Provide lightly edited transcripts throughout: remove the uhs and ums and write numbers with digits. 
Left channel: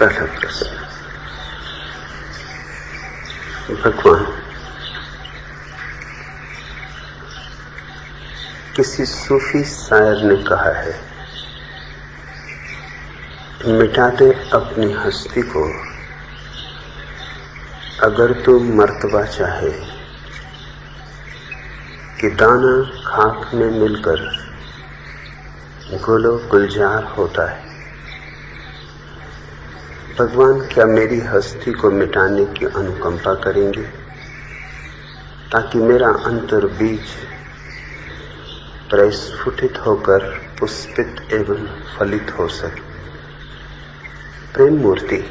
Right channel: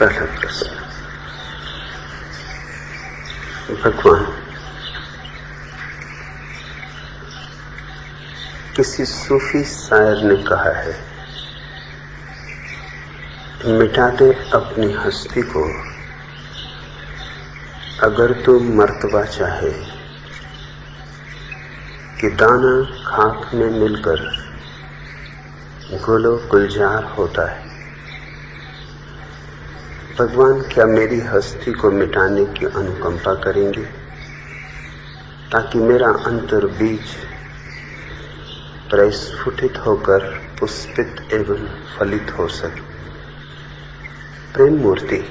पहला प्रश्न। भगवान, किसी सूफी शायर ने कहा है, मिटा दे अपनी हस्ती को अगर तू मर्तबा चाहे, कि दाना खाक में मिलकर गुलो गुलजार होता है। भगवान, क्या मेरी हस्ती को मिटाने की अनुकंपा करेंगे ताकि मेरा अंतर बीज प्रस्फुटित होकर पुष्पित एवं फलित हो सके। प्रेम मूर्ति,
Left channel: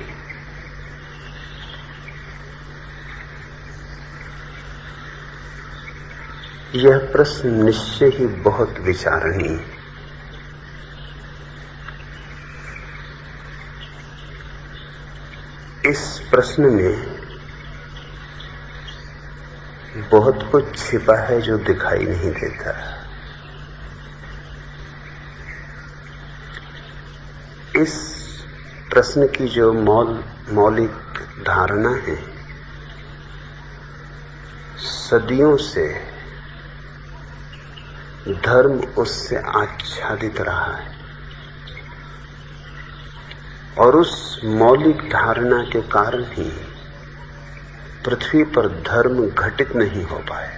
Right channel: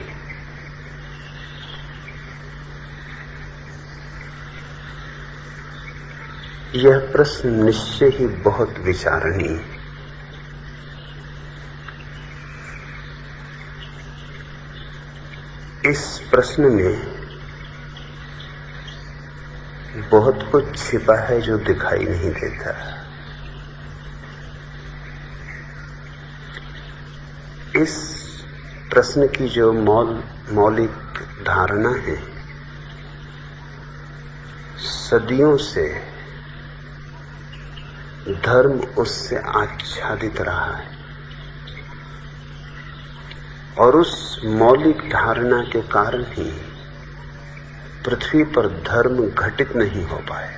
यह प्रश्न निश्चय ही बहुत विचारणीय है। इस प्रश्न में बहुत कुछ छिपा है जो दिखाई नहीं देता। इस प्रश्न की जो मौलिक धारणा है, सदियों से धर्म उससे आच्छादित रहा है और उस मौलिक धारणा के कारण ही पृथ्वी पर धर्म घटित नहीं हो पाया।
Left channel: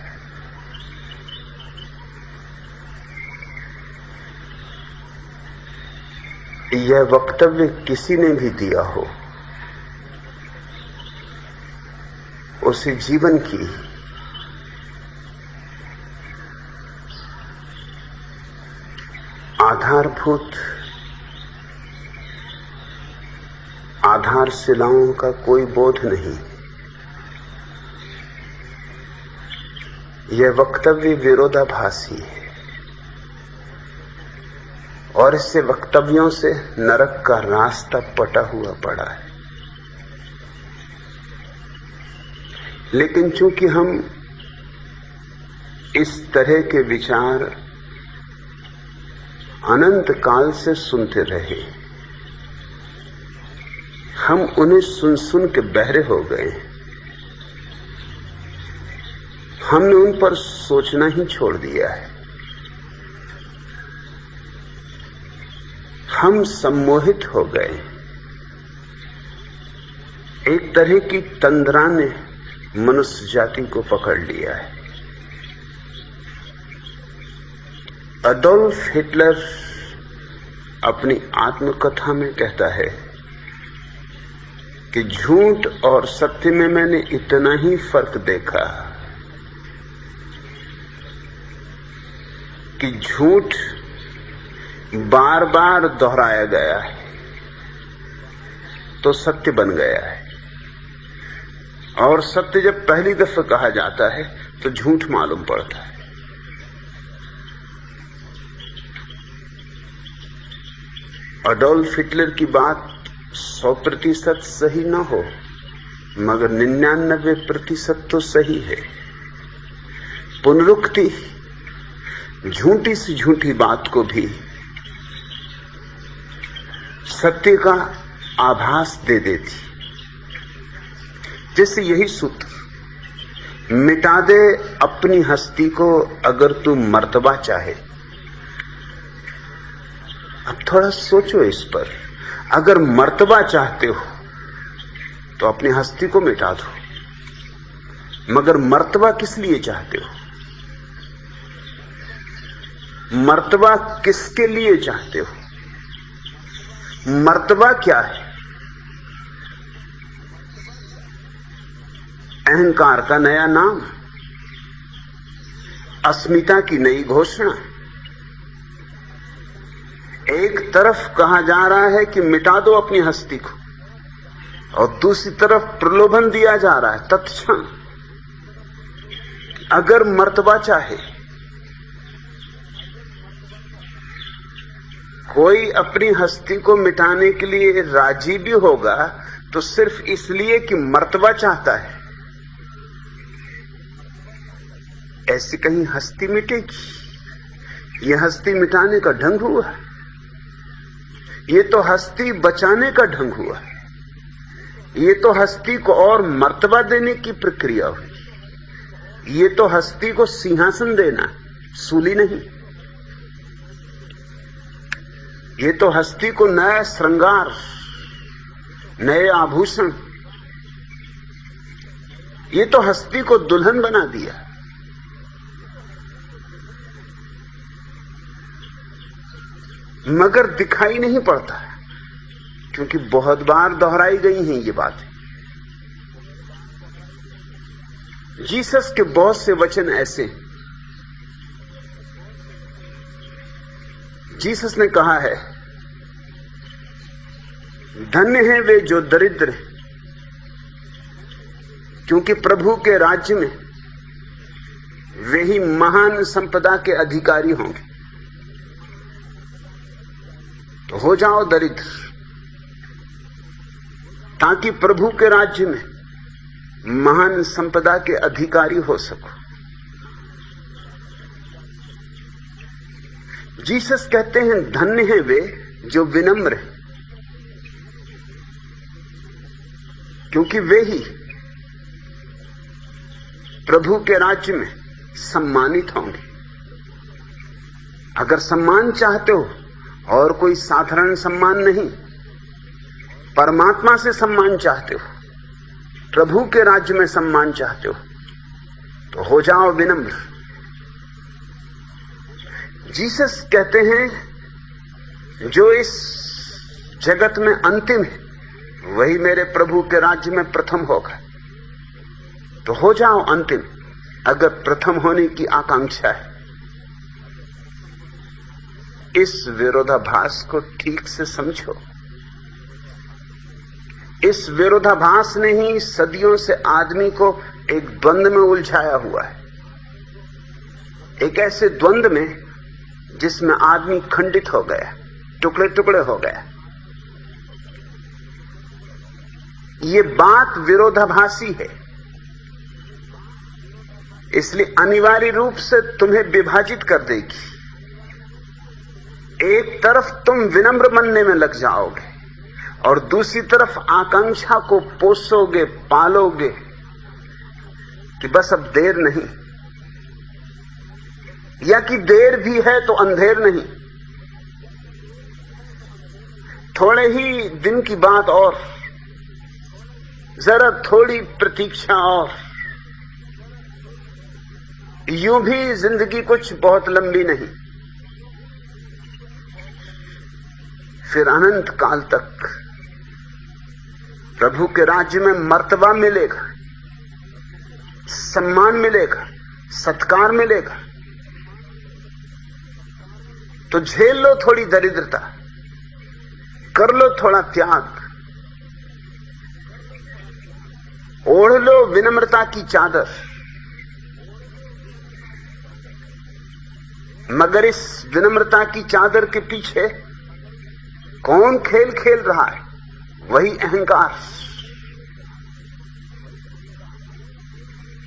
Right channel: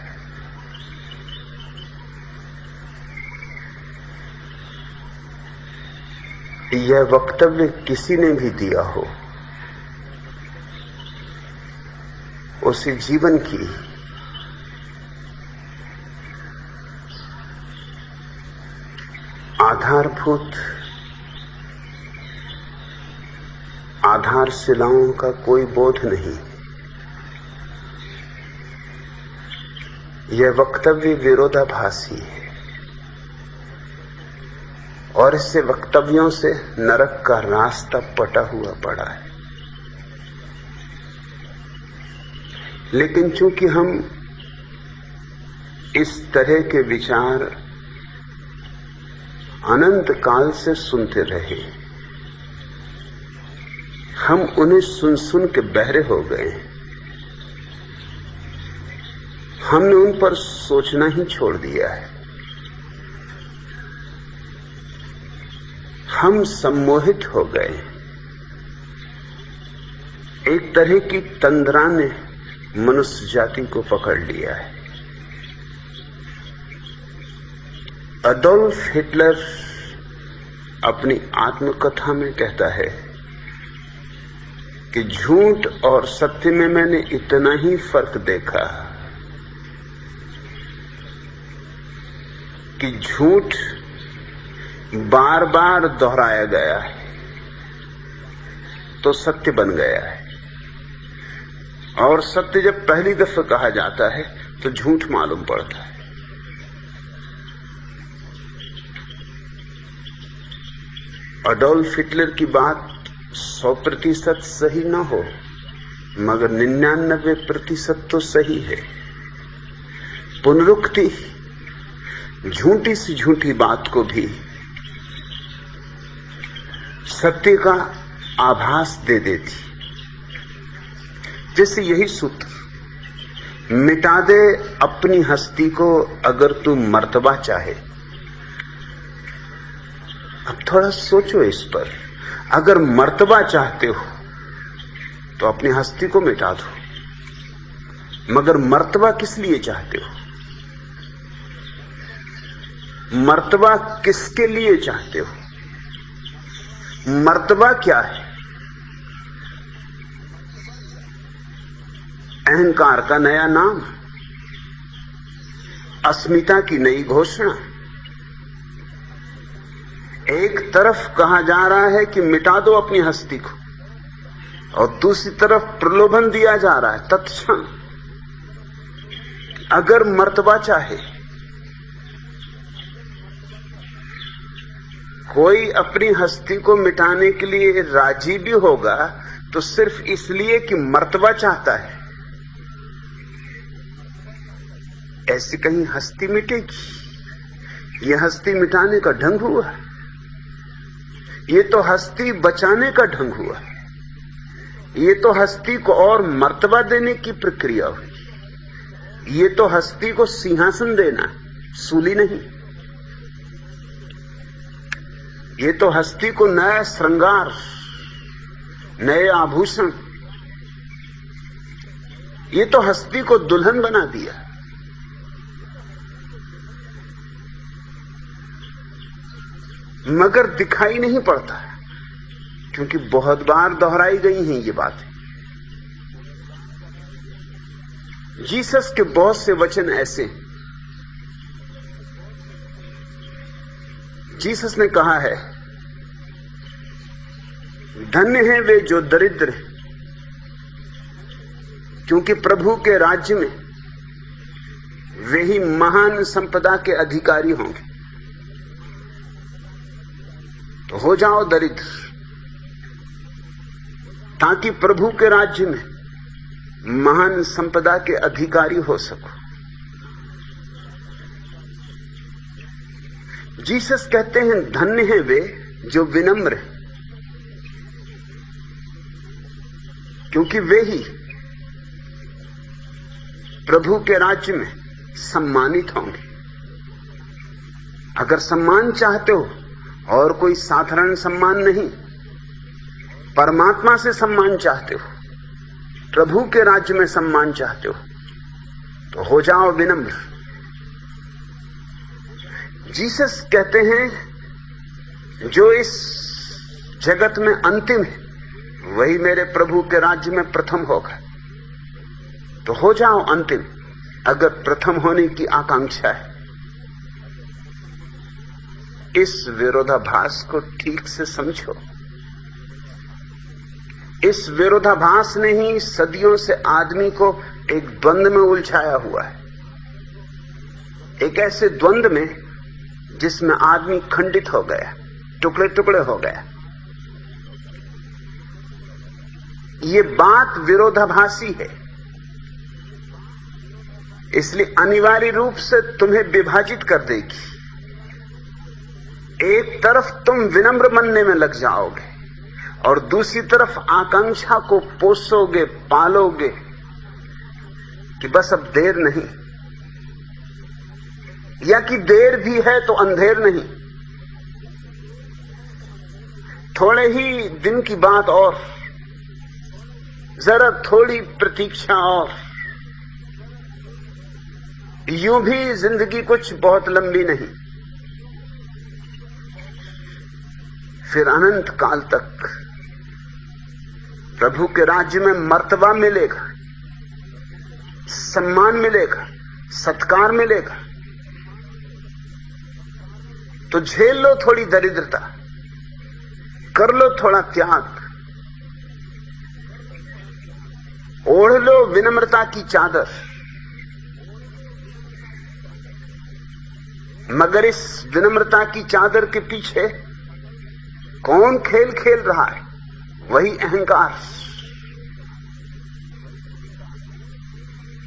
यह वक्तव्य किसी ने भी दिया हो, उसे जीवन की आधारभूत आधारशिलाओं का कोई बोध नहीं। यह वक्तव्य विरोधाभासी है और इससे वक्तव्यों से नरक का रास्ता पटा हुआ पड़ा है। लेकिन चूंकि हम इस तरह के विचार अनंत काल से सुनते रहे, हम उन्हें सुन सुन के बहरे हो गए। हमने उन पर सोचना ही छोड़ दिया है। हम सम्मोहित हो गए। एक तरह की तंद्रा ने मनुष्य जाति को पकड़ लिया है। अडोल्फ हिटलर अपनी आत्मकथा में कहता है कि झूठ और सत्य में मैंने इतना ही फर्क देखा कि झूठ बार बार दोहराया गया है तो सत्य बन गया है, और सत्य जब पहली दफा कहा जाता है तो झूठ मालूम पड़ता है। अडोल्फ हिटलर की बात 100% सही न हो, मगर 99% तो सही है। पुनरुक्ति झूठी से झूठी बात को भी सत्य का आभास दे देती। जैसे यही सूत्र, मिटा दे अपनी हस्ती को अगर तू मर्तबा चाहे। अब थोड़ा सोचो इस पर। अगर मर्तबा चाहते हो तो अपनी हस्ती को मिटा दो, मगर मर्तबा किस लिए चाहते हो? मर्तबा किसके लिए चाहते हो? मर्तबा क्या है? अहंकार का नया नाम, अस्मिता की नई घोषणा। एक तरफ कहा जा रहा है कि मिटा दो अपनी हस्ती को, और दूसरी तरफ प्रलोभन दिया जा रहा है तत्क्षण, अगर मर्तबा चाहे। कोई अपनी हस्ती को मिटाने के लिए राजी भी होगा तो सिर्फ इसलिए कि मर्तबा चाहता है। ऐसी कहीं हस्ती मिटेगी? यह हस्ती मिटाने का ढंग हुआ? ये तो हस्ती बचाने का ढंग हुआ। ये तो हस्ती को और मर्तबा देने की प्रक्रिया हुई। ये तो हस्ती को सिंहासन देना, सूली नहीं। ये तो हस्ती को नया श्रृंगार, नए आभूषण, ये तो हस्ती को दुल्हन बना दिया। मगर दिखाई नहीं पड़ता, क्योंकि बहुत बार दोहराई गई हैं ये बातें। जीसस के बहुत से वचन ऐसे हैं। जीसस ने कहा है, धन्य हैं वे जो दरिद्र हैं, क्योंकि प्रभु के राज्य में वे ही महान संपदा के अधिकारी होंगे। तो हो जाओ दरिद्र, ताकि प्रभु के राज्य में महान संपदा के अधिकारी हो सको। जीसस कहते हैं, धन्य हैं वे जो विनम्र हैं, क्योंकि वे ही प्रभु के राज्य में सम्मानित होंगे। अगर सम्मान चाहते हो, और कोई साधारण सम्मान नहीं, परमात्मा से सम्मान चाहते हो, प्रभु के राज्य में सम्मान चाहते हो, तो हो जाओ विनम्र। जीसस कहते हैं, जो इस जगत में अंतिम है, वही मेरे प्रभु के राज्य में प्रथम होगा। तो हो जाओ अंतिम, अगर प्रथम होने की आकांक्षा है। इस विरोधाभास को ठीक से समझो। इस विरोधाभास ने ही सदियों से आदमी को एक द्वंद में उलझाया हुआ है, एक ऐसे द्वंद में जिसमें आदमी खंडित हो गया, टुकड़े टुकड़े हो गया। ये बात विरोधाभासी है, इसलिए अनिवार्य रूप से तुम्हें विभाजित कर देगी। एक तरफ तुम विनम्र बनने में लग जाओगे और दूसरी तरफ आकांक्षा को पोसोगे, पालोगे कि बस अब देर नहीं, या कि देर भी है तो अंधेर नहीं। थोड़े ही दिन की बात और, जरा थोड़ी प्रतीक्षा और, यूं भी जिंदगी कुछ बहुत लंबी नहीं। फिर अनंत काल तक प्रभु के राज्य में मर्तबा मिलेगा, सम्मान मिलेगा, सत्कार मिलेगा। तो झेल लो थोड़ी दरिद्रता, कर लो थोड़ा त्याग, ओढ़ लो विनम्रता की चादर। मगर इस विनम्रता की चादर के पीछे कौन खेल खेल रहा है? वही अहंकार।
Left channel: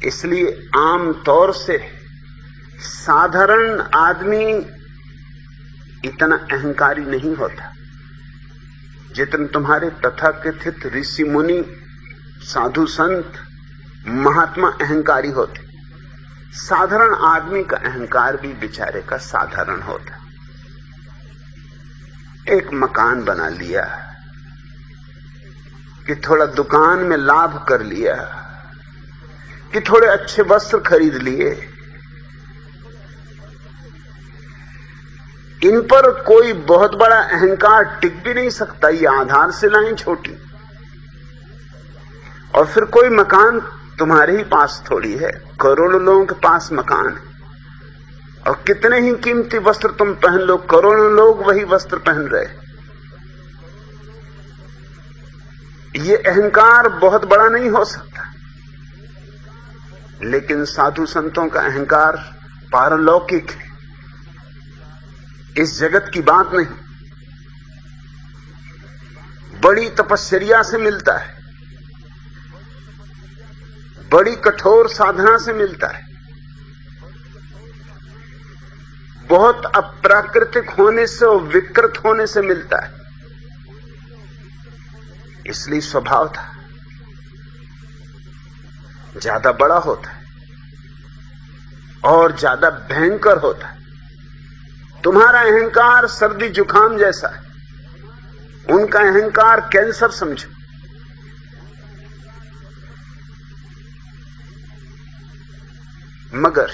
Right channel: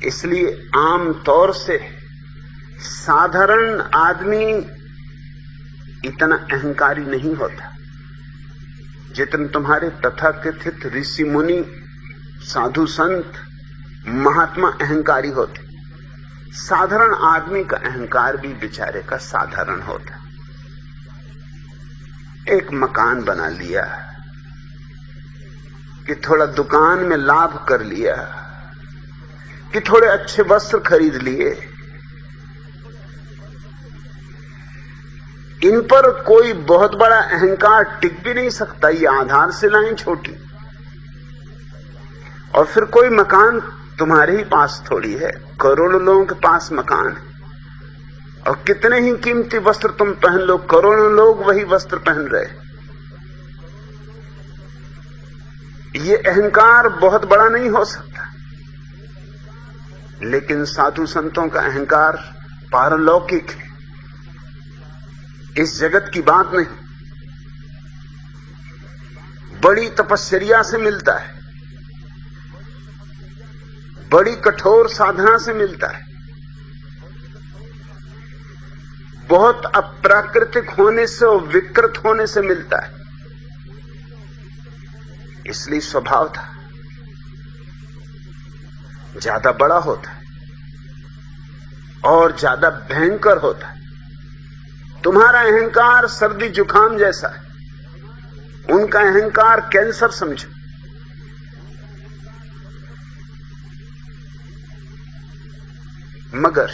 इसलिए आम तौर से साधारण आदमी इतना अहंकारी नहीं होता जितने तुम्हारे तथाकथित ऋषि मुनि, साधु संत, महात्मा अहंकारी होते। साधारण आदमी का अहंकार भी बेचारे का साधारण होता। एक मकान बना लिया कि थोड़ा दुकान में लाभ कर लिया, कि थोड़े अच्छे वस्त्र खरीद लिए, इन पर कोई बहुत बड़ा अहंकार टिक भी नहीं सकता। ये आधार शिलाएं छोटी, और फिर कोई मकान तुम्हारे ही पास थोड़ी है, करोड़ों लोगों के पास मकान है, और कितने ही कीमती वस्त्र तुम पहन लो, करोड़ों लोग वही वस्त्र पहन रहे। ये अहंकार बहुत बड़ा नहीं हो सकता, लेकिन साधु संतों का अहंकार पारलौकिक है, इस जगत की बात नहीं। बड़ी तपस्या से मिलता है, बड़ी कठोर साधना से मिलता है, बहुत अप्राकृतिक होने से और विकृत होने से मिलता है। इसलिए स्वभाव था ज्यादा बड़ा होता है और ज्यादा भयंकर होता है। तुम्हारा अहंकार सर्दी जुकाम जैसा है, उनका अहंकार कैंसर समझो। मगर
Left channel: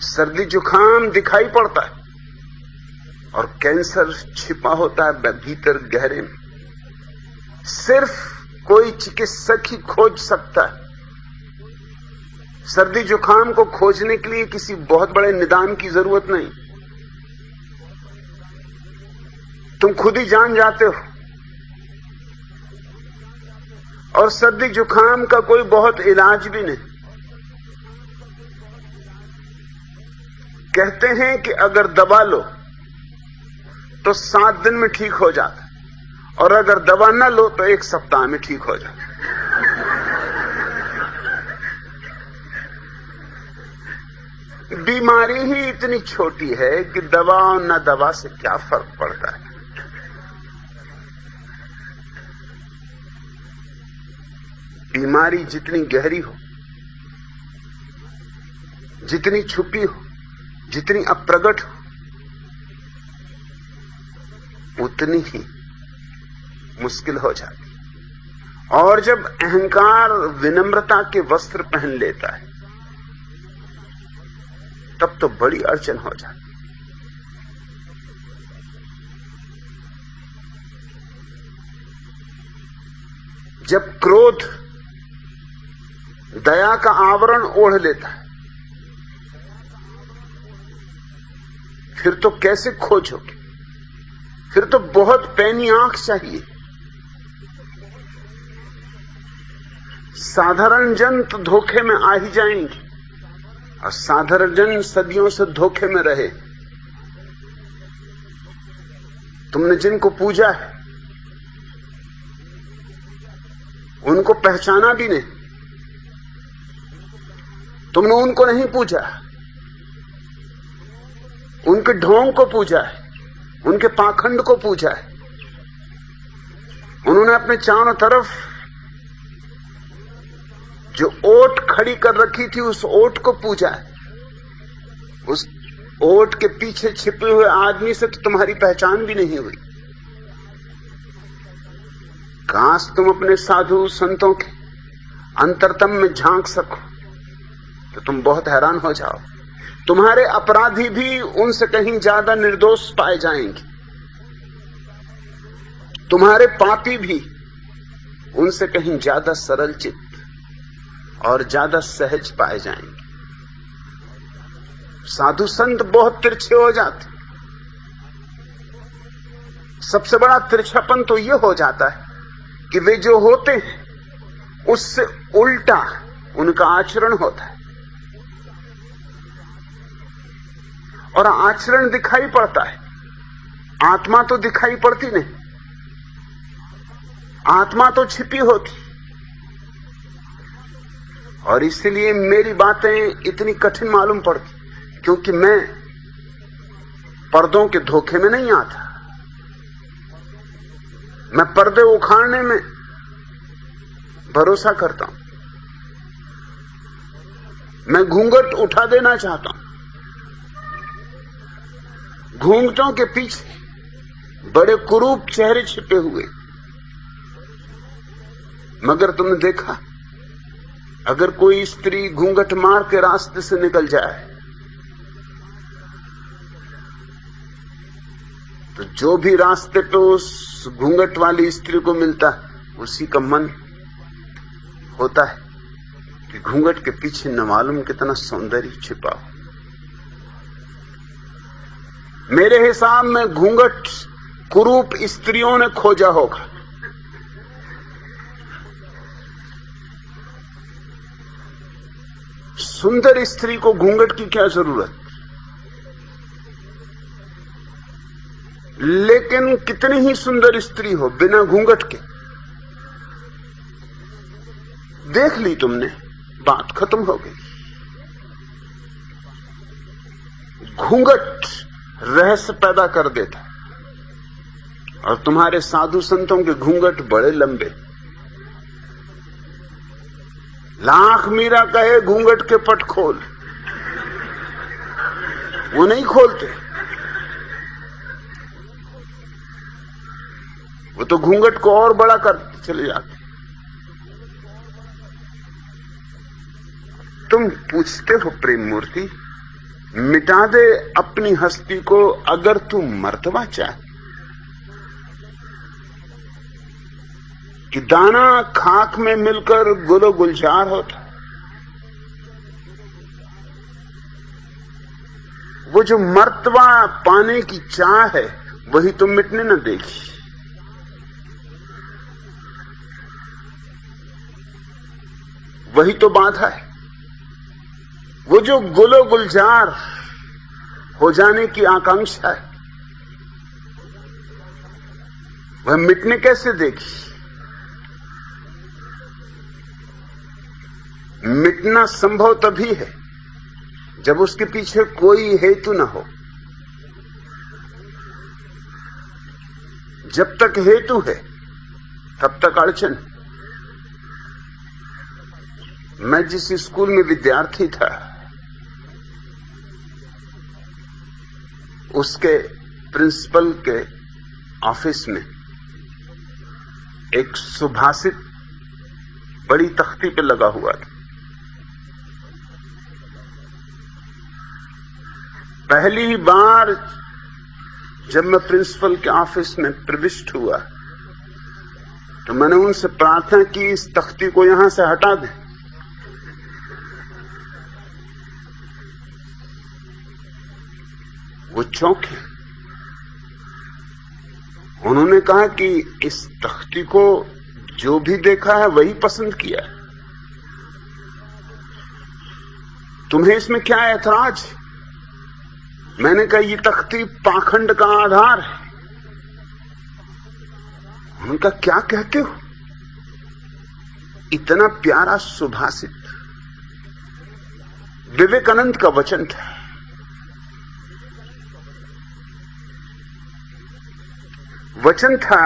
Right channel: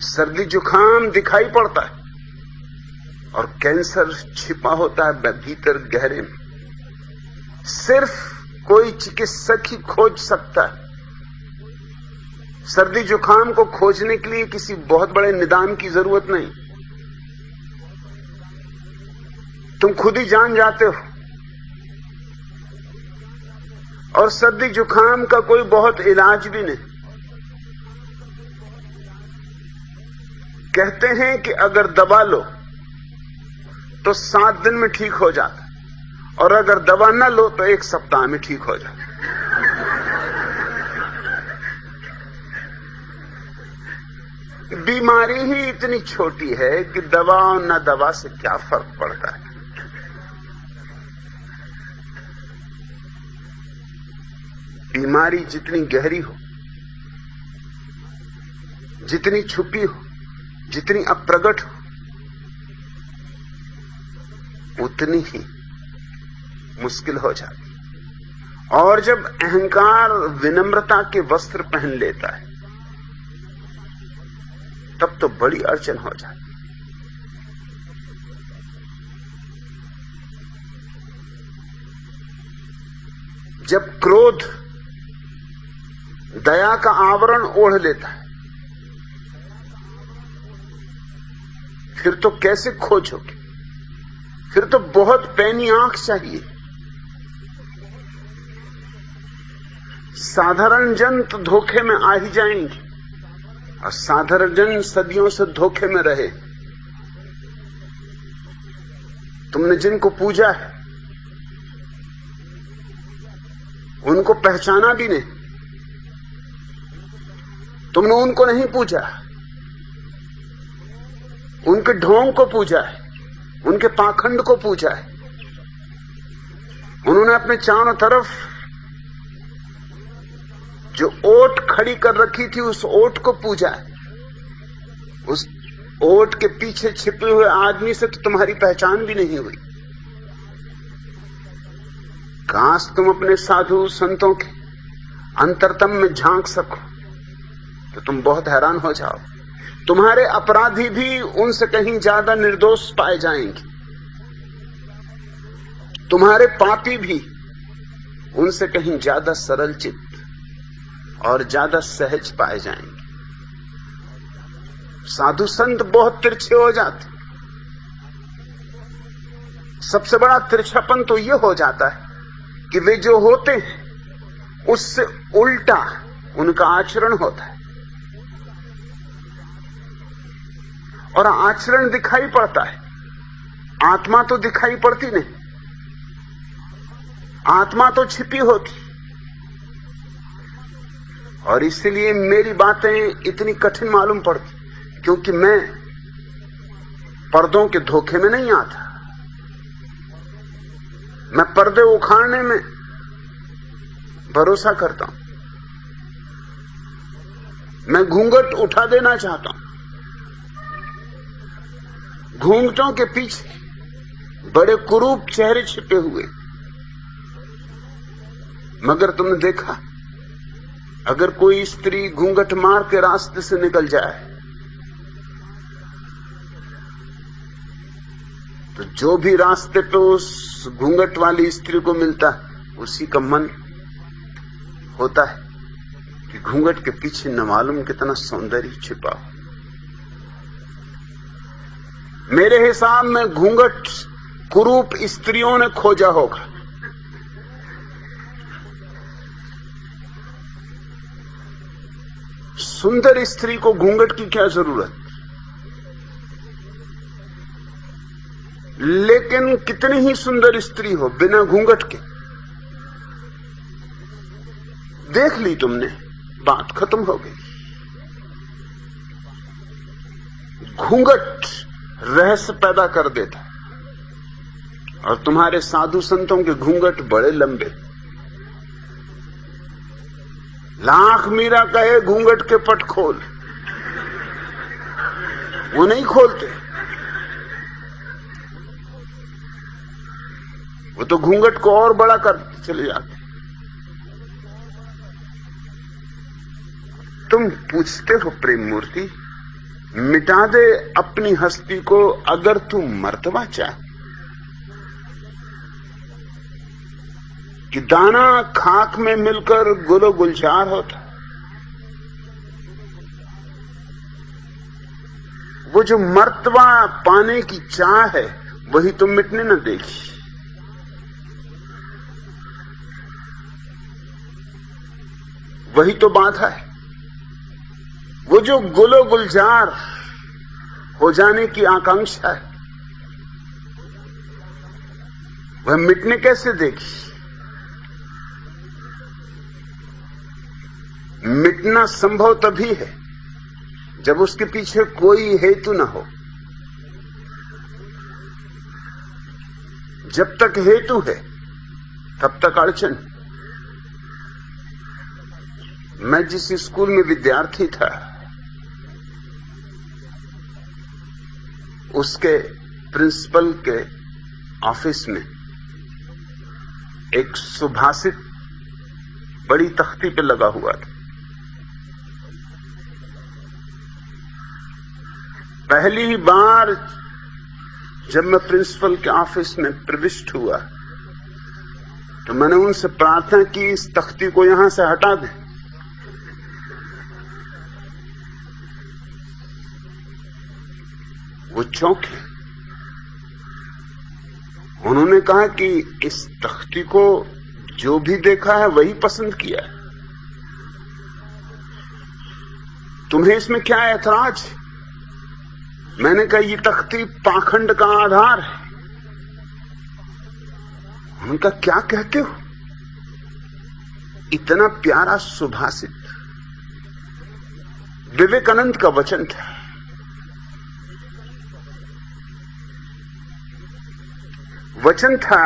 सर्दी जुकाम दिखाई पड़ता है और कैंसर छिपा होता है भीतर गहरे में। सिर्फ कोई चिकित्सक ही खोज सकता है। सर्दी जुकाम को खोजने के लिए किसी बहुत बड़े निदान की जरूरत नहीं, तुम खुद ही जान जाते हो। और सर्दी जुकाम का कोई बहुत इलाज भी नहीं। कहते हैं कि अगर दवा लो तो 7 दिन में ठीक हो जाता, और अगर दवा न लो तो 1 सप्ताह में ठीक हो जाता। बीमारी ही इतनी छोटी है कि दवा और न दवा से क्या फर्क पड़ता है। बीमारी जितनी गहरी हो, जितनी छुपी हो, जितनी अप्रगट हो, उतनी ही मुश्किल हो जाती। और जब अहंकार विनम्रता के वस्त्र पहन लेता है तब तो बड़ी अड़चन हो जाती। जब क्रोध दया का आवरण ओढ़ लेता है फिर तो कैसे खोजोगे? फिर तो बहुत पैनी आंख चाहिए। साधारण जन तो धोखे में आ ही जाएंगे, और साधारण जन सदियों से धोखे में रहे। तुमने जिनको पूजा है उनको पहचाना भी नहीं। तुमने उनको नहीं पूजा, उनके ढोंग को पूजा है, उनके पाखंड को पूजा है। उन्होंने अपने चारों तरफ जो ओट खड़ी कर रखी थी उस ओट को पूजा है। उस ओट के पीछे छिपे हुए आदमी से तो तुम्हारी पहचान भी नहीं हुई। काश तुम अपने साधु संतों के अंतरतम में झांक सको तो तुम बहुत हैरान हो जाओ। तुम्हारे अपराधी भी उनसे कहीं ज्यादा निर्दोष पाए जाएंगे। तुम्हारे पापी भी उनसे कहीं ज्यादा सरल चित्त और ज्यादा सहज पाए जाएंगे। साधु संत बहुत तिरछे हो जाते। सबसे बड़ा तिरछापन तो यह हो जाता है कि वे जो होते हैं उससे उल्टा उनका आचरण होता है, और आचरण दिखाई पड़ता है, आत्मा तो दिखाई पड़ती नहीं। आत्मा तो छिपी होती। और इसलिए मेरी बातें इतनी कठिन मालूम पड़ती, क्योंकि मैं पर्दों के धोखे में नहीं आता। मैं पर्दे उखाड़ने में भरोसा करता हूं। मैं घूंघट उठा देना चाहता हूं। घूंघटों के पीछे बड़े कुरूप चेहरे छिपे हुए। मगर तुमने देखा, अगर कोई स्त्री घूंघट मार के रास्ते से निकल जाए तो जो भी रास्ते पे उस घूंघट वाली स्त्री को मिलता है उसी का मन होता है कि घूंघट के पीछे न मालूम कितना सौंदर्य छिपा हो। मेरे हिसाब में घूंघट कुरूप स्त्रियों ने खोजा होगा। सुंदर स्त्री को घूंघट की क्या जरूरत? लेकिन कितनी ही सुंदर स्त्री हो बिना घूंघट के, देख ली तुमने, बात खत्म हो गई। घूंघट रहस्य पैदा कर देता, और तुम्हारे साधु संतों के घूंघट बड़े लंबे। लाख मीरा कहे घूंघट के पट खोल, वो नहीं खोलते। वो तो घूंघट को और बड़ा करते चले जाते। तुम पूछते हो प्रेम मूर्ति, मिटा दे अपनी हस्ती को अगर तू मर्तबा चाहे, कि दाना खाक में मिलकर गुलो गुलजार होता। वो जो मर्तबा पाने की चाह है वही तो मिटने न देगी। वही तो बाधा है। वो जो गुलो गुलजार हो जाने की आकांक्षा है वह मिटने कैसे देगी? मिटना संभव तभी है जब उसके पीछे कोई हेतु न हो। जब तक हेतु है तब तक अड़चन। मैं जिस स्कूल में विद्यार्थी था उसके प्रिंसिपल के ऑफिस में एक सुभाषित बड़ी तख्ती पे लगा हुआ था। पहली बार जब मैं प्रिंसिपल के ऑफिस में प्रविष्ट हुआ तो मैंने उनसे प्रार्थना की इस तख्ती को यहां से हटा दें। वो चौंके। उन्होंने कहा कि इस तख्ती को जो भी देखा है वही पसंद किया है, तुम्हें इसमें क्या ऐतराज? मैंने कहा ये तख्ती पाखंड का आधार है। उनका क्या कहते हो? इतना प्यारा सुभाषित विवेकानंद का वचन था। वचन था,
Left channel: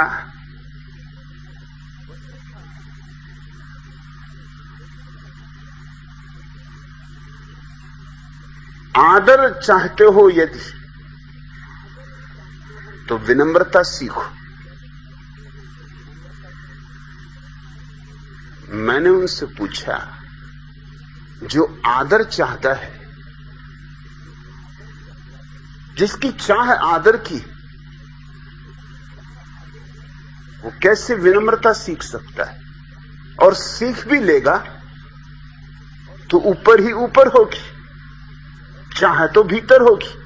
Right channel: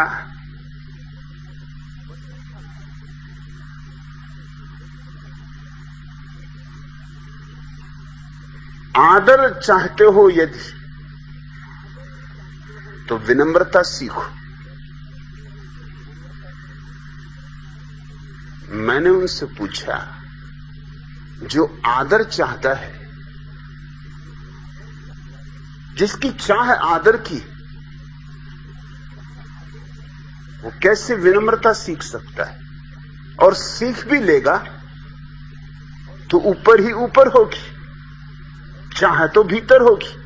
आदर चाहते हो यदि तो विनम्रता सीखो। मैंने उनसे पूछा, जो आदर चाहता है, जिसकी चाह है आदर की, वो कैसे विनम्रता सीख सकता है? और सीख भी लेगा तो ऊपर ही ऊपर होगी, चाह तो भीतर होगी।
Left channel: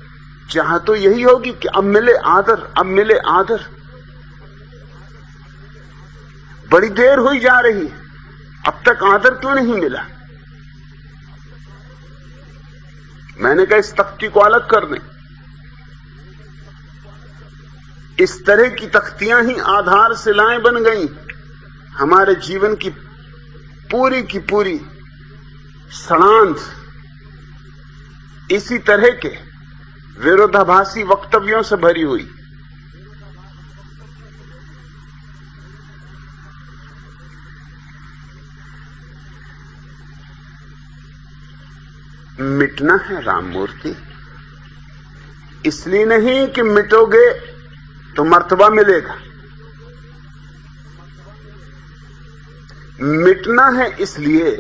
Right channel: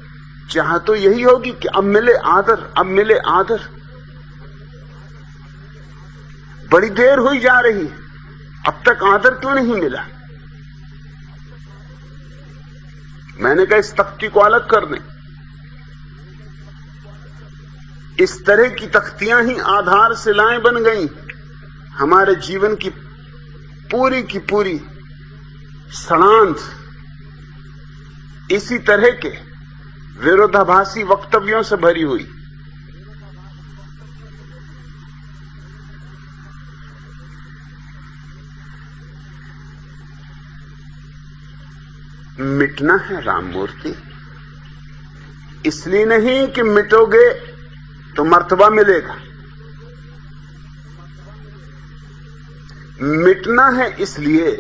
चाह तो यही होगी कि अब मिले आदर, अब मिले आदर। बड़ी देर हुई जा रही है, अब तक आदर क्यों नहीं मिला? मैंने कहा इस तख्ती को अलग कर दें। इस तरह की तख्तियां ही आधार शिलाएं बन गई। हमारे जीवन की पूरी सड़ांध इसी तरह के विरोधाभासी वक्तव्यों से भरी हुई। मिटना है राममूर्ति, इसलिए नहीं कि मिटोगे तो मर्तबा मिलेगा। मिटना है इसलिए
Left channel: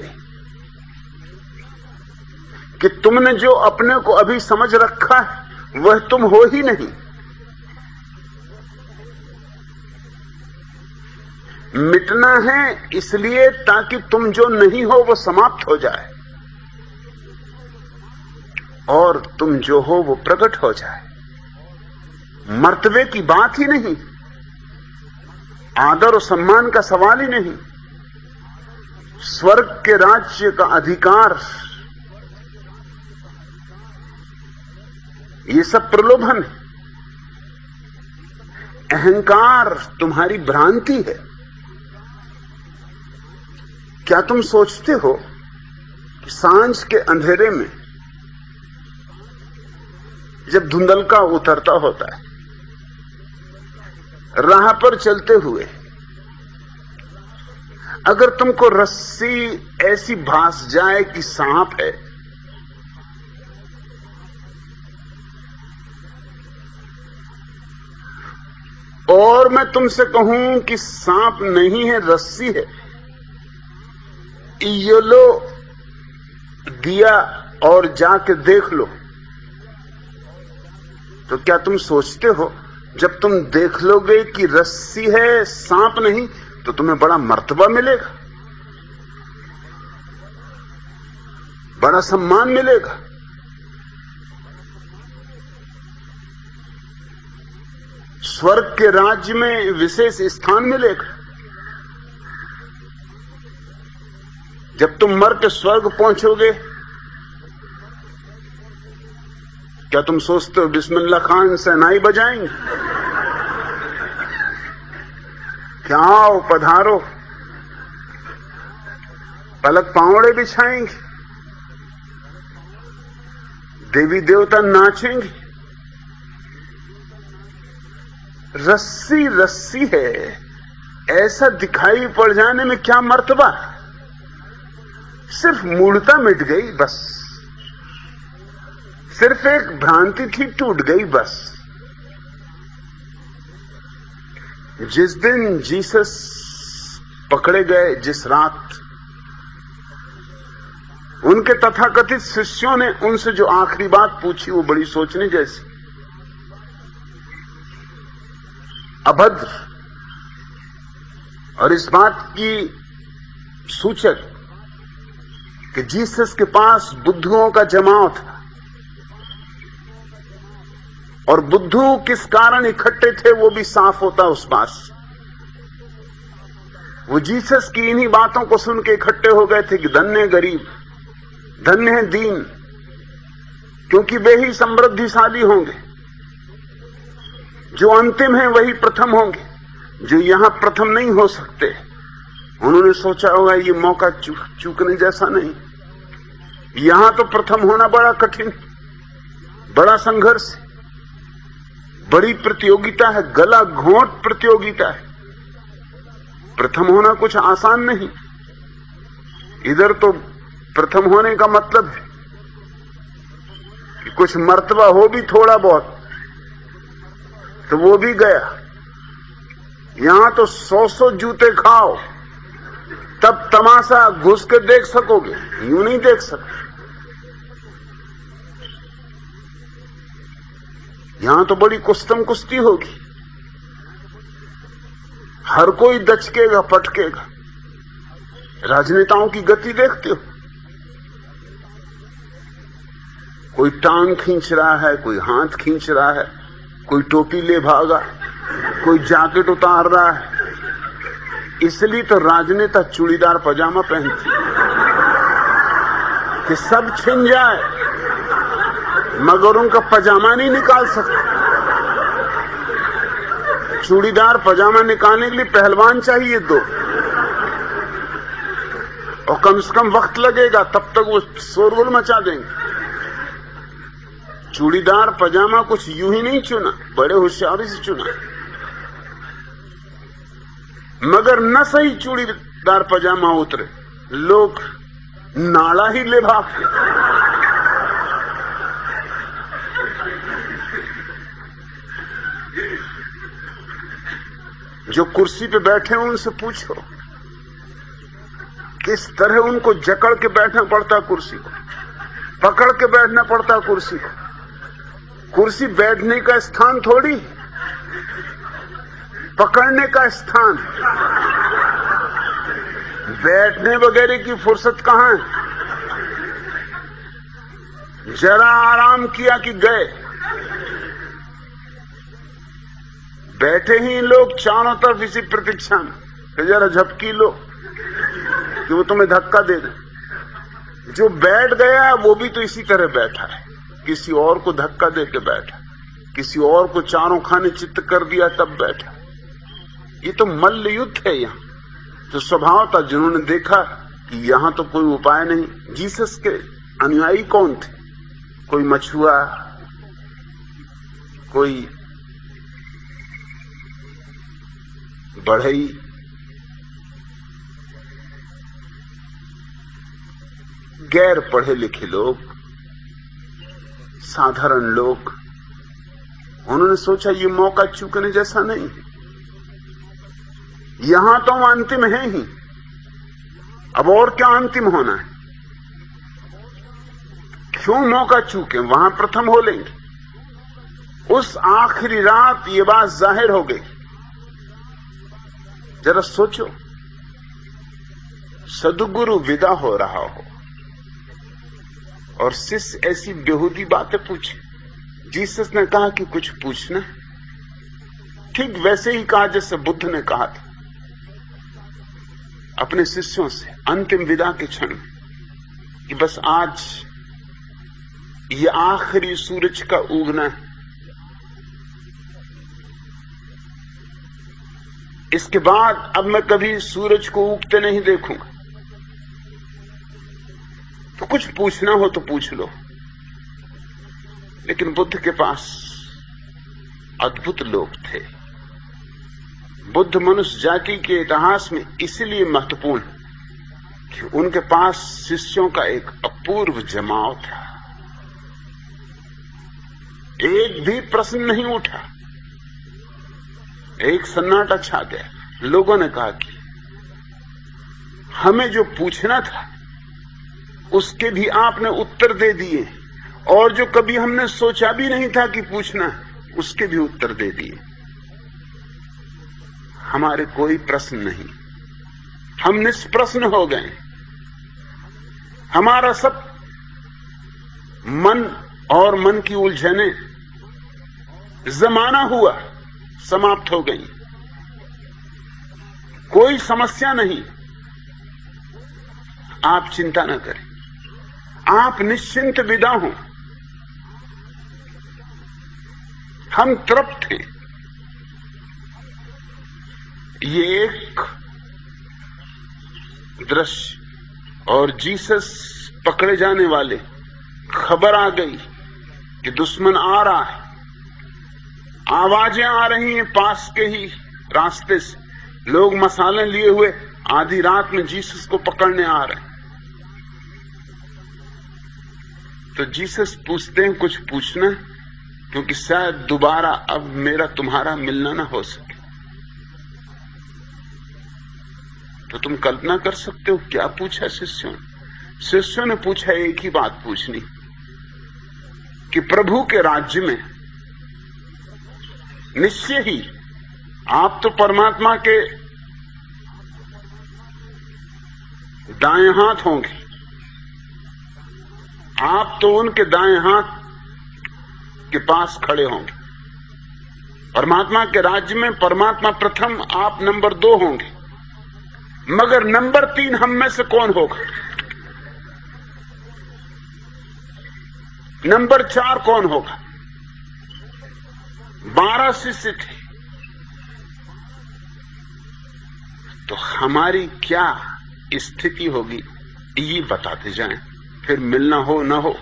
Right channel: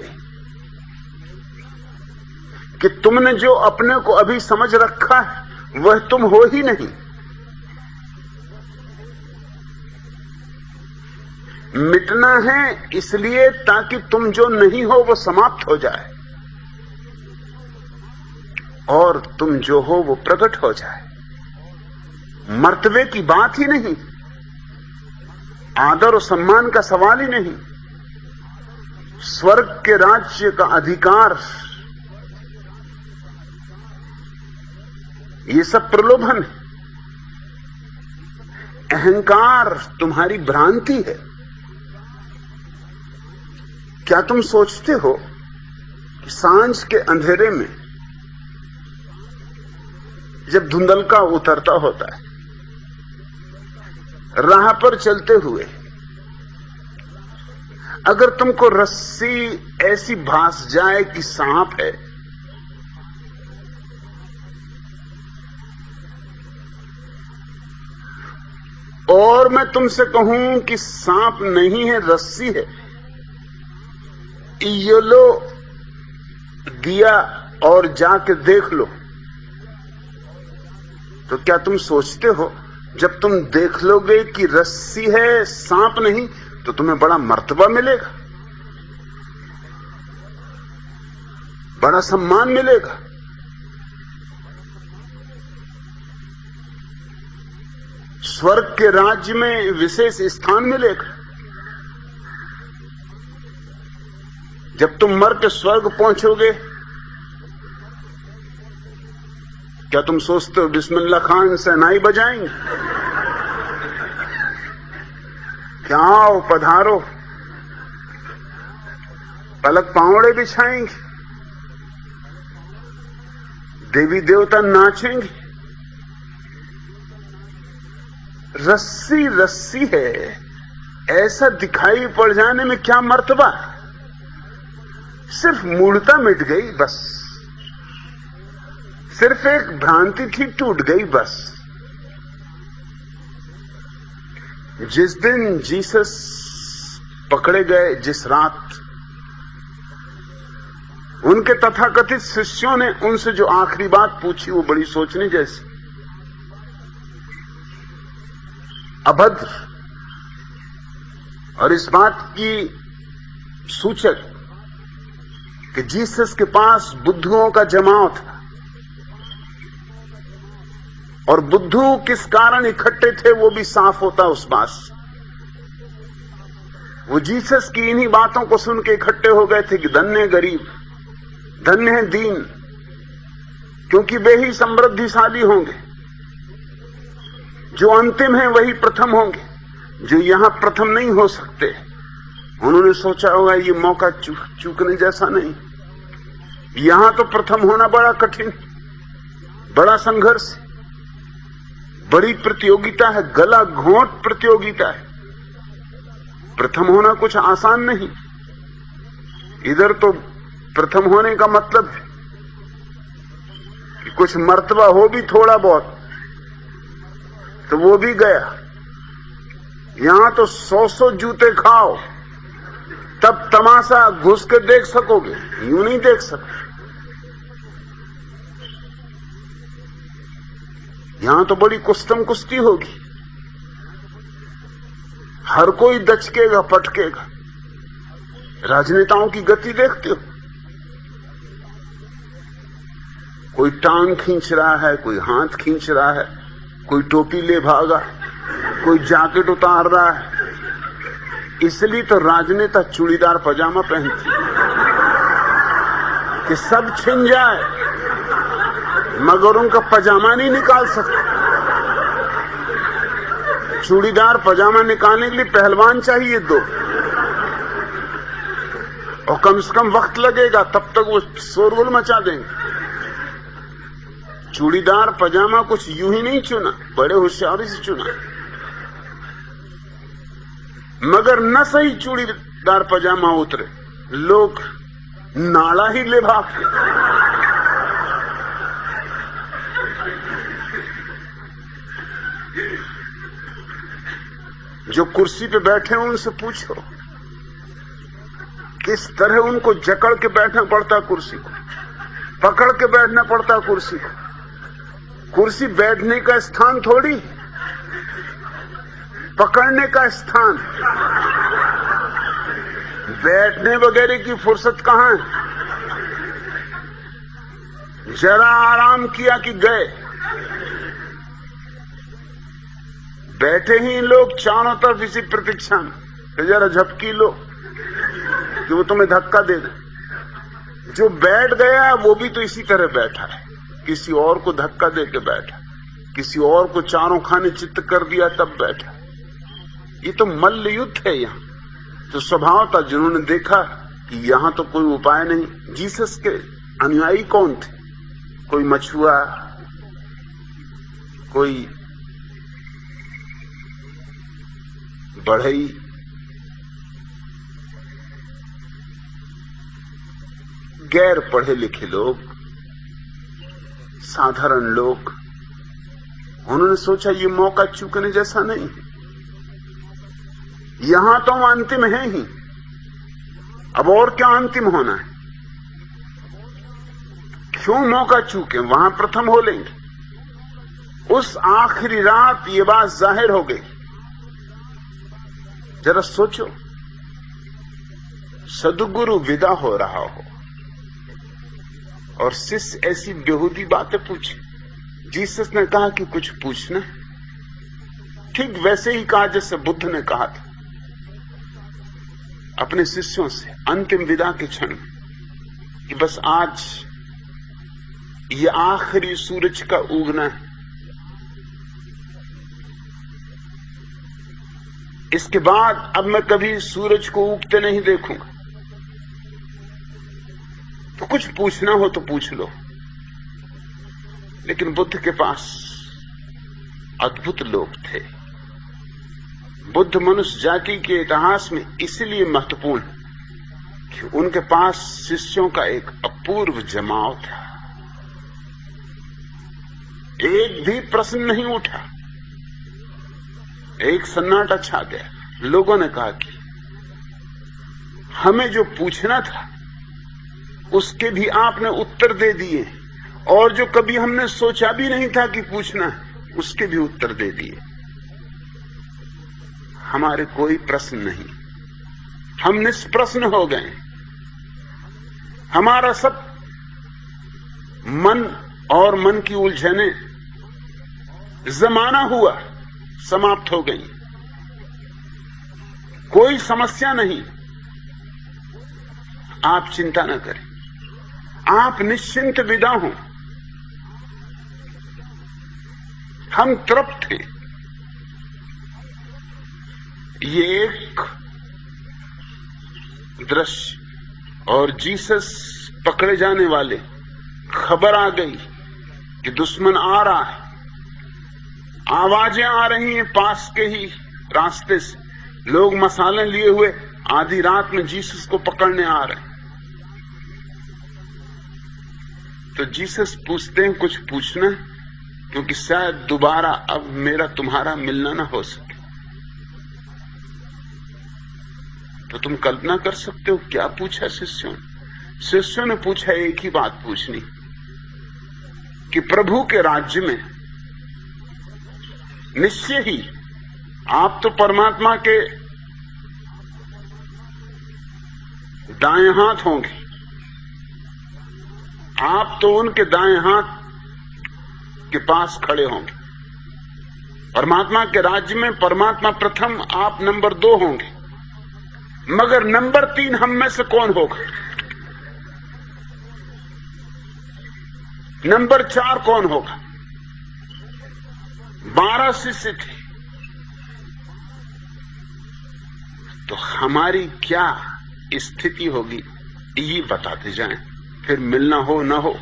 कि तुमने जो अपने को अभी समझ रखा है वह तुम हो ही नहीं। मिटना है इसलिए ताकि तुम जो नहीं हो वो समाप्त हो जाए और तुम जो हो वो प्रकट हो जाए। मर्तबे की बात ही नहीं, आदर और सम्मान का सवाल ही नहीं, स्वर्ग के राज्य का अधिकार, ये सब प्रलोभन है। अहंकार तुम्हारी भ्रांति है। क्या तुम सोचते हो कि सांझ के अंधेरे में जब धुंधलका उतरता होता है, राह पर चलते हुए अगर तुमको रस्सी ऐसी भास जाए कि सांप है, और मैं तुमसे कहूं कि सांप नहीं है, रस्सी है, ये लो दिया और जाके देख लो, तो क्या तुम सोचते हो जब तुम देख लोगे कि रस्सी है सांप नहीं, तो तुम्हें बड़ा मर्तबा मिलेगा, बड़ा सम्मान मिलेगा? स्वर्ग के राज्य में विशेष स्थान मिलेगा। जब तुम मर के स्वर्ग पहुंचोगे, क्या तुम सोचते हो बिस्मिल्लाह खान शहनाई बजाएंगे? क्या आओ पधारो, पलक पावड़े बिछाएंगे, देवी देवता नाचेंगे? रस्सी रस्सी है, ऐसा दिखाई पड़ जाने में क्या मर्तबा? सिर्फ मूढ़ता मिट गई बस, सिर्फ एक भ्रांति थी टूट गई बस। जिस दिन जीसस पकड़े गए, जिस रात, उनके तथाकथित शिष्यों ने उनसे जो आखिरी बात पूछी वो बड़ी सोचने जैसी। अभद्र और इस बात की सूचक कि जीसस के पास बुद्धुओं का जमाव था, और बुद्धू किस कारण इकट्ठे थे वो भी साफ होता उस बात से। वो जीसस की इन्हीं बातों को सुन के इकट्ठे हो गए थे कि धन्य है गरीब, धन्य है दीन, क्योंकि वे ही समृद्धिशाली होंगे। जो अंतिम है वही प्रथम होंगे, जो यहां प्रथम नहीं हो सकते। उन्होंने सोचा होगा ये मौका चूकने जैसा नहीं, यहां तो प्रथम होना बड़ा कठिन, बड़ा संघर्ष, बड़ी प्रतियोगिता है, गला घोंट प्रतियोगिता है। प्रथम होना कुछ आसान नहीं। इधर तो प्रथम होने का मतलब है कि कुछ मर्तबा हो भी थोड़ा बहुत, तो वो भी गया। यहां तो 100 जूते खाओ तब तमाशा घुस के देख सकोगे, यूं नहीं देख सकते। यहां तो बड़ी कुस्तम कुश्ती होगी, हर कोई दचकेगा पटकेगा। राजनेताओं की गति देखते हो, कोई टांग खींच रहा है, कोई हाथ खींच रहा है, कोई टोपी ले भागा, कोई जैकेट उतार रहा है। इसलिए तो राजनेता चूड़ीदार पजामा पहनते कि सब छिन जाए मगर उनका पजामा नहीं निकाल सकते। चूड़ीदार पजामा निकालने के लिए पहलवान चाहिए 2, और कम से कम वक्त लगेगा, तब तक वो शोरगुल मचा देंगे। चूड़ीदार पजामा कुछ यूं ही नहीं चुना, बड़े होशियारी से चुना। मगर न सही चूड़ीदार पजामा उतरे, लोग नाड़ा ही ले भागते। जो कुर्सी पे बैठे हैं उनसे पूछो किस तरह उनको जकड़ के बैठना पड़ता, कुर्सी को पकड़ के बैठना पड़ता। कुर्सी को, कुर्सी बैठने का स्थान थोड़ी, पकड़ने का स्थान। बैठने वगैरह की फुर्सत कहां है? जरा आराम किया कि गए। बैठे ही लोग चारों तरफ इसी प्रतीक्षा में कि जरा झपकी लो कि वो तुम्हें धक्का दे दे। जो बैठ गया वो भी तो इसी तरह बैठा है, किसी और को धक्का दे के बैठा, किसी और को चारों खाने चित्त कर दिया तब बैठा। ये तो मल्ल युद्ध है। यहां तो स्वभाव था, जिन्होंने देखा कि यहां तो कोई उपाय नहीं। जीसस के अनुयायी कौन थे? कोई मछुआ, कोई बढ़ई, गैर पढ़े लिखे लोग, साधारण लोग, उन्होंने सोचा ये मौका चूकने जैसा नहीं है, यहां तो हम अंतिम है ही, अब और क्या अंतिम होना है, क्यों मौका चूके, वहां प्रथम हो लेंगे। उस आखिरी रात ये बात जाहिर हो गई। जरा सोचो, सदगुरु विदा हो रहा हो और शिष्य ऐसी बेहूदी बातें पूछे। जीसस ने कहा कि कुछ पूछना, ठीक वैसे ही कहा जैसे बुद्ध ने कहा था अपने शिष्यों से अंतिम विदा के क्षण में कि बस आज ये आखिरी सूरज का उगना है, इसके बाद अब मैं कभी सूरज को उगते नहीं देखूंगा, तो कुछ पूछना हो तो पूछ लो। लेकिन बुद्ध के पास अद्भुत लोग थे। बुद्ध मनुष्य जाति के इतिहास में इसलिए महत्वपूर्ण कि उनके पास शिष्यों का एक अपूर्व जमाव था। एक भी प्रश्न नहीं उठा, एक सन्नाटा छा गया। लोगों ने कहा कि हमें जो पूछना था उसके भी आपने उत्तर दे दिए, और जो कभी हमने सोचा भी नहीं था कि पूछना है उसके भी उत्तर दे दिए। हमारे कोई प्रश्न नहीं, हम निष्प्रश्न हो गए। हमारा सब मन और मन की उलझने जमाना हुआ, समाप्त हो गई। कोई समस्या नहीं। आप चिंता न करें, आप निश्चिंत विदा हों। हम तृप्त हैं। ये एक दृश्य, और जीसस पकड़े जाने वाले, खबर आ गई कि दुश्मन आ रहा है, आवाजें आ रही हैं पास के ही रास्ते से, लोग मसाले लिए हुए आधी रात में जीसस को पकड़ने आ रहे हैं। तो जीसस पूछते हैं कुछ पूछना है, क्योंकि शायद दोबारा अब मेरा तुम्हारा मिलना ना हो सके। तो तुम कल्पना कर सकते हो क्या पूछा शिष्यों ने। शिष्यों ने पूछा एक ही बात पूछनी कि प्रभु के राज्य में निश्चय ही आप तो परमात्मा के दाएं हाथ होंगे, आप तो उनके दाएं हाथ के पास खड़े होंगे। परमात्मा के राज्य में परमात्मा प्रथम, आप नंबर 2 होंगे, मगर नंबर 3 हम में से कौन होगा? नंबर 4 कौन होगा? 12 शिष्य थे, तो हमारी क्या स्थिति होगी ये बताते जाएं, फिर मिलना हो ना हो।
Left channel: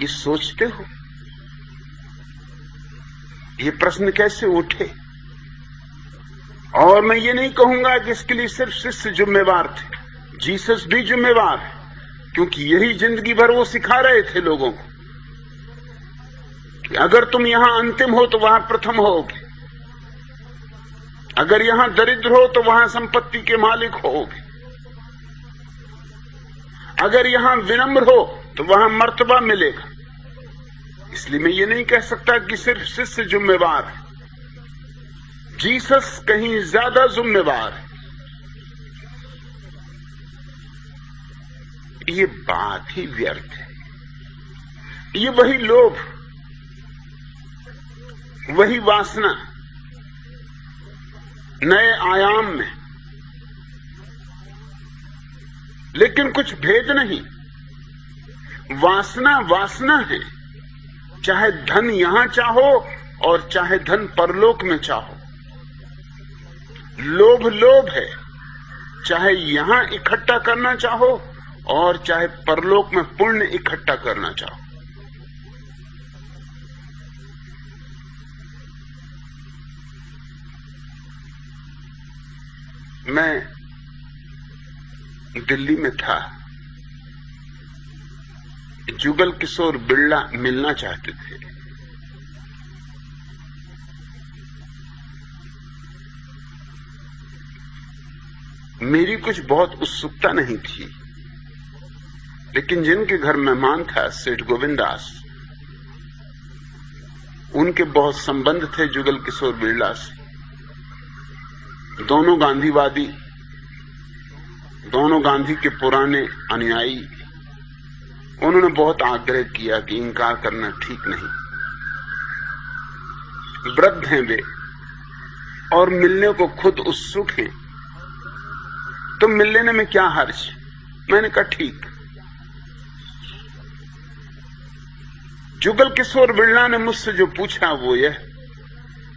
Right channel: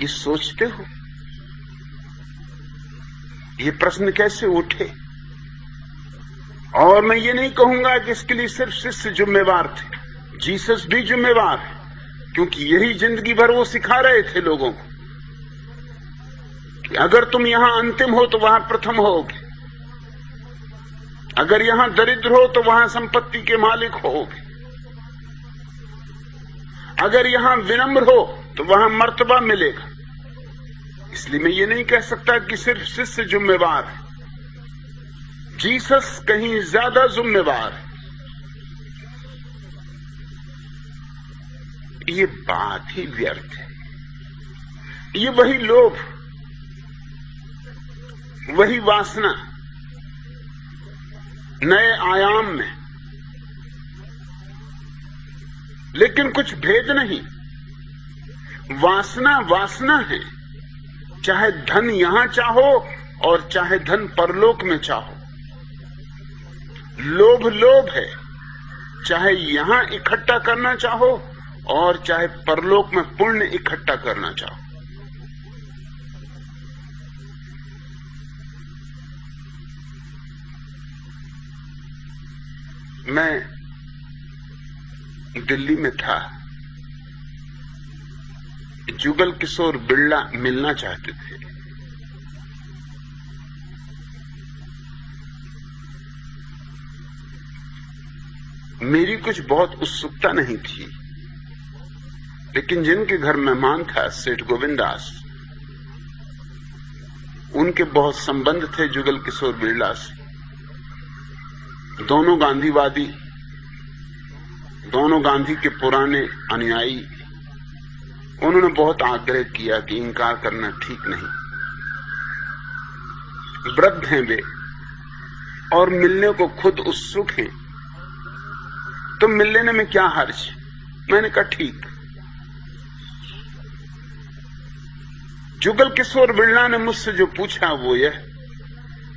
ये सोचते हो ये प्रश्न कैसे उठे? और मैं ये नहीं कहूंगा कि इसके लिए सिर्फ शिष्य जिम्मेवार थे, जीसस भी जिम्मेवार है, क्योंकि यही जिंदगी भर वो सिखा रहे थे लोगों को कि अगर तुम यहां अंतिम हो तो वहां प्रथम होगे, अगर यहां दरिद्र हो तो वहां संपत्ति के मालिक होगे, अगर यहां विनम्र हो तो वहां मर्तबा मिलेगा। इसलिए मैं ये नहीं कह सकता कि सिर्फ शिष्य जिम्मेवार है, जीसस कहीं ज्यादा जिम्मेवार है। ये बात ही व्यर्थ है। ये वही लोभ, वही वासना नए आयाम में, लेकिन कुछ भेद नहीं। वासना वासना है, चाहे धन यहां चाहो और चाहे धन परलोक में चाहो। लोभ लोभ है, चाहे यहां इकट्ठा करना चाहो और चाहे परलोक में पुण्य इकट्ठा करना चाहो। मैं दिल्ली में था जुगल किशोर बिरला मिलना चाहते थे। मेरी कुछ बहुत उत्सुकता नहीं थी, लेकिन जिनके घर मेहमान था सेठ गोविंदास, उनके बहुत संबंध थे जुगल किशोर बिरला से। दोनों गांधीवादी, दोनों गांधी के पुराने अनुयायी। उन्होंने बहुत आग्रह किया कि इनकार करना ठीक नहीं, वृद्ध हैं वे और मिलने को खुद उत्सुक हैं, तो मिल लेने में क्या हर्ज। मैंने कहा ठीक। जुगल किशोर बिरला ने मुझसे जो पूछा वो यह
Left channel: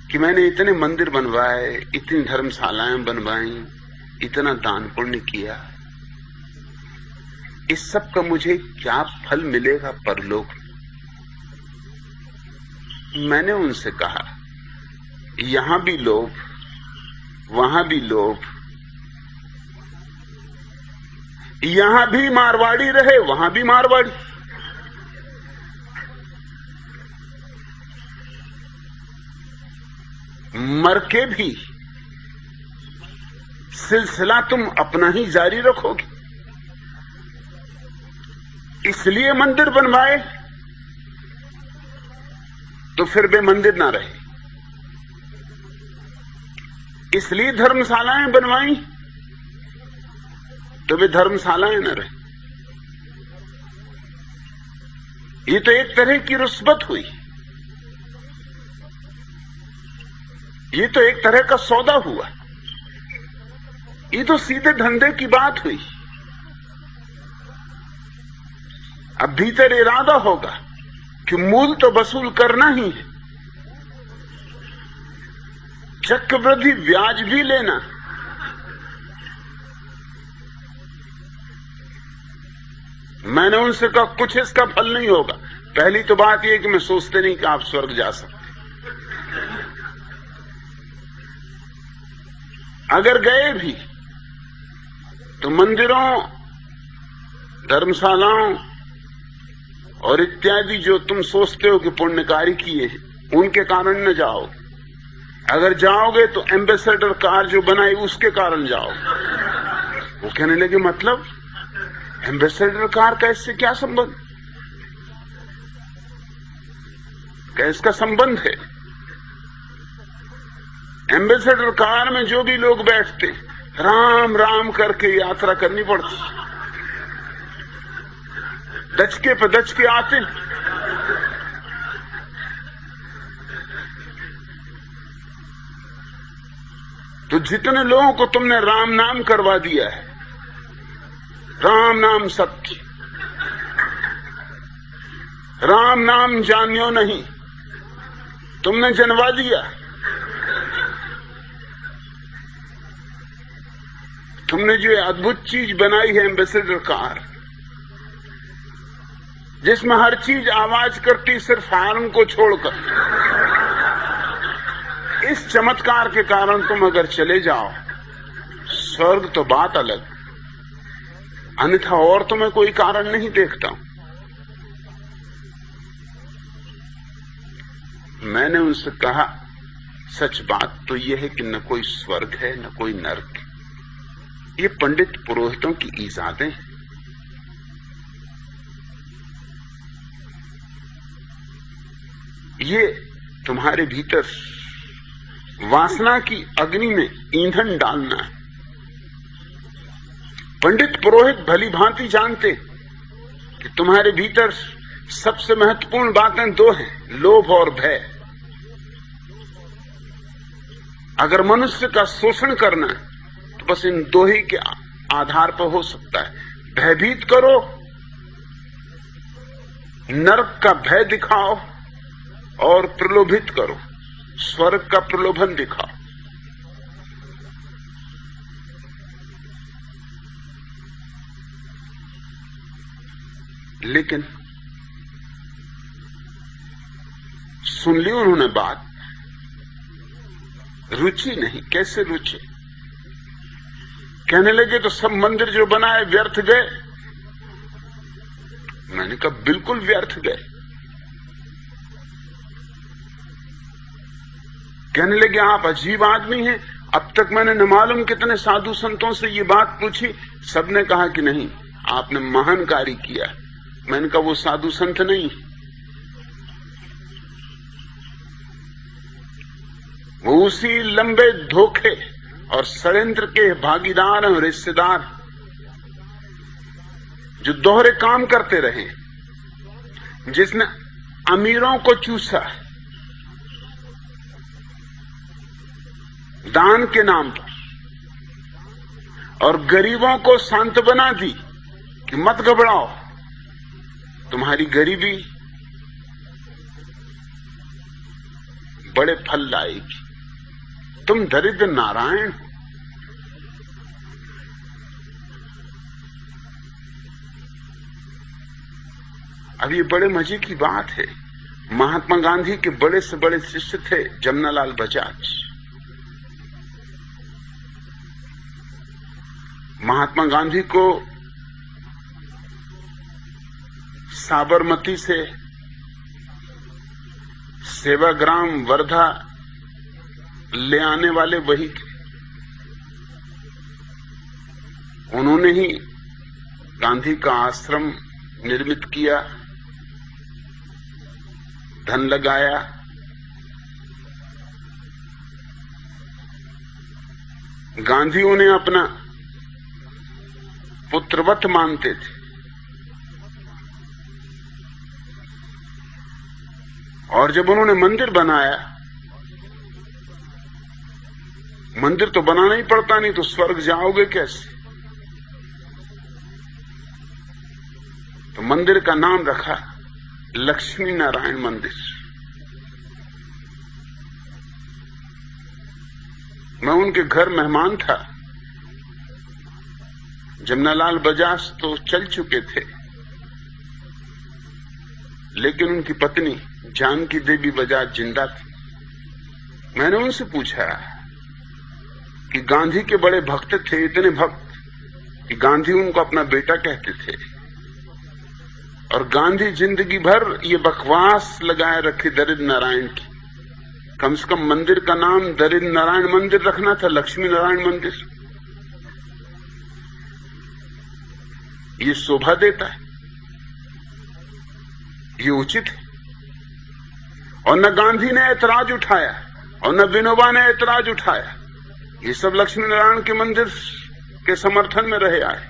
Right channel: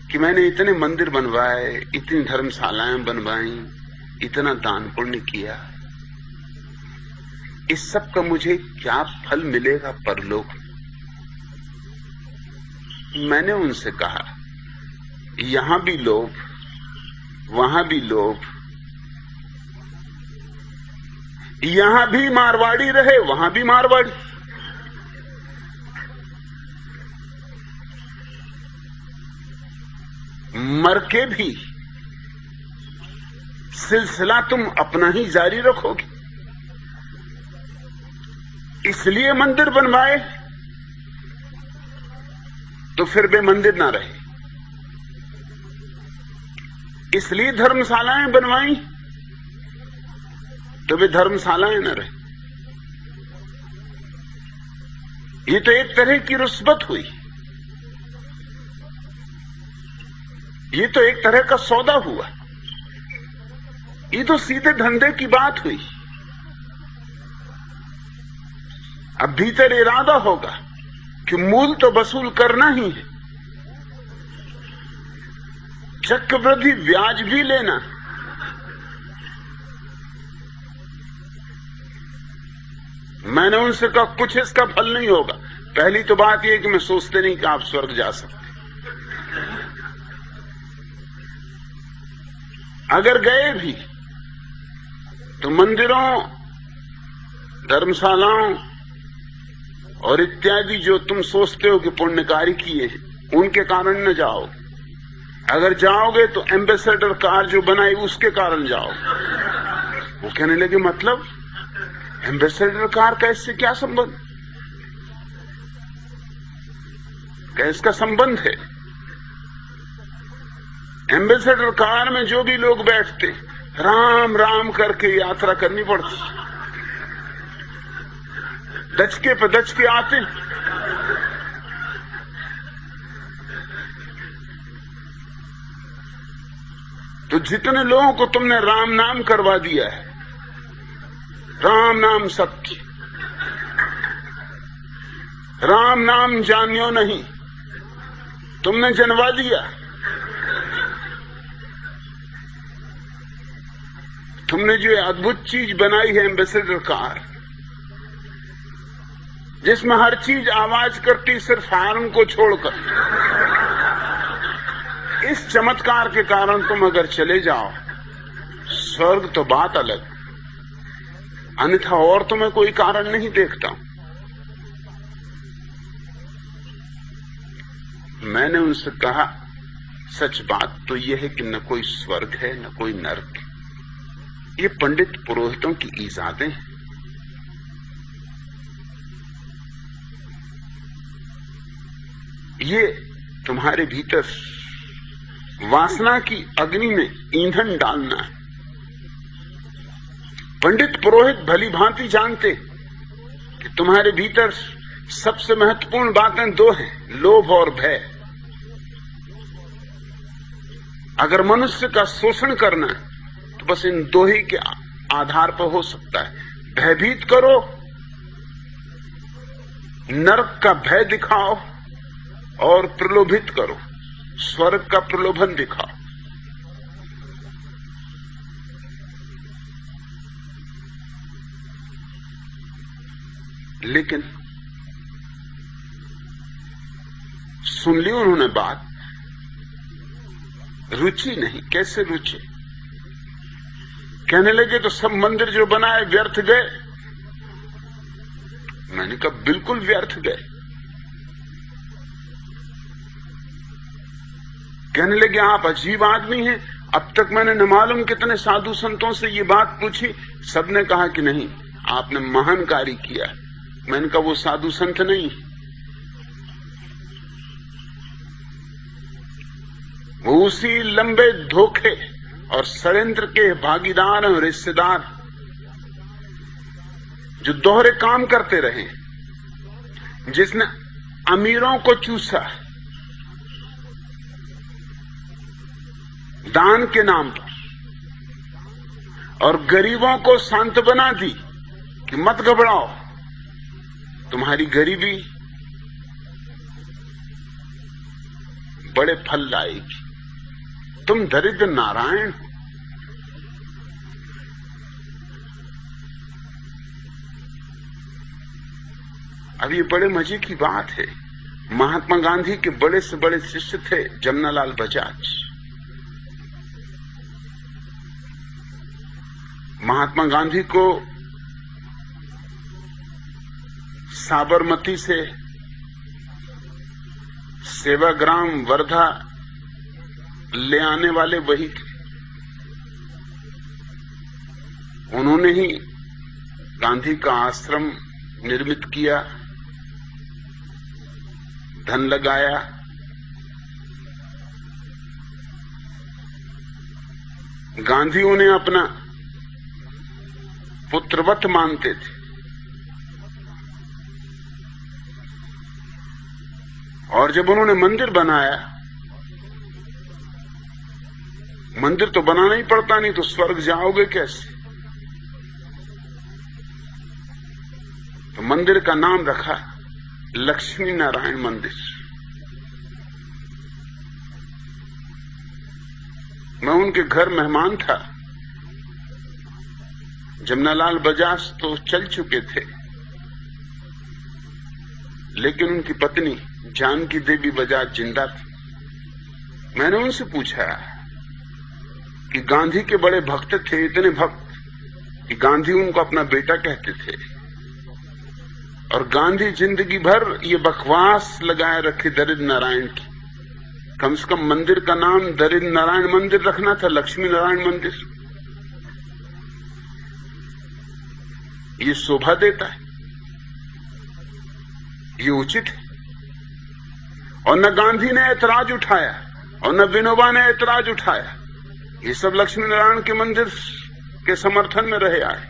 कि मैंने इतने मंदिर बनवाए, इतनी धर्मशालाएं बनवाई, इतना दान पुण्य किया, इस सब का मुझे क्या फल मिलेगा परलोक में। मैंने उनसे कहा यहां भी लोभ, वहां भी लोभ, यहां भी मारवाड़ी रहे, वहां भी मारवाड़ी। मर के भी सिलसिला तुम अपना ही जारी रखोगे। इसलिए मंदिर बनवाए तो फिर वे मंदिर ना रहे, इसलिए धर्मशालाएं बनवाई तो वे धर्मशालाएं न रहे। ये तो एक तरह की रुस्बत हुई, ये तो एक तरह का सौदा हुआ, ये तो सीधे धंधे की बात हुई। अब भीतर इरादा होगा कि मूल तो वसूल करना ही है, चक्रवृद्धि ब्याज भी लेना। मैंने उनसे कहा कुछ इसका फल नहीं होगा। पहली तो बात यह कि मैं सोचते नहीं कि आप स्वर्ग जा सकते, अगर गए भी तो मंदिरों, धर्मशालाओं और इत्यादि जो तुम सोचते हो कि पुण्यकारी किए हैं, उनके कारण न जाओ। अगर जाओगे तो एम्बेसडर कार जो बनाई उसके कारण जाओ। वो कहने लगे मतलब एम्बेसडर कार का इससे क्या संबंध? क्या इसका संबंध है? एम्बेसडर कार में जो भी लोग बैठते, राम राम करके यात्रा करनी पड़ती, दचके पे दचके आते। तो जितने लोगों को तुमने राम नाम करवा दिया है, राम नाम सत्य, राम नाम जानियो नहीं, तुमने जनवा दिया। तुमने जो अद्भुत चीज बनाई है एम्बेसडर कार, जिसमें हर चीज आवाज करती सिर्फ हार्न को छोड़कर, इस चमत्कार के कारण तुम अगर चले जाओ स्वर्ग तो बात अलग, अन्यथा और तो मैं कोई कारण नहीं देखता हूं। मैंने उनसे कहा सच बात तो यह है कि न कोई स्वर्ग है न कोई नरक है, ये पंडित पुरोहितों की ईजादें हैं। ये तुम्हारे भीतर वासना की अग्नि में ईंधन डालना है। पंडित पुरोहित भली भांति जानते कि तुम्हारे भीतर सबसे महत्वपूर्ण बातें दो हैं, लोभ और भय। अगर मनुष्य का शोषण करना है तो बस इन दो ही के आधार पर हो सकता है। भयभीत करो, नरक का भय दिखाओ, और प्रलोभित करो, स्वर्ग का प्रलोभन दिखाओ। लेकिन सुन ली उन्होंने बात, रुचि नहीं। कैसे रुचि? कहने लगे तो सब मंदिर जो बनाए व्यर्थ गए। मैंने कहा बिल्कुल व्यर्थ गए। कहने लगे आप अजीब आदमी हैं, अब तक मैंने न मालूम कितने साधु संतों से ये बात पूछी, सबने कहा कि नहीं आपने महान कार्य किया। मैंने कहा वो साधु संत नहीं, वो उसी लंबे धोखे और षड्यंत्र के भागीदार और हिस्सेदार जो दोहरे काम करते रहे, जिसने अमीरों को चूसा दान के नाम पर और गरीबों को सांत्वना दी कि मत घबराओ, तुम्हारी गरीबी बड़े फल लाएगी, तुम दरिद्र नारायण। अब ये बड़े मजे की बात है, महात्मा गांधी के बड़े से बड़े शिष्य थे जमनालाल बजाज। महात्मा गांधी को साबरमती से सेवाग्राम वर्धा ले आने वाले वही थे। उन्होंने ही गांधी का आश्रम निर्मित किया, धन लगाया, गांधी उन्हें अपना पुत्रवत मानते थे और जब उन्होंने मंदिर बनाया, मंदिर तो बनाना ही पड़ता, नहीं तो स्वर्ग जाओगे कैसे, तो मंदिर का नाम रखा लक्ष्मी नारायण मंदिर। मैं उनके घर मेहमान था। जमनालाल बजाज तो चल चुके थे, लेकिन उनकी पत्नी जानकी देवी बजाज जिंदा थी। मैंने उनसे पूछा कि गांधी के बड़े भक्त थे, इतने भक्त कि गांधी उनको अपना बेटा कहते थे, और गांधी जिंदगी भर ये बकवास लगाए रखे दरिद्र नारायण की। कम से कम मंदिर का नाम दरिद्र नारायण मंदिर रखना था, लक्ष्मी नारायण मंदिर। ये शोभा देता है, ये उचित है। और न गांधी ने ऐतराज उठाया और न विनोबा ने ऐतराज उठाया। ये सब लक्ष्मी नारायण के मंदिर के समर्थन में रहे आए।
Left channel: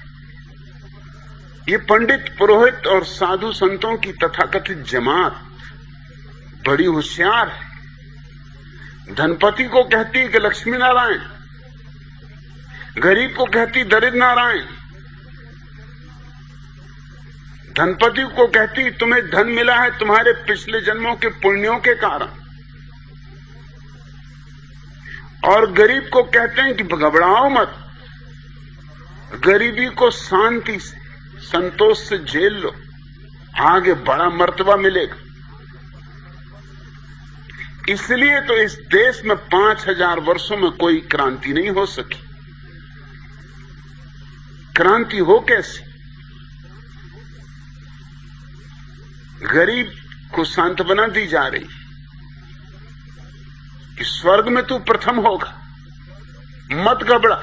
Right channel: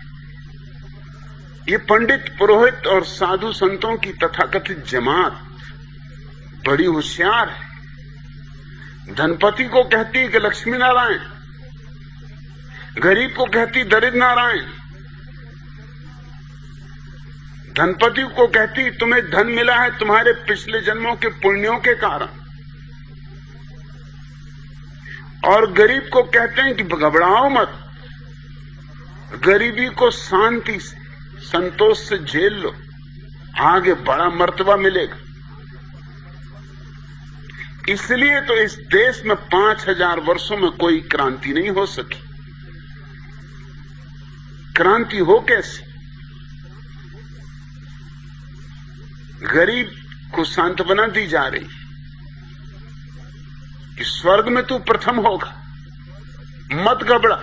ये पंडित पुरोहित और साधु संतों की तथाकथित जमात बड़ी होशियार है। धनपति को कहती है कि लक्ष्मी नारायण, गरीब को कहती दरिद्र नारायण। धनपति को कहती तुम्हें धन मिला है तुम्हारे पिछले जन्मों के पुण्यों के कारण, और गरीब को कहते हैं कि घबराओ मत, गरीबी को शांति से संतोष से झेल लो, आगे बड़ा मर्तबा मिलेगा। इसलिए तो इस देश में 5000 वर्षों में कोई क्रांति नहीं हो सकी। क्रांति हो कैसे? गरीब को सांत्वना दी जा रही है कि स्वर्ग में तू प्रथम होगा, मत घबरा।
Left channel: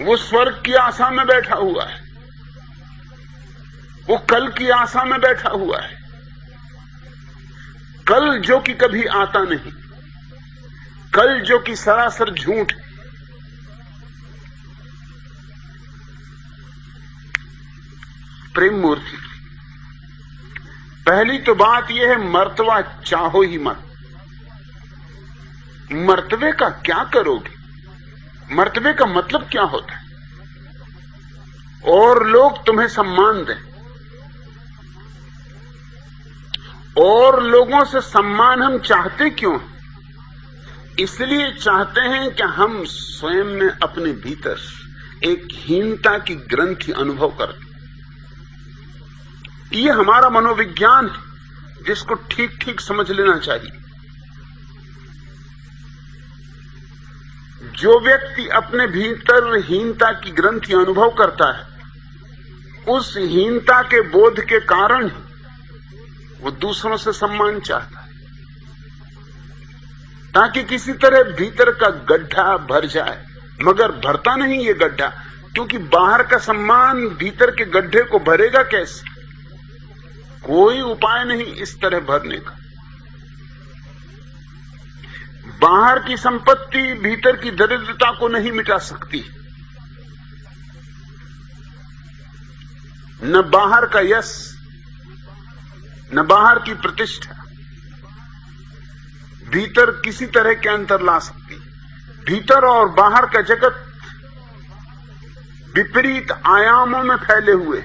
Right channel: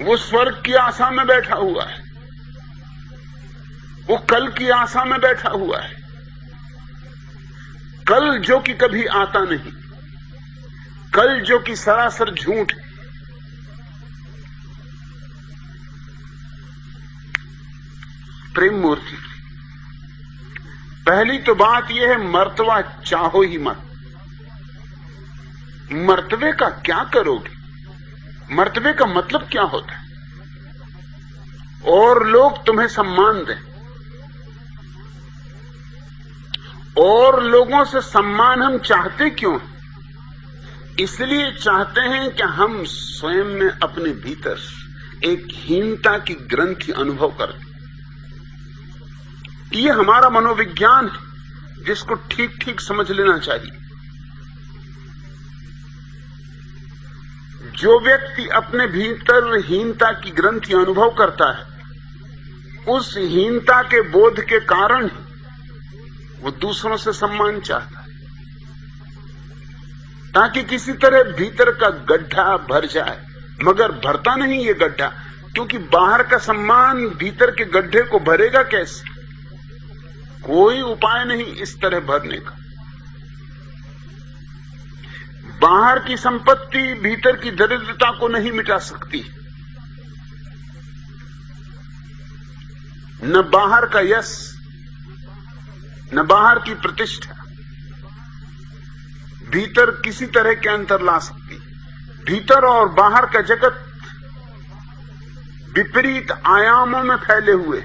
वो स्वर्ग की आशा में बैठा हुआ है, वो कल की आशा में बैठा हुआ है, कल जो कि कभी आता नहीं, कल जो कि सरासर झूठ है। प्रेम मूर्ति, पहली तो बात यह है, मर्तबा चाहो ही मत। मर्तबे का क्या करोगे? मर्तबे का मतलब क्या होता है? और लोग तुम्हें सम्मान दें, और लोगों से सम्मान हम चाहते क्यों? इसलिए चाहते हैं कि हम स्वयं में अपने भीतर एक हीनता की ग्रंथि अनुभव करते। ये हमारा मनोविज्ञान है, जिसको ठीक ठीक समझ लेना चाहिए। जो व्यक्ति अपने भीतर हीनता की ग्रंथि अनुभव करता है, उस हीनता के बोध के कारण ही वो दूसरों से सम्मान चाहता है, ताकि किसी तरह भीतर का गड्ढा भर जाए। मगर भरता नहीं ये गड्ढा, क्योंकि बाहर का सम्मान भीतर के गड्ढे को भरेगा कैसे? कोई उपाय नहीं इस तरह भरने का। बाहर की संपत्ति भीतर की दरिद्रता को नहीं मिटा सकती। न बाहर का यश, न बाहर की प्रतिष्ठा भीतर किसी तरह के अंतर ला सकती। भीतर और बाहर का जगत विपरीत आयामों में फैले हुए।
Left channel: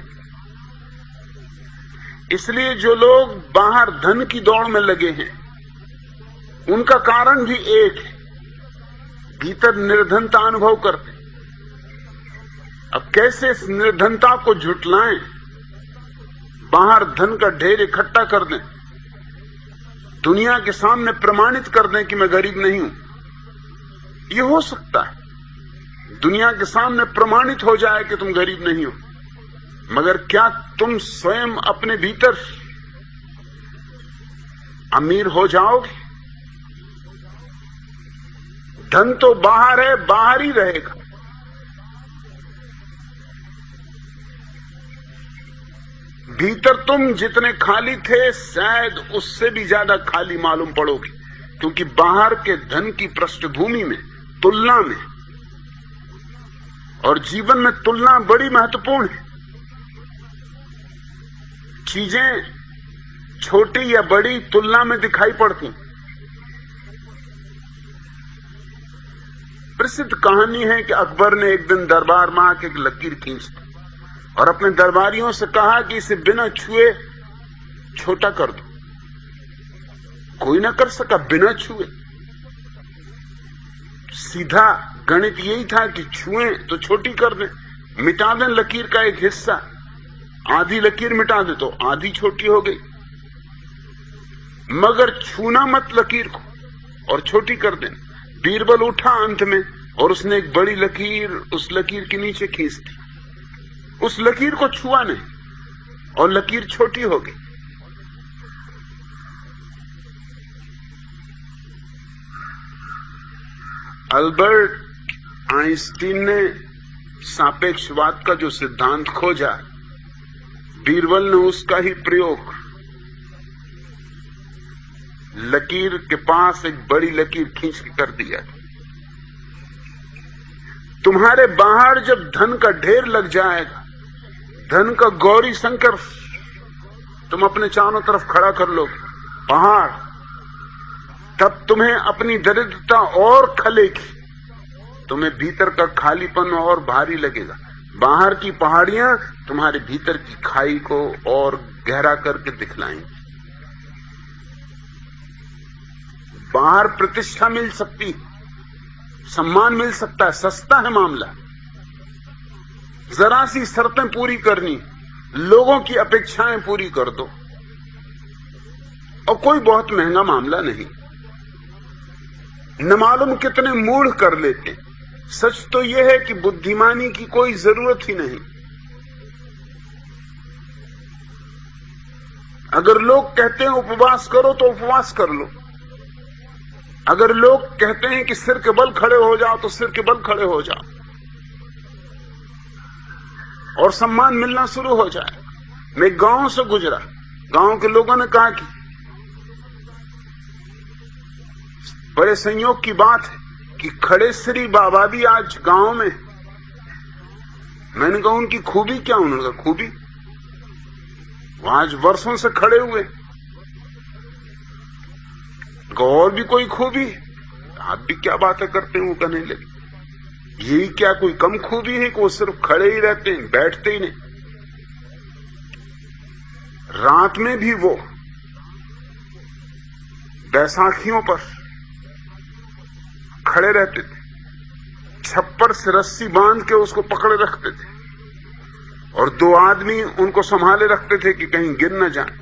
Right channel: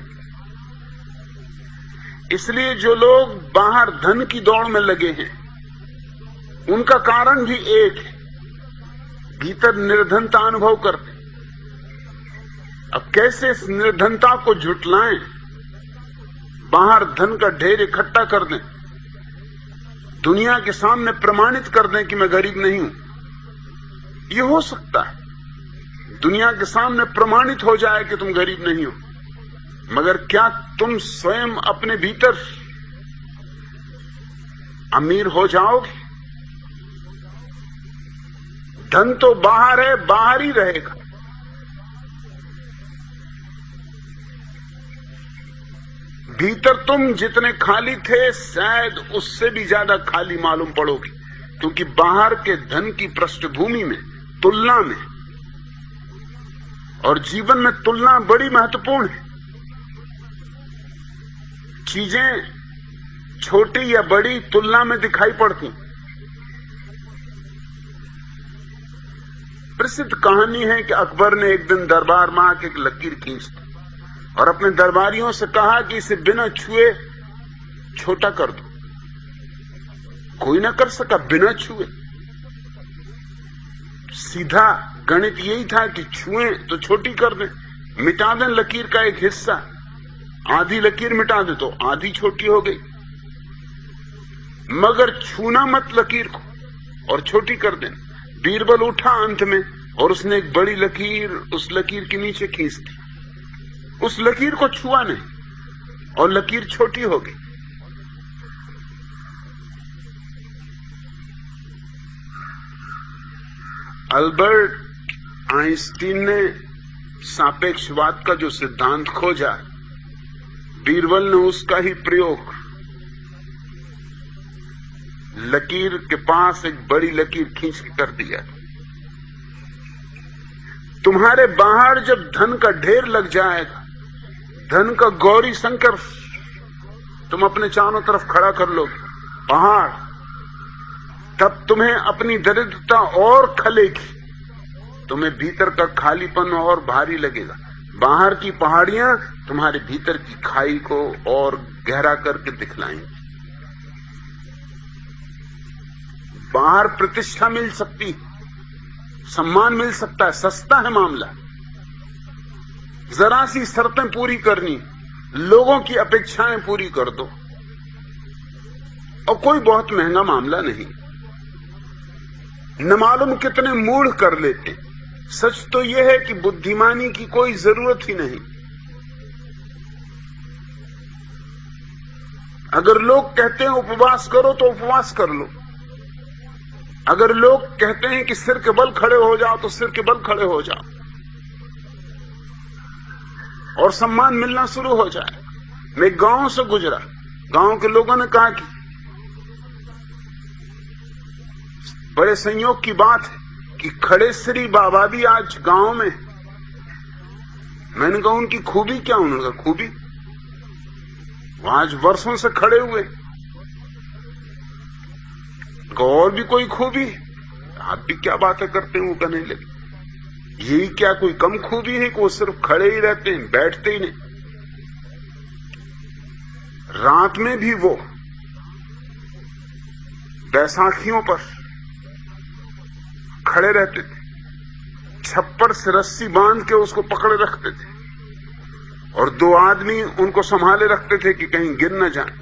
इसलिए जो लोग बाहर धन की दौड़ में लगे हैं, उनका कारण भी एक है, भीतर निर्धनता अनुभव करते। अब कैसे इस निर्धनता को झुटलाएं? बाहर धन का ढेर इकट्ठा कर दें, दुनिया के सामने प्रमाणित कर दें कि मैं गरीब नहीं हूं। यह हो सकता है, दुनिया के सामने प्रमाणित हो जाए कि तुम गरीब नहीं हो, मगर क्या तुम स्वयं अपने भीतर अमीर हो जाओगे? धन तो बाहर है, बाहर ही रहेगा। भीतर तुम जितने खाली थे, शायद उससे भी ज्यादा खाली मालूम पड़ोगे, क्योंकि बाहर के धन की पृष्ठभूमि में, तुलना में, और जीवन में तुलना बड़ी महत्वपूर्ण है। चीजें छोटी या बड़ी तुलना में दिखाई पड़ती। प्रसिद्ध कहानी है कि अकबर ने एक दिन दरबार में आके एक लकीर खींच दी और अपने दरबारियों से कहा कि इसे बिना छुए छोटा कर दो। कोई ना कर सका बिना छुए। सीधा गणित यही था कि छुएं तो छोटी कर दें, मिटा दें लकीर का एक हिस्सा, आधी लकीर मिटा दे तो आधी छोटी हो गई। मगर छूना मत लकीर को और छोटी कर देना। बीरबल उठा अंत में और उसने एक बड़ी लकीर उस लकीर के नीचे खींच दी। उस लकीर को छुआ नहीं और लकीर छोटी हो गई। अल्बर्ट आइंस्टीन ने सापेक्षवाद का जो सिद्धांत खोजा, बीरबल ने उसका ही प्रयोग लकीर के पास एक बड़ी लकीर खींच के कर दिया। तुम्हारे बाहर जब धन का ढेर लग जाएगा, धन का गौरी शंकर तुम अपने चारों तरफ खड़ा कर लोगे, पहाड़, तब तुम्हें अपनी दरिद्रता और खलेगी, तुम्हें भीतर का खालीपन और भारी लगेगा। बाहर की पहाड़ियां तुम्हारे भीतर की खाई को और गहरा करके दिखलाएंगी। बाहर प्रतिष्ठा मिल सकती, सम्मान मिल सकता है, सस्ता है मामला। जरा सी शर्तें पूरी करनी, लोगों की अपेक्षाएं पूरी कर दो, और कोई बहुत महंगा मामला नहीं। न मालूम कितने मूढ़ कर लेते। सच तो यह है कि बुद्धिमानी की कोई जरूरत ही नहीं। अगर लोग कहते हैं उपवास करो तो उपवास कर लो। अगर लोग कहते हैं कि सिर के बल खड़े हो जाओ तो सिर के बल खड़े हो जाओ, और सम्मान मिलना शुरू हो जाए। मैं गांव से गुजरा, गांव के लोगों ने कहा कि बड़े संयोग की बात है कि खड़े श्री बाबा भी आज गांव में। मैंने कहा उनकी खूबी क्या? उन्होंने कहा खूबी वो आज वर्षों से खड़े हुए। और भी कोई खूबी? आप भी क्या बातें करते हैं? वो कहने लगे यही क्या कोई कम खूबी है कि वो सिर्फ खड़े ही रहते हैं, बैठते ही नहीं। रात में भी वो बैसाखियों पर खड़े रहते थे, छप्पर से रस्सी बांध के उसको पकड़े रखते थे, और 2 आदमी उनको संभाले रखते थे कि कहीं गिर न जाए।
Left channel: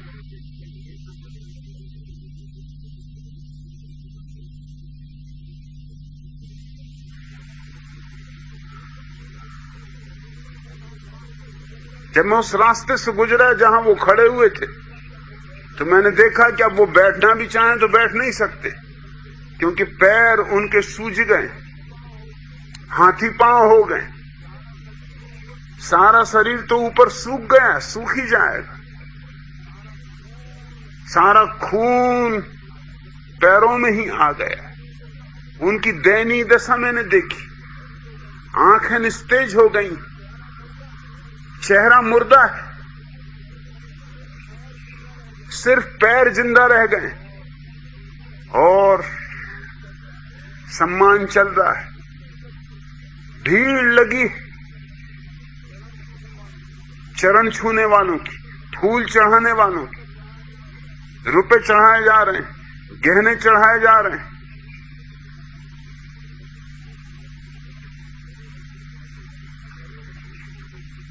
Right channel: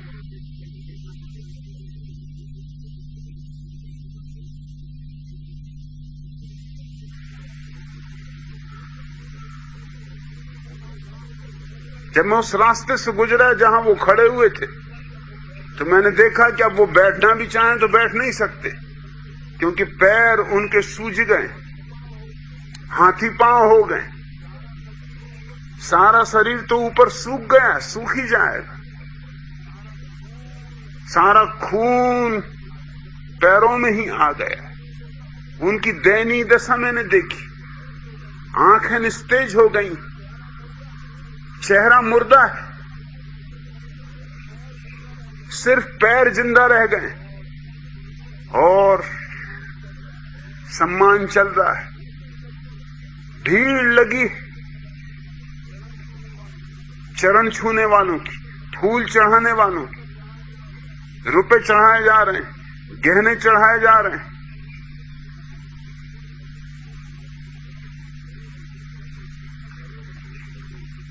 जब मैं उस रास्ते से गुजरा जहां वो खड़े हुए थे, तो मैंने देखा कि अब वो बैठना भी चाहें तो बैठ नहीं सकते, क्योंकि पैर उनके सूज गए, हाथी पांव हो गए, सारा शरीर तो ऊपर सूख गया, सूख ही जाएगा, सारा खून पैरों में ही आ गया। उनकी दयनीय दशा मैंने देखी, आंखें निस्तेज हो गई, चेहरा मुर्दा है, सिर्फ पैर जिंदा रह गए और सम्मान चल रहा है, भीड़ लगी चरण छूने वालों की, फूल चढ़ाने वालों की, रुपए चढ़ाए जा रहे हैं, गहने चढ़ाए जा रहे हैं।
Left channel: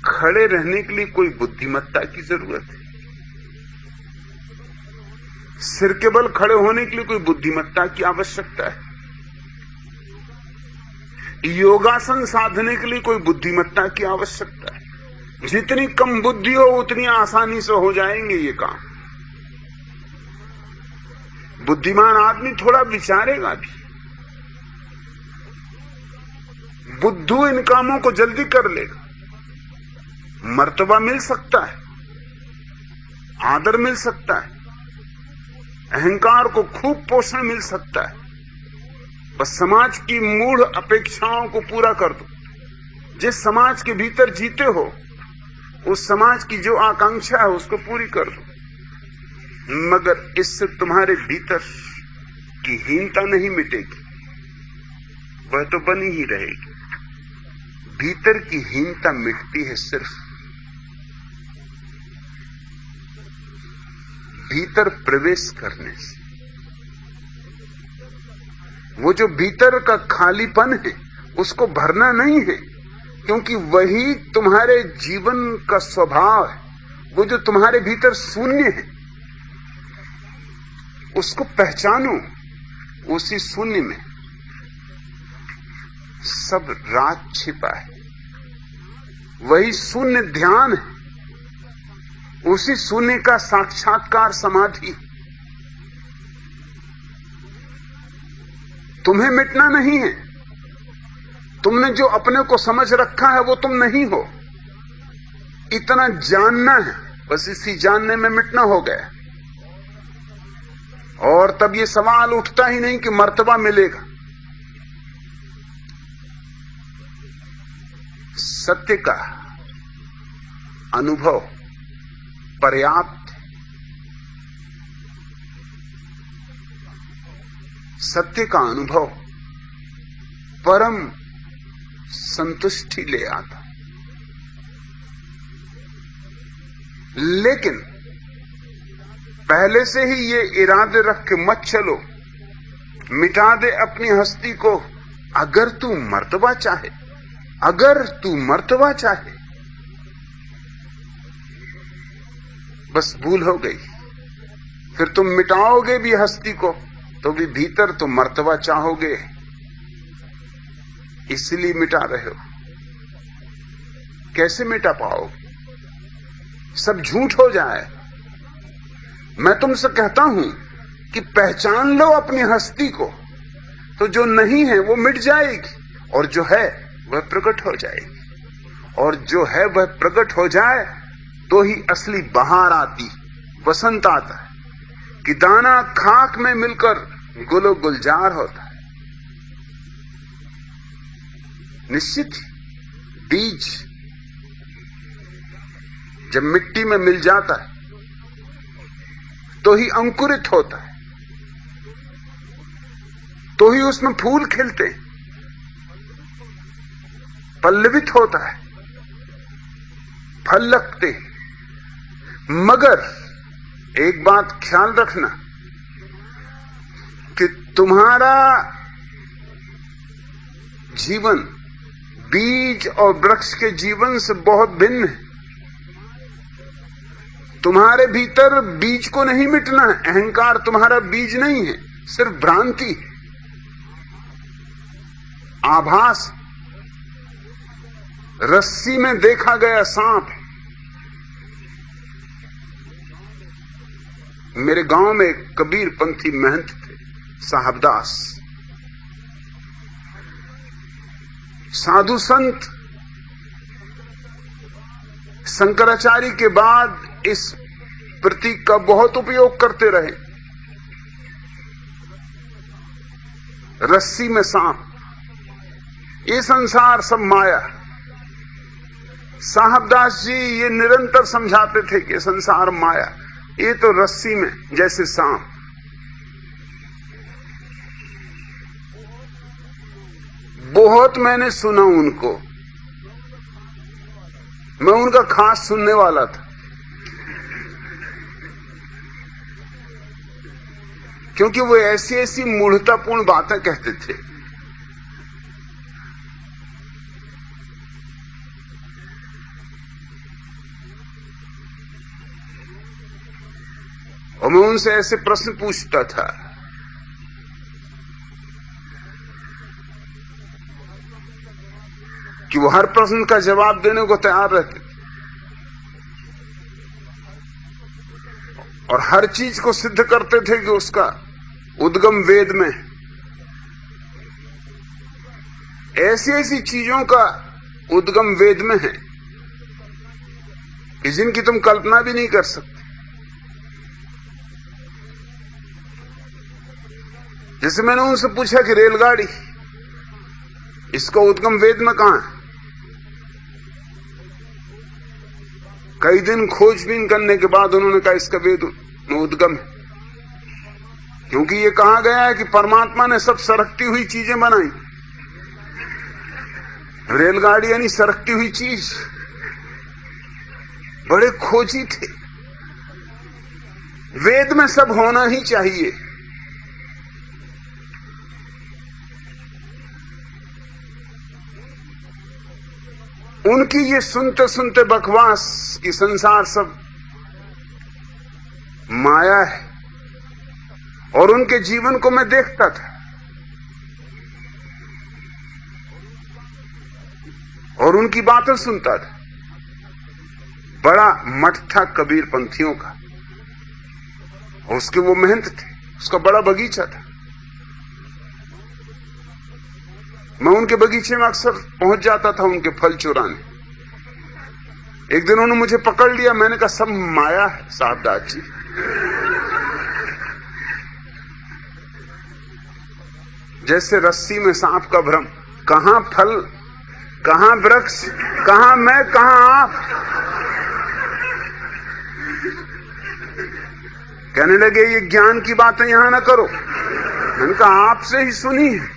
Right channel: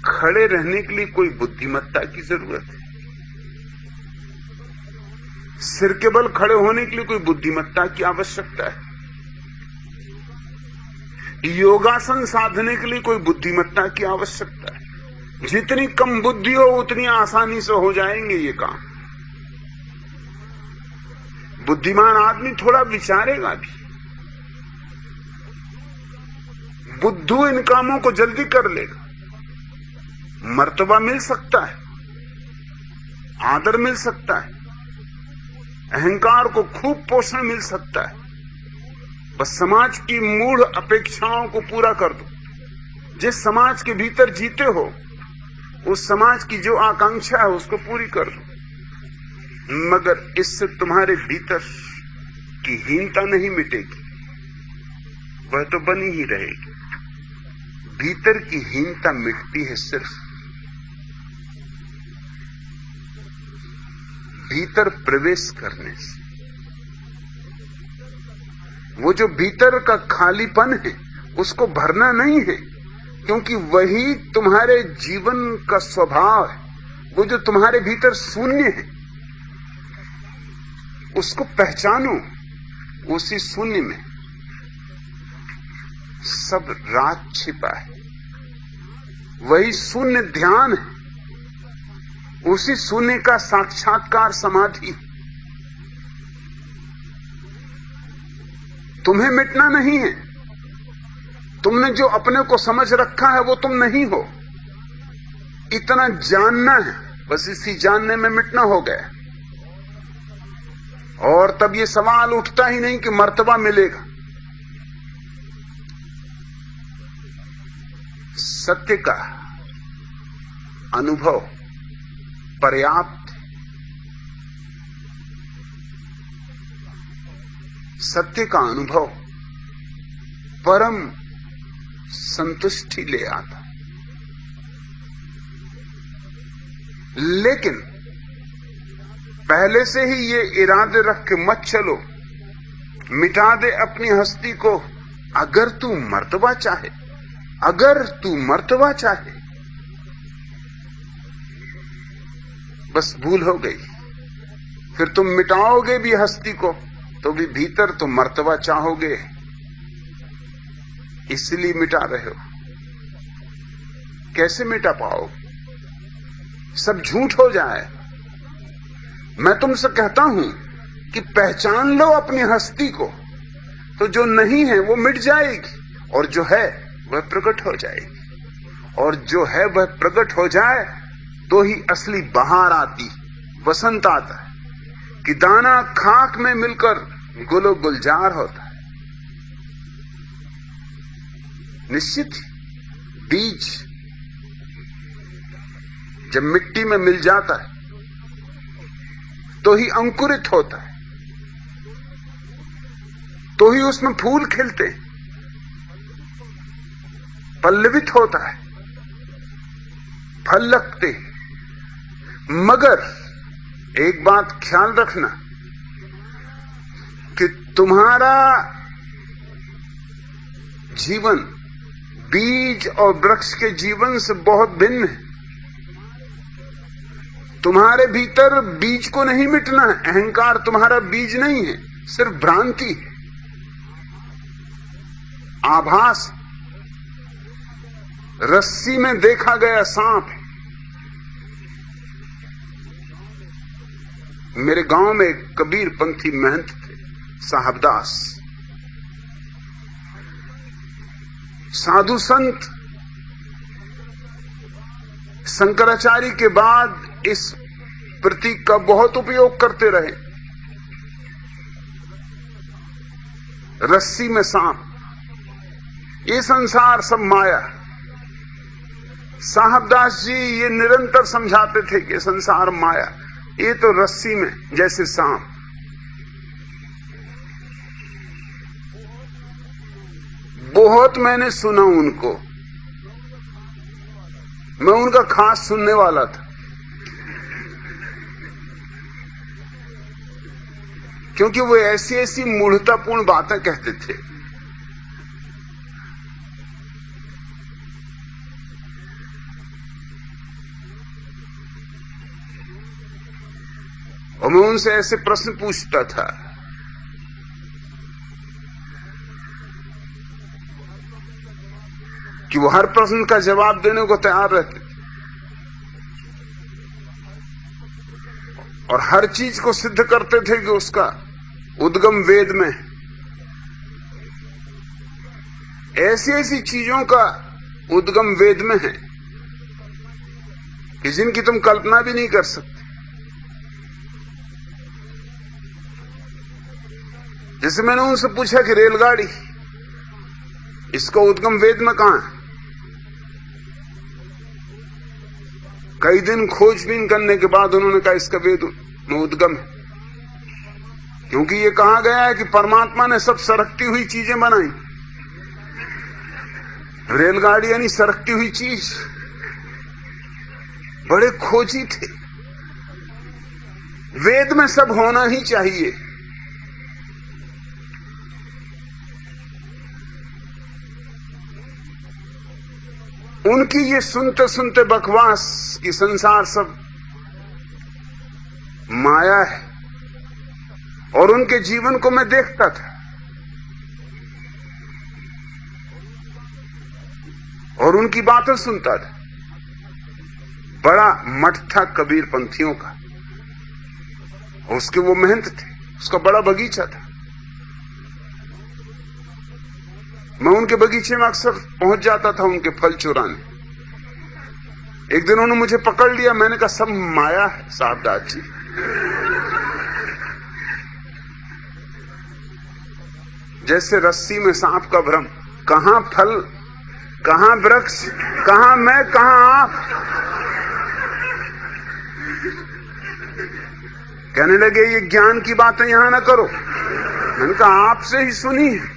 खड़े रहने के लिए कोई बुद्धिमत्ता की जरूरत है, सिर के बल खड़े होने के लिए कोई बुद्धिमत्ता की आवश्यकता है, योगासन साधने के लिए कोई बुद्धिमत्ता की आवश्यकता है। जितनी कम बुद्धि हो उतनी आसानी से हो जाएंगे ये काम। बुद्धिमान आदमी थोड़ा विचारेगा भी, बुद्धू इन कामों को जल्दी कर लेगा। मर्तबा मिल सकता है, आदर मिल सकता है, अहंकार को खूब पोषण मिल सकता है, बस समाज की मूढ़ अपेक्षाओं को पूरा कर दो। जिस समाज के भीतर जीते हो उस समाज की जो आकांक्षा है उसको पूरी कर दो, मगर इससे तुम्हारे भीतर की हीनता नहीं मिटेगी, वह तो बनी ही रहेगी। भीतर की हीनता मिटती है सिर्फ भीतर प्रवेश करने से। वो जो भीतर का खालीपन है उसको भरना नहीं है, क्योंकि वही तुम्हारे जीवन का स्वभाव है। वो जो तुम्हारे भीतर शून्य है उसको पहचानो। उसी शून्य में सब राज छिपा है, वही शून्य ध्यान है, उसी शून्य का साक्षात्कार समाधि। तुम्हें मिटना नहीं है, तुमने जो अपने को समझ रखा है वो तुम नहीं हो, इतना जानना है, बस इसी जानने में मिटना हो गया। और तब ये सवाल उठता ही नहीं कि मर्तबा मिलेगा। सत्य का अनुभव पर्याप्त, सत्य का अनुभव परम संतुष्टि ले आता। लेकिन पहले से ही ये इरादे रख के मत चलो, मिटा दे अपनी हस्ती को। अगर तू मर्तबा चाहे, अगर तू मर्तबा चाहे, बस भूल हो गई। फिर तुम मिटाओगे भी हस्ती को तो भी भीतर तो मर्तबा चाहोगे, इसलिए मिटा रहे हो। कैसे मिटा पाओगे? सब झूठ हो जाए। मैं तुमसे कहता हूं कि पहचान लो अपनी हस्ती को, तो जो नहीं है वो मिट जाएगी और जो है वह प्रकट हो जाएगी। और जो है वह प्रकट हो जाए तो ही असली बहार आती, वसंत आता है कि दाना खाक में मिलकर गुलो गुलजार होता है। निश्चित ही बीज जब मिट्टी में मिल जाता है तो ही अंकुरित होता है, तो ही उसमें फूल खिलते, पल्लवित होता है, फल लगते। मगर एक बात ख्याल रखना कि तुम्हारा जीवन बीज और वृक्ष के जीवन से बहुत भिन्न है। तुम्हारे भीतर बीज को नहीं मिटना है। अहंकार तुम्हारा बीज नहीं है, सिर्फ भ्रांति है, आभास। रस्सी में देखा गया सांप मेरे गांव में एक कबीर पंथी महंत थे, साहबदास, साधु संत। शंकराचार्य के बाद इस प्रतीक का बहुत उपयोग करते रहे। रस्सी में सांप, ये संसार सब माया। साहबदास जी ये निरंतर समझाते थे कि संसार माया, ये तो रस्सी में जैसे सांप। बहुत मैंने सुना उनको, मैं उनका खास सुनने वाला था, क्योंकि वो ऐसी ऐसी मूढ़तापूर्ण बातें कहते थे। और मैं उनसे ऐसे प्रश्न पूछता था कि वो हर प्रश्न का जवाब देने को तैयार रहते और हर चीज को सिद्ध करते थे कि उसका उद्गम वेद में। ऐसी ऐसी चीजों का उद्गम वेद में है कि जिनकी तुम कल्पना भी नहीं कर सकते। जैसे मैंने उनसे पूछा कि रेलगाड़ी, इसका उद्गम वेद में कहां है? कई दिन खोजबीन करने के बाद उन्होंने कहा इसका वेद में उद्गम है, क्योंकि ये कहा गया है कि परमात्मा ने सब सरकती हुई चीजें बनाई। रेलगाड़ी यानी सरकती हुई चीज। बड़े खोजी थे। वेद में सब होना ही चाहिए। उनकी ये सुनते सुनते बकवास कि संसार सब माया है, और उनके जीवन को मैं देखता था और उनकी बातें सुनता था। बड़ा मठ था कबीर पंथियों का, उसके वो महंत थे, उसका बड़ा बगीचा था। मैं उनके बगीचे में अक्सर पहुंच जाता था उनके फल चुराने। एक दिन उन्होंने मुझे पकड़ लिया, मैंने कहा सब माया है साहबदास जी। जैसे रस्सी में सांप का भ्रम, कहां फल, कहां वृक्ष, कहां मैं, कहां आप। कहने लगे ये ज्ञान की बातें यहां ना करो। मैंने कहा आपसे ही सुनी है।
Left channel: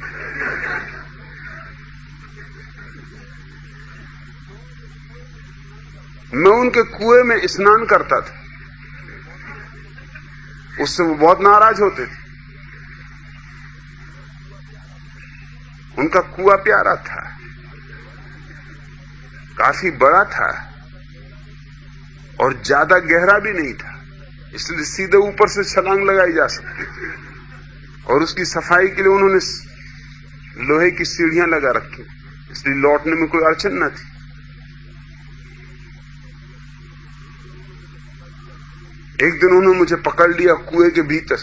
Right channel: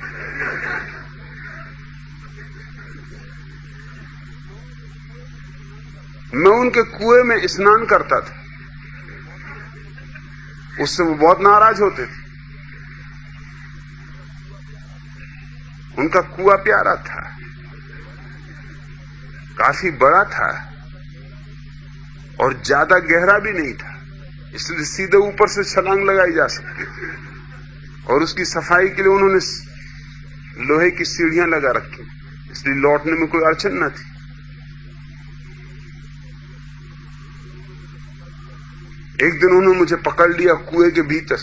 मैं उनके कुएं में स्नान करता था, उससे वो बहुत नाराज होते थे। उनका कुआं प्यारा था, काफी बड़ा था और ज्यादा गहरा भी नहीं था, इसलिए सीधे ऊपर से छलांग लगाई जा सकती थी। और उसकी सफाई के लिए उन्होंने लोहे की सीढ़ियां लगा रखी, इसलिए लौटने में कोई अड़चन न थी। एक दिन उन्होंने मुझे पकड़ लिया कुएं के भीतर,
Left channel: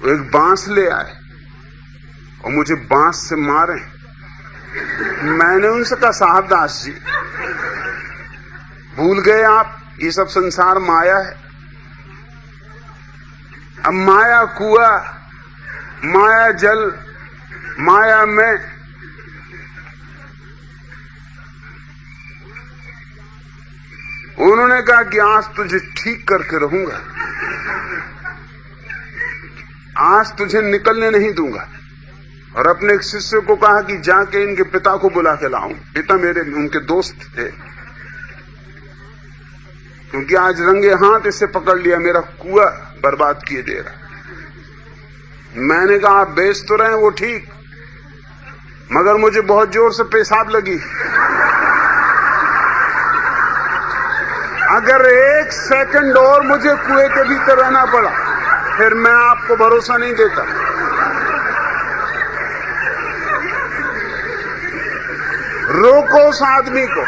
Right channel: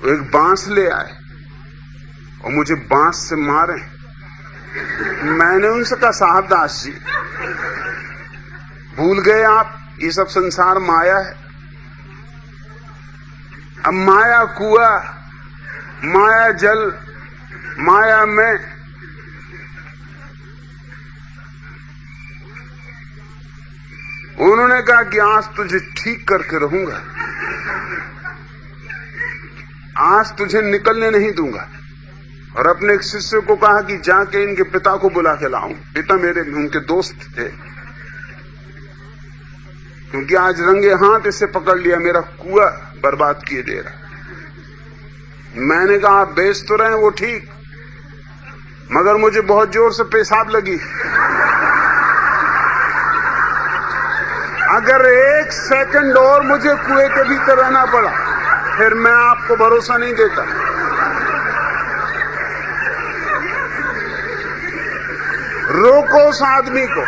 वो एक बांस ले आए और मुझे बांस से मारे। मैंने उनसे कहा साहबदास जी भूल गए आप, ये सब संसार माया है। अब माया कुआं, माया जल, माया में। उन्होंने कहा कि आज तुझे ठीक करके रहूंगा, आज तुझे निकलने नहीं दूंगा। और अपने एक शिष्य को कहा कि जाके इनके पिता को बुला के लाऊं। पिता मेरे उनके दोस्त थे, क्योंकि आज रंगे हाथ इसे पकड़ लिया, मेरा कुआं बर्बाद किए दे रहा। मैंने कहा आप बेच तो रहे हैं वो ठीक, मगर मुझे बहुत जोर से पेशाब लगी। अगर एक सेकंड और मुझे कुएं के भीतर रहना पड़ा, फिर मैं आपको भरोसा नहीं देता। रोको उस आदमी को,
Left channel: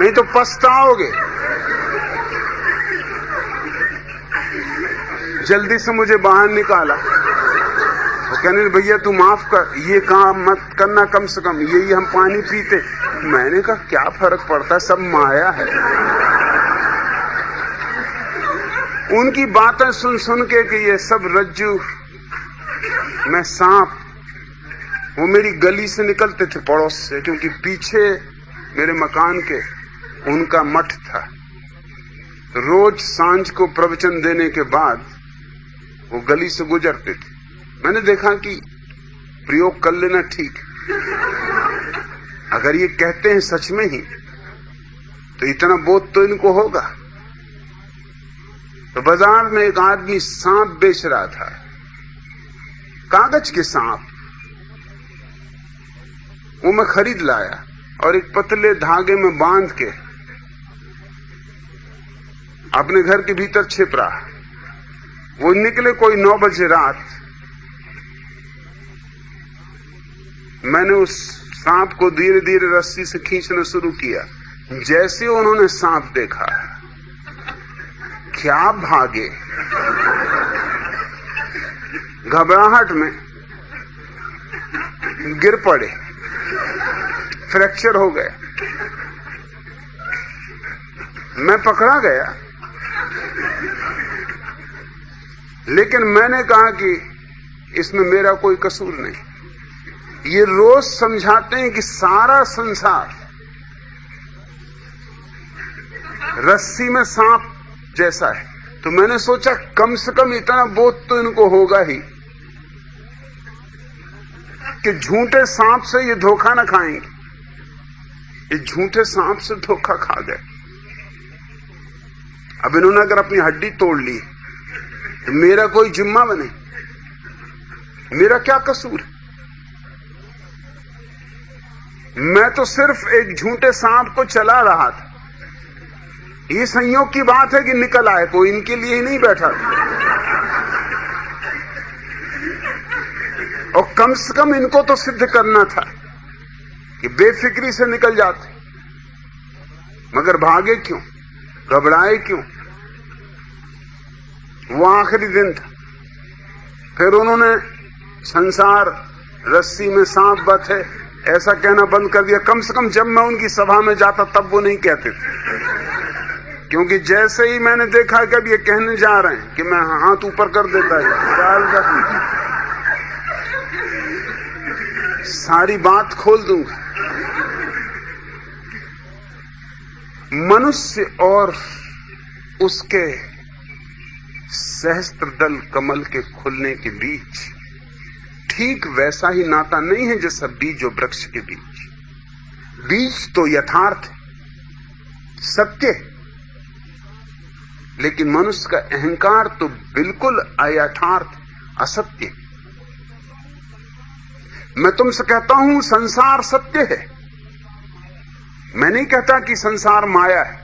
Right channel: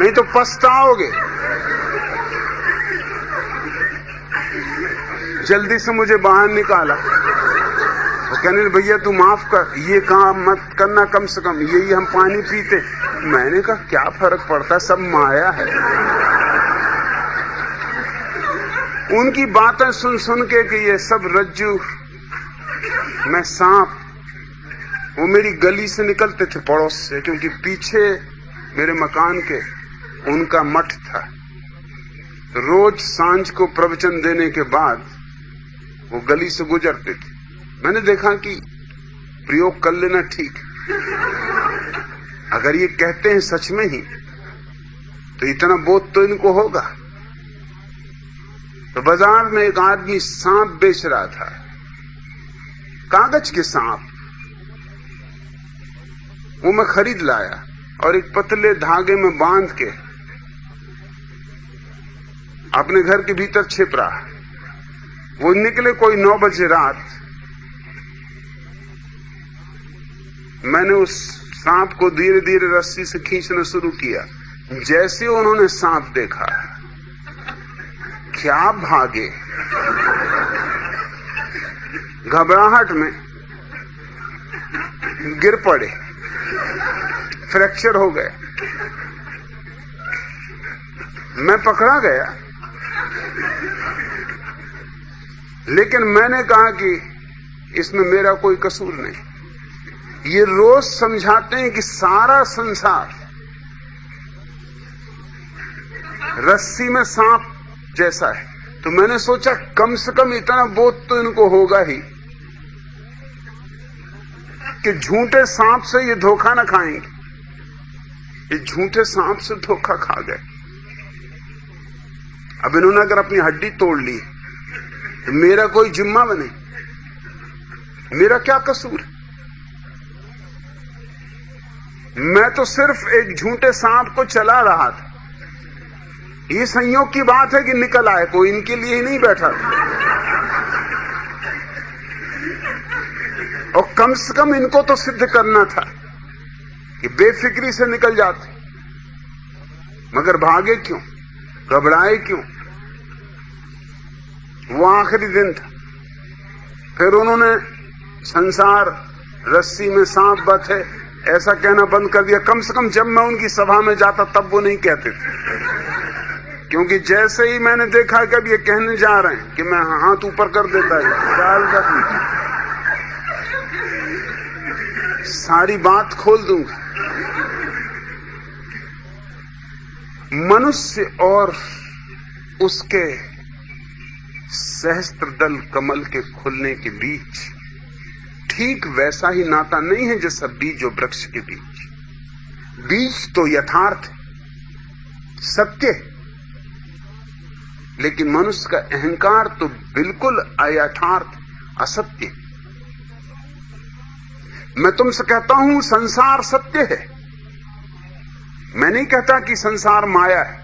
नहीं तो पछताओगे। जल्दी से मुझे बाहर निकाला। वो कहने लगे भैया तू माफ कर, ये काम मत करना, कम से कम यही हम पानी पीते। मैंने कहा क्या फर्क पड़ता, सब माया है। उनकी बातें सुन सुन के कि ये सब रज्जू में सांप, वो मेरी गली से निकलते थे पड़ोस से, क्योंकि पीछे मेरे मकान के उनका मठ था। तो रोज सांझ को प्रवचन देने के बाद वो गली से गुजरते थे। मैंने देखा कि प्रयोग कर लेना ठीक है। अगर ये कहते हैं सच में ही तो इतना बोध तो इनको होगा। तो बाजार में एक आदमी सांप बेच रहा था, कागज के सांप। वो मैं खरीद लाया और एक पतले धागे में बांध के अपने घर के भीतर छिप रहा। वो निकले कोई 9 बजे रात। मैंने उस सांप को धीरे धीरे रस्सी से खींचना शुरू किया। जैसे उन्होंने सांप देखा, क्या भागे, घबराहट में गिर पड़े, फ्रैक्चर हो गया। मैं पकड़ा गया, लेकिन मैंने कहा कि इसमें मेरा कोई कसूर नहीं। ये रोज समझाते हैं कि सारा संसार रस्सी में सांप जैसा है। तो मैंने सोचा कम से कम इतना बोध तो इनको होगा ही कि झूठे सांप से ये धोखा न खाएंगे। ये झूठे सांप से धोखा खा गए। अब इन्होंने अगर अपनी हड्डी तोड़ ली तो मेरा कोई जिम्मा बने, मेरा क्या कसूर? मैं तो सिर्फ एक झूठे सांप को चला रहा था। ये संयोग की बात है कि निकल आए, कोई इनके लिए ही नहीं बैठा था। और कम से कम इनको तो सिद्ध करना था कि बेफिक्री से निकल जाते। मगर भागे क्यों, घबराए क्यों? वो आखिरी दिन था। फिर उन्होंने संसार रस्सी में सांप बत है ऐसा कहना बंद कर दिया। कम से कम जब मैं उनकी सभा में जाता तब वो नहीं कहते थे, क्योंकि जैसे ही मैंने देखा कि अब ये कहने जा रहे हैं कि मैं हाथ ऊपर कर देता है, ख्याल रखना, सारी बात खोल दूंगा। मनुष्य और उसके सहस्त्रदल कमल के खुलने के बीच ठीक वैसा ही नाता नहीं है जैसा बीज और वृक्ष के बीच। बीज तो यथार्थ सत्य, लेकिन मनुष्य का अहंकार तो बिल्कुल अयथार्थ असत्य। मैं तुमसे कहता हूं संसार सत्य है, मैं नहीं कहता कि संसार माया है।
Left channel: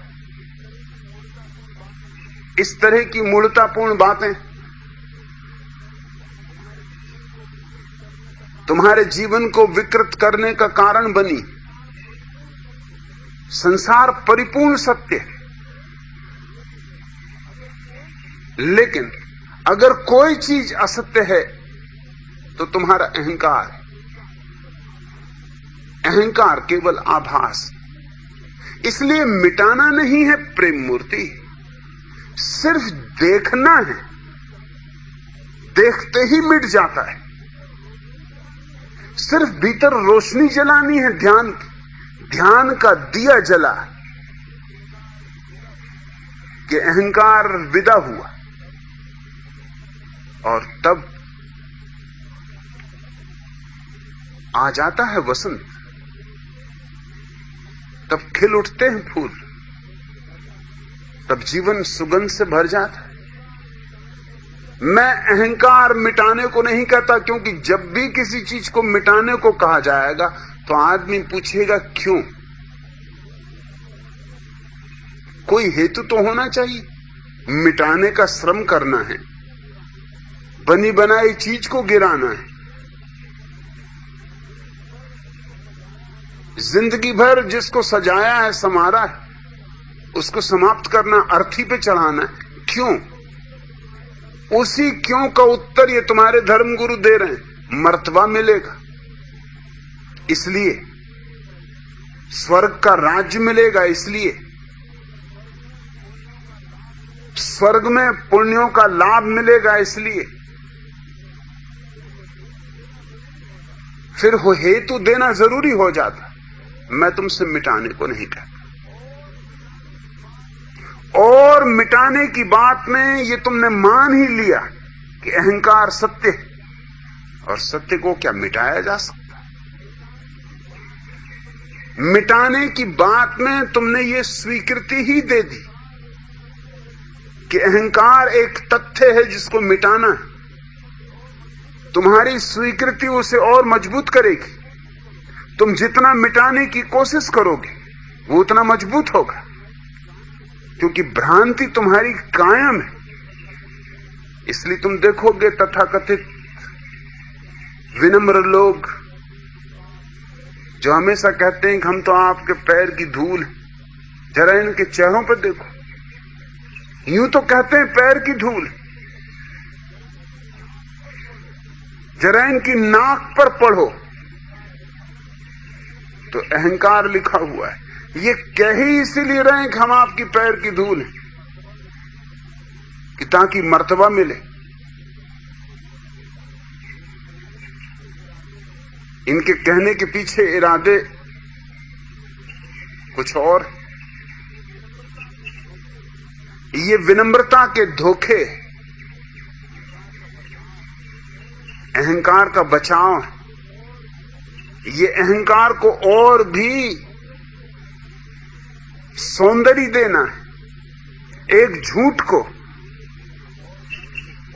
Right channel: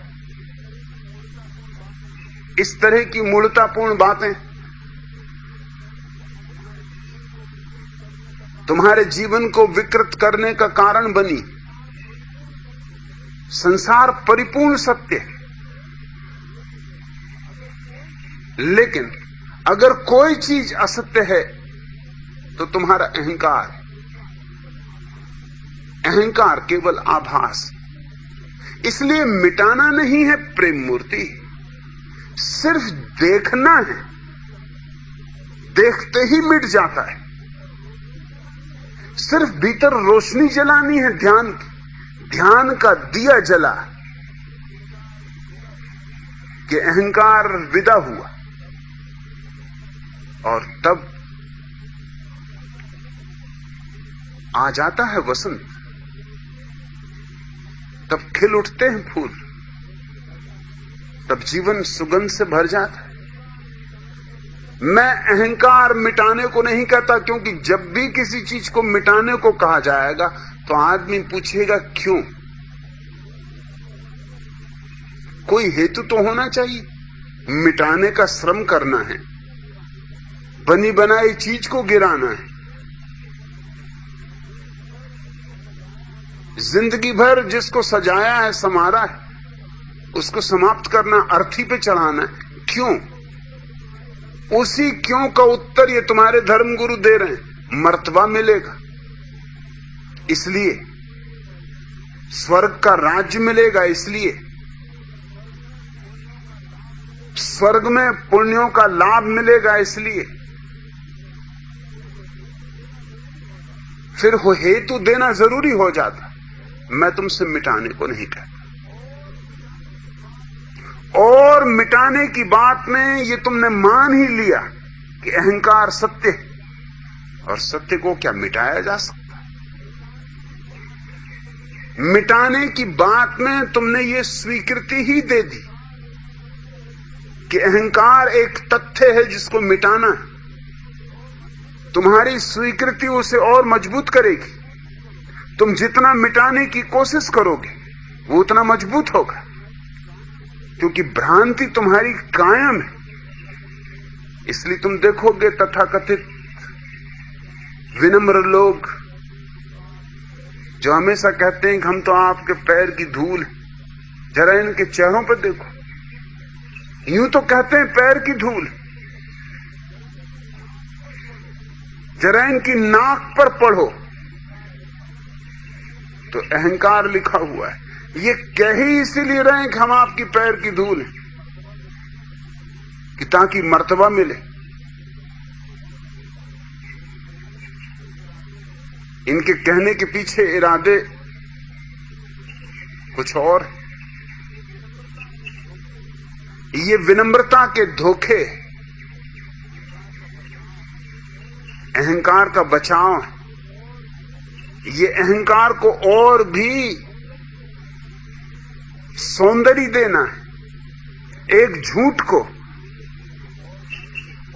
इस तरह की मूर्खतापूर्ण बातें तुम्हारे जीवन को विकृत करने का कारण बनी। संसार परिपूर्ण सत्य है, लेकिन अगर कोई चीज असत्य है तो तुम्हारा अहंकार। अहंकार केवल आभास। इसलिए मिटाना नहीं है प्रेम मूर्ति, सिर्फ देखना है। देखते ही मिट जाता है। सिर्फ भीतर रोशनी जलानी है, ध्यान का दिया जला कि अहंकार विदा हुआ, और तब आ जाता है वसंत। तब खिल उठते हैं फूल, तब जीवन सुगंध से भर जाता है। मैं अहंकार मिटाने को नहीं कहता, क्योंकि जब भी किसी चीज को मिटाने को कहा जाएगा तो आदमी पूछेगा क्यों। कोई हेतु तो होना चाहिए। मिटाने का श्रम करना है, बनी बनाई चीज को गिराना है, जिंदगी भर जिसको सजाया है संवारा है उसको समाप्त करना, अर्थी पे चढ़ाना है। क्यों? उसी क्यों का उत्तर ये तुम्हारे धर्मगुरु दे रहे हैं। मर्तबा मिलेगा इसलिए, स्वर्ग का राज्य मिलेगा इसलिए, स्वर्ग में पुण्यों का लाभ मिलेगा इसलिए, फिर हेतु देना जरूरी हो जाता। मैं तुमसे मिटाने को नहीं कहता। और मिटाने की बात में ये तुमने मान ही लिया कि अहंकार सत्य है, और सत्य को क्या मिटाया जा सकता? मिटाने की बात में तुमने ये स्वीकृति ही दे दी कि अहंकार एक तथ्य है जिसको मिटाना है। तुम्हारी स्वीकृति उसे और मजबूत करेगी। तुम जितना मिटाने की कोशिश करोगे वो उतना मजबूत होगा, क्योंकि भ्रांति तुम्हारी कायम है। इसलिए तुम देखोगे तथाकथित विनम्र लोग जो हमेशा कहते हैं कि हम तो आपके पैर की धूल हैं, जरा इनके चेहरों पर देखो, यूं तो कहते हैं पैर की धूल, जरा इनकी नाक पर पढ़ो तो अहंकार लिखा हुआ है। ये कह ही इसीलिए रहे हैं कि हम आपकी पैर की धूल हैं, कि ताकि मर्तबा मिले। इनके कहने के पीछे इरादे कुछ और। ये विनम्रता के धोखे अहंकार का बचाव है। ये अहंकार को और भी सौंदर्य देना है, एक झूठ को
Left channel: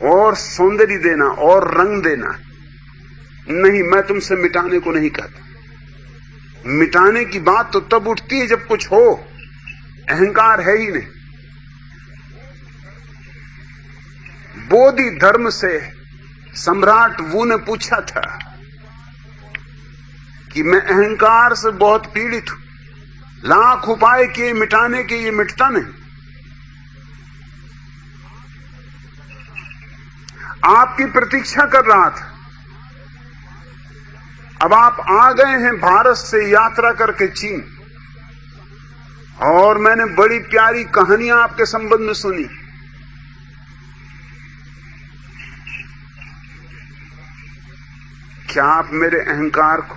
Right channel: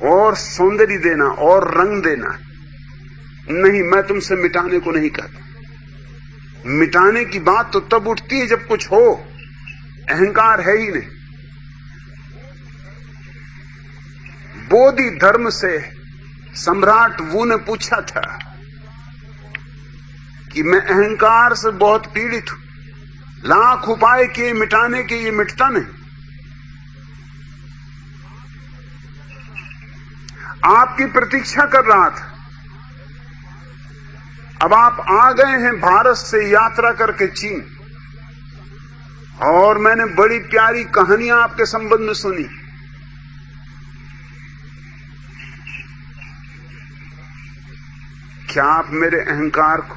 और सौंदर्य देना और रंग देना है। नहीं, मैं तुमसे मिटाने को नहीं कहता। मिटाने की बात तो तब उठती है जब कुछ हो, अहंकार है ही नहीं। बोधि धर्म से सम्राट वू ने पूछा था कि मैं अहंकार से बहुत पीड़ित हूं, लाख उपाय किए मिटाने के, ये मिटता नहीं। आपकी प्रतीक्षा कर रहा था। अब आप आ गए हैं भारत से यात्रा करके चीन, और मैंने बड़ी प्यारी कहानियां आपके संबंध में सुनी। क्या आप मेरे अहंकार को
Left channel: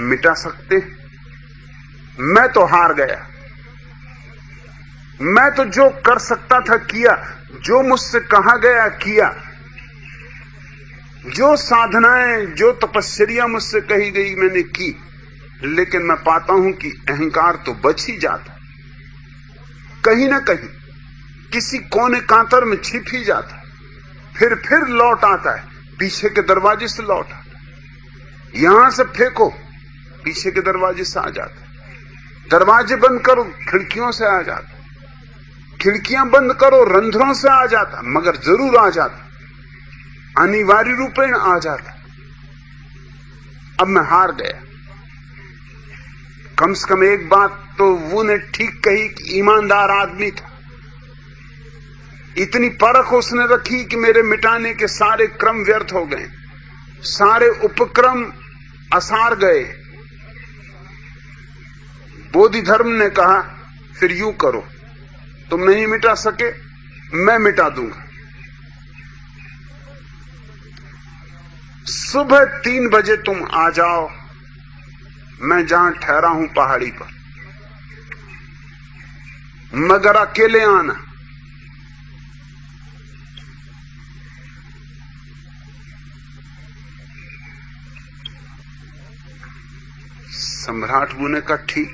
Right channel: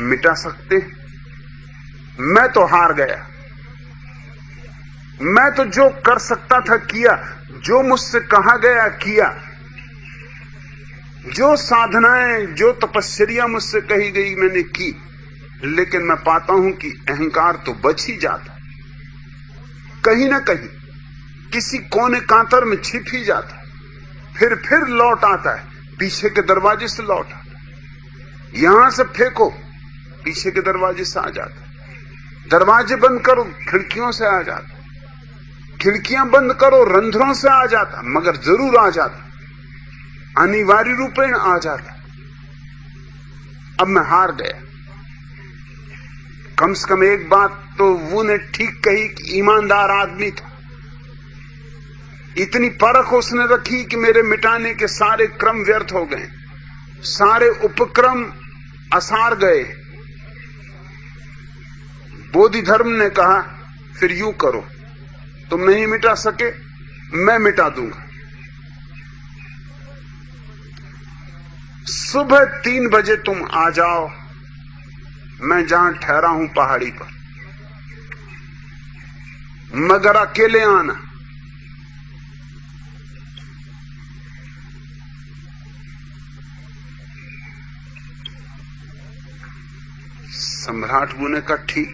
मिटा सकते हैं? मैं तो हार गया। मैं तो जो कर सकता था किया, जो मुझसे कहा गया किया, जो साधनाएं, जो तपस्या मुझसे कही गई मैंने की। लेकिन मैं पाता हूं कि अहंकार तो बच ही जाता, कहीं ना कहीं किसी कोने कांतर में छिप ही जाता, फिर लौट आता है, पीछे के दरवाजे से लौट आता। यहां से फेंको, पीछे के दरवाजे से आ जाता। दरवाजे बंद करो, खिड़कियों से आ जाता। खिड़कियां बंद करो, रंध्रों से आ जाता, मगर जरूर आ जाता, अनिवार्य रूपेण आ जाता। अब मैं हार गया। कम से कम एक बात तो वो ने ठीक कही कि ईमानदार आदमी था। इतनी परख उसने रखी कि मेरे मिटाने के सारे क्रम व्यर्थ हो गए, सारे उपक्रम असार गए। बोधि धर्म ने कहा फिर यूं करो, तुम नहीं मिटा सके, मैं मिटा दूंगा। सुबह 3 बजे तुम आ जाओ, मैं जहां ठहरा हूं पहाड़ी पर, मगर अकेले आना। सम्राट बू ने कहा ठीक।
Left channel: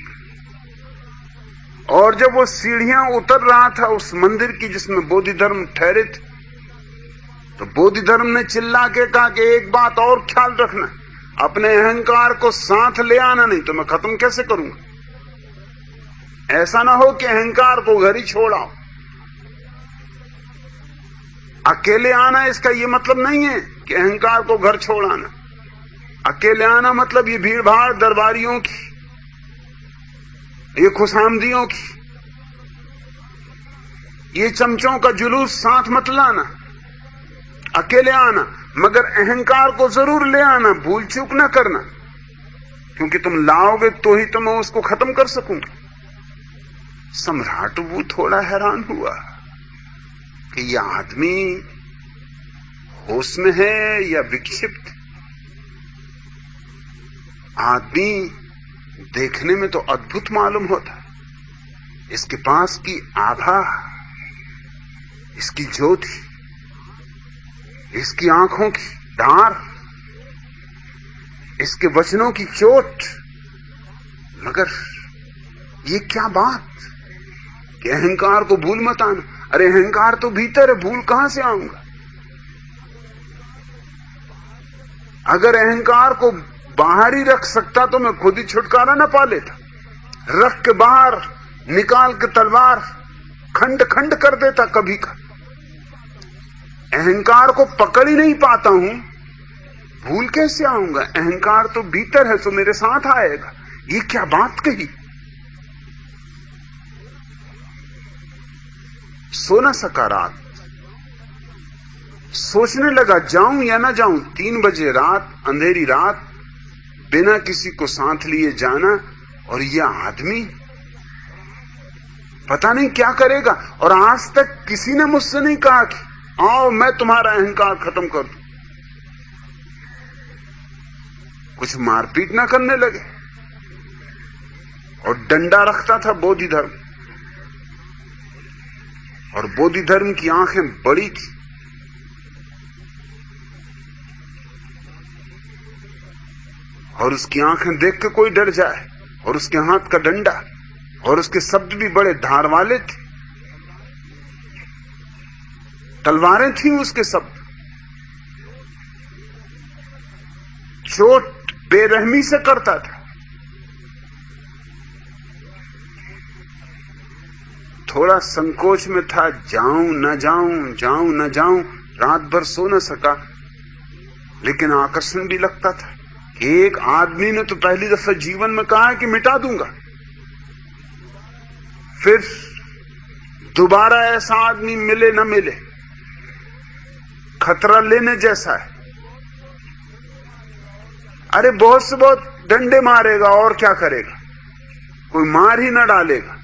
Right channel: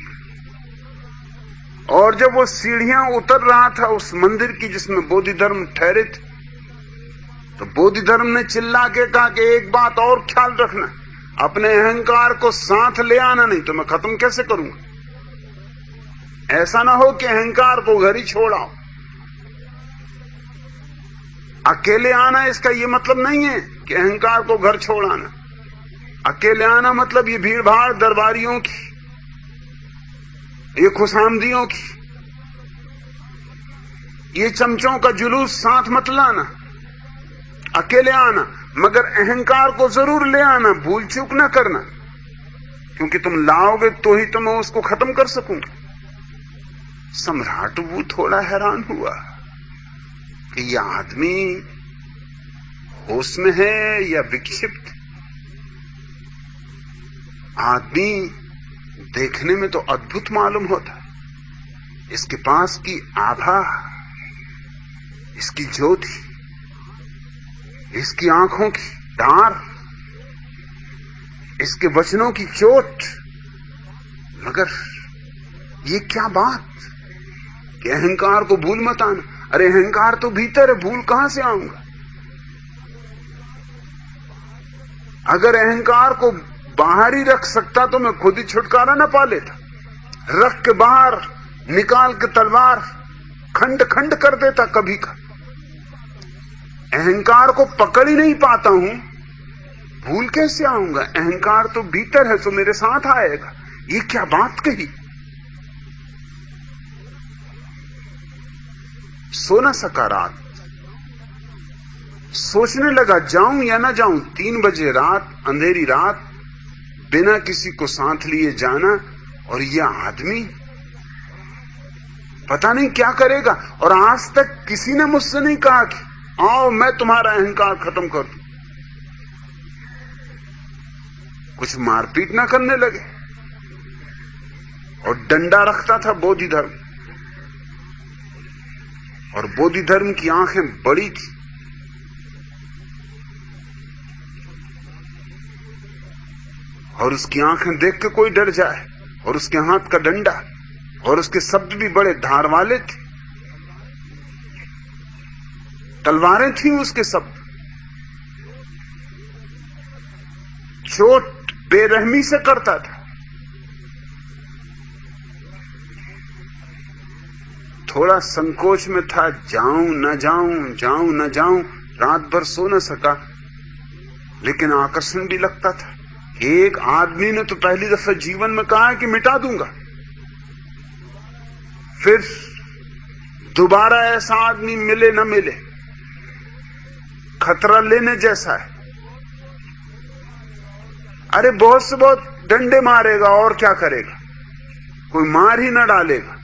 और जब वो सीढ़ियां उतर रहा था उस मंदिर की जिसमें बोधि धर्म ठहरे थे, तो बोधि धर्म ने चिल्ला के कहा कि एक बात और ख्याल रखना, अपने अहंकार को साथ ले आना, नहीं तो मैं खत्म कैसे करूंगा। ऐसा ना हो कि अहंकार को घर ही छोड़ आओ। अकेले आना इसका यह मतलब नहीं है कि अहंकार को घर छोड़ आना। अकेले आना मतलब ये भीड़ भाड़ दरबारियों की, ये खुशामदियों की, ये चमचों का जुलूस साथ मत लाना, अकेले आना, मगर अहंकार को जरूर ले आना, भूल चूक ना करना, क्योंकि तुम लाओगे तो ही तो मैं उसको खत्म कर सकूंगा। सम्राट वो थोड़ा हैरान हुआ कि यह आदमी होश में है या विक्षिप्त। आदमी देखने में तो अद्भुत मालूम होता है, इसके पास की आभा, इसकी ज्योति, इसकी आंखों की डार, इसके वचनों की चोट, मगर ये क्या बात कि अहंकार को भूल मत आना। अरे अहंकार तो भीतर है, भूल कहां से आऊंगा? अगर अहंकार को बाहर ही रख सकता तो मैं खुद ही छुटकारा ना पा लेता। रख के बाहर निकाल के तलवार खंड खंड कर देता कभी का। अहंकार को पकड़ ही नहीं पाता हूं, भूल कैसे आऊंगा? अहंकार तो भीतर है, तो मेरे साथ आएगा। ये क्या बात कही? सो न सका रात, सोचने लगा जाऊं या ना जाऊं। 3 बजे रात, अंधेरी रात, बिना किसी को साथ लिए जाना, और यह आदमी पता नहीं क्या करेगा। और आज तक किसी ने मुझसे नहीं कहा कि आओ मैं तुम्हारा अहंकार खत्म कर दूं। कुछ मारपीट ना करने लगे। और डंडा रखता था बोधि धर्म, और बोधि धर्म की आंखें बड़ी थी। और उसकी आंखें देख के कोई डर जाए, और उसके हाथ का डंडा, और उसके शब्द भी बड़े धार वाले थे। तलवारें थी उसके शब्द। चोट बेरहमी से करता था। थोड़ा संकोच में था, जाऊं न जाऊं, जाऊं न जाऊं। रात भर सो न सका, लेकिन आकर्षण भी लगता था कि एक आदमी ने तो पहली दफा जीवन में कहा है कि मिटा दूंगा। फिर दोबारा ऐसा आदमी मिले न मिले, खतरा लेने जैसा है। अरे बहुत से बहुत डंडे मारेगा और क्या करेगा, कोई मार ही न डालेगा।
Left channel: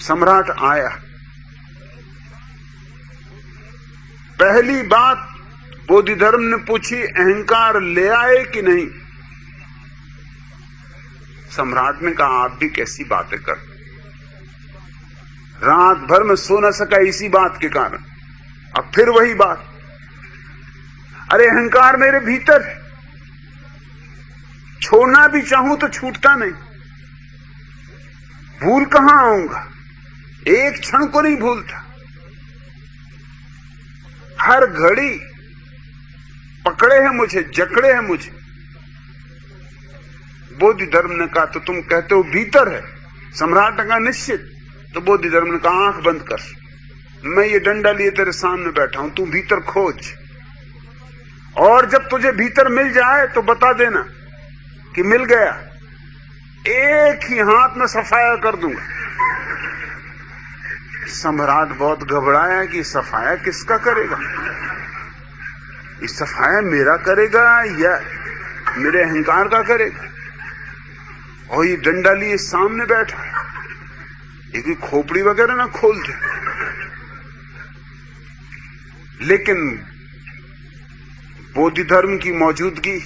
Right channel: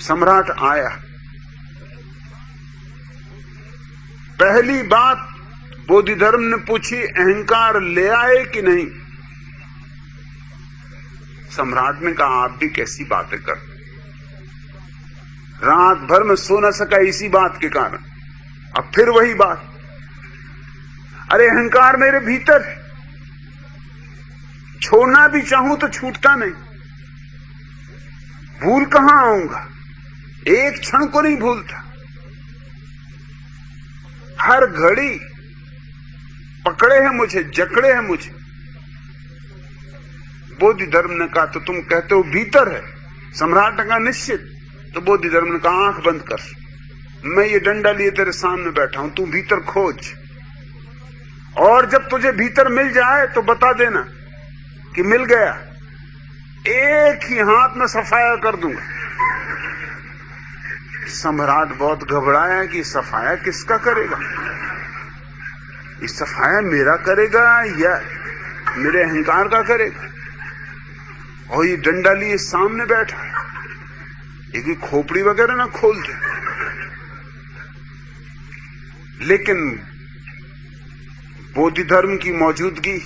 सम्राट आया। पहली बात बोधि धर्म ने पूछी, अहंकार ले आए कि नहीं? सम्राट ने कहा, आप भी कैसी बातें कर, रात भर में सो न सका इसी बात के कारण। अब फिर वही बात, अरे अहंकार मेरे भीतर है, छोड़ना भी चाहूं तो छूटता नहीं। भूल कहां आऊंगा? एक क्षण को नहीं भूलता, हर घड़ी पकड़े हैं मुझे, जकड़े हैं मुझे। बोधि धर्म ने कहा, तो तुम कहते हो भीतर है? सम्राट ने कहा, निश्चित। तो बोधि धर्म ने कहा, आंख बंद कर, मैं ये डंडा लिए तेरे सामने बैठा हूं, तू भीतर खोज, और जब तुझे भीतर मिल जाए तो बता देना कि मिल गया। एक ही हाथ में सफाया कर दूंगा। सम्राट बहुत घबराया कि सफाया किसका करेगा? ये सफाया मेरा करेगा या मेरे अहंकार का करेगा? और ये डंडा लिए सामने बैठा है, ये कोई खोपड़ी वगैरह ना खोल दे। लेकिन बोधि धर्म की मौजूदगी,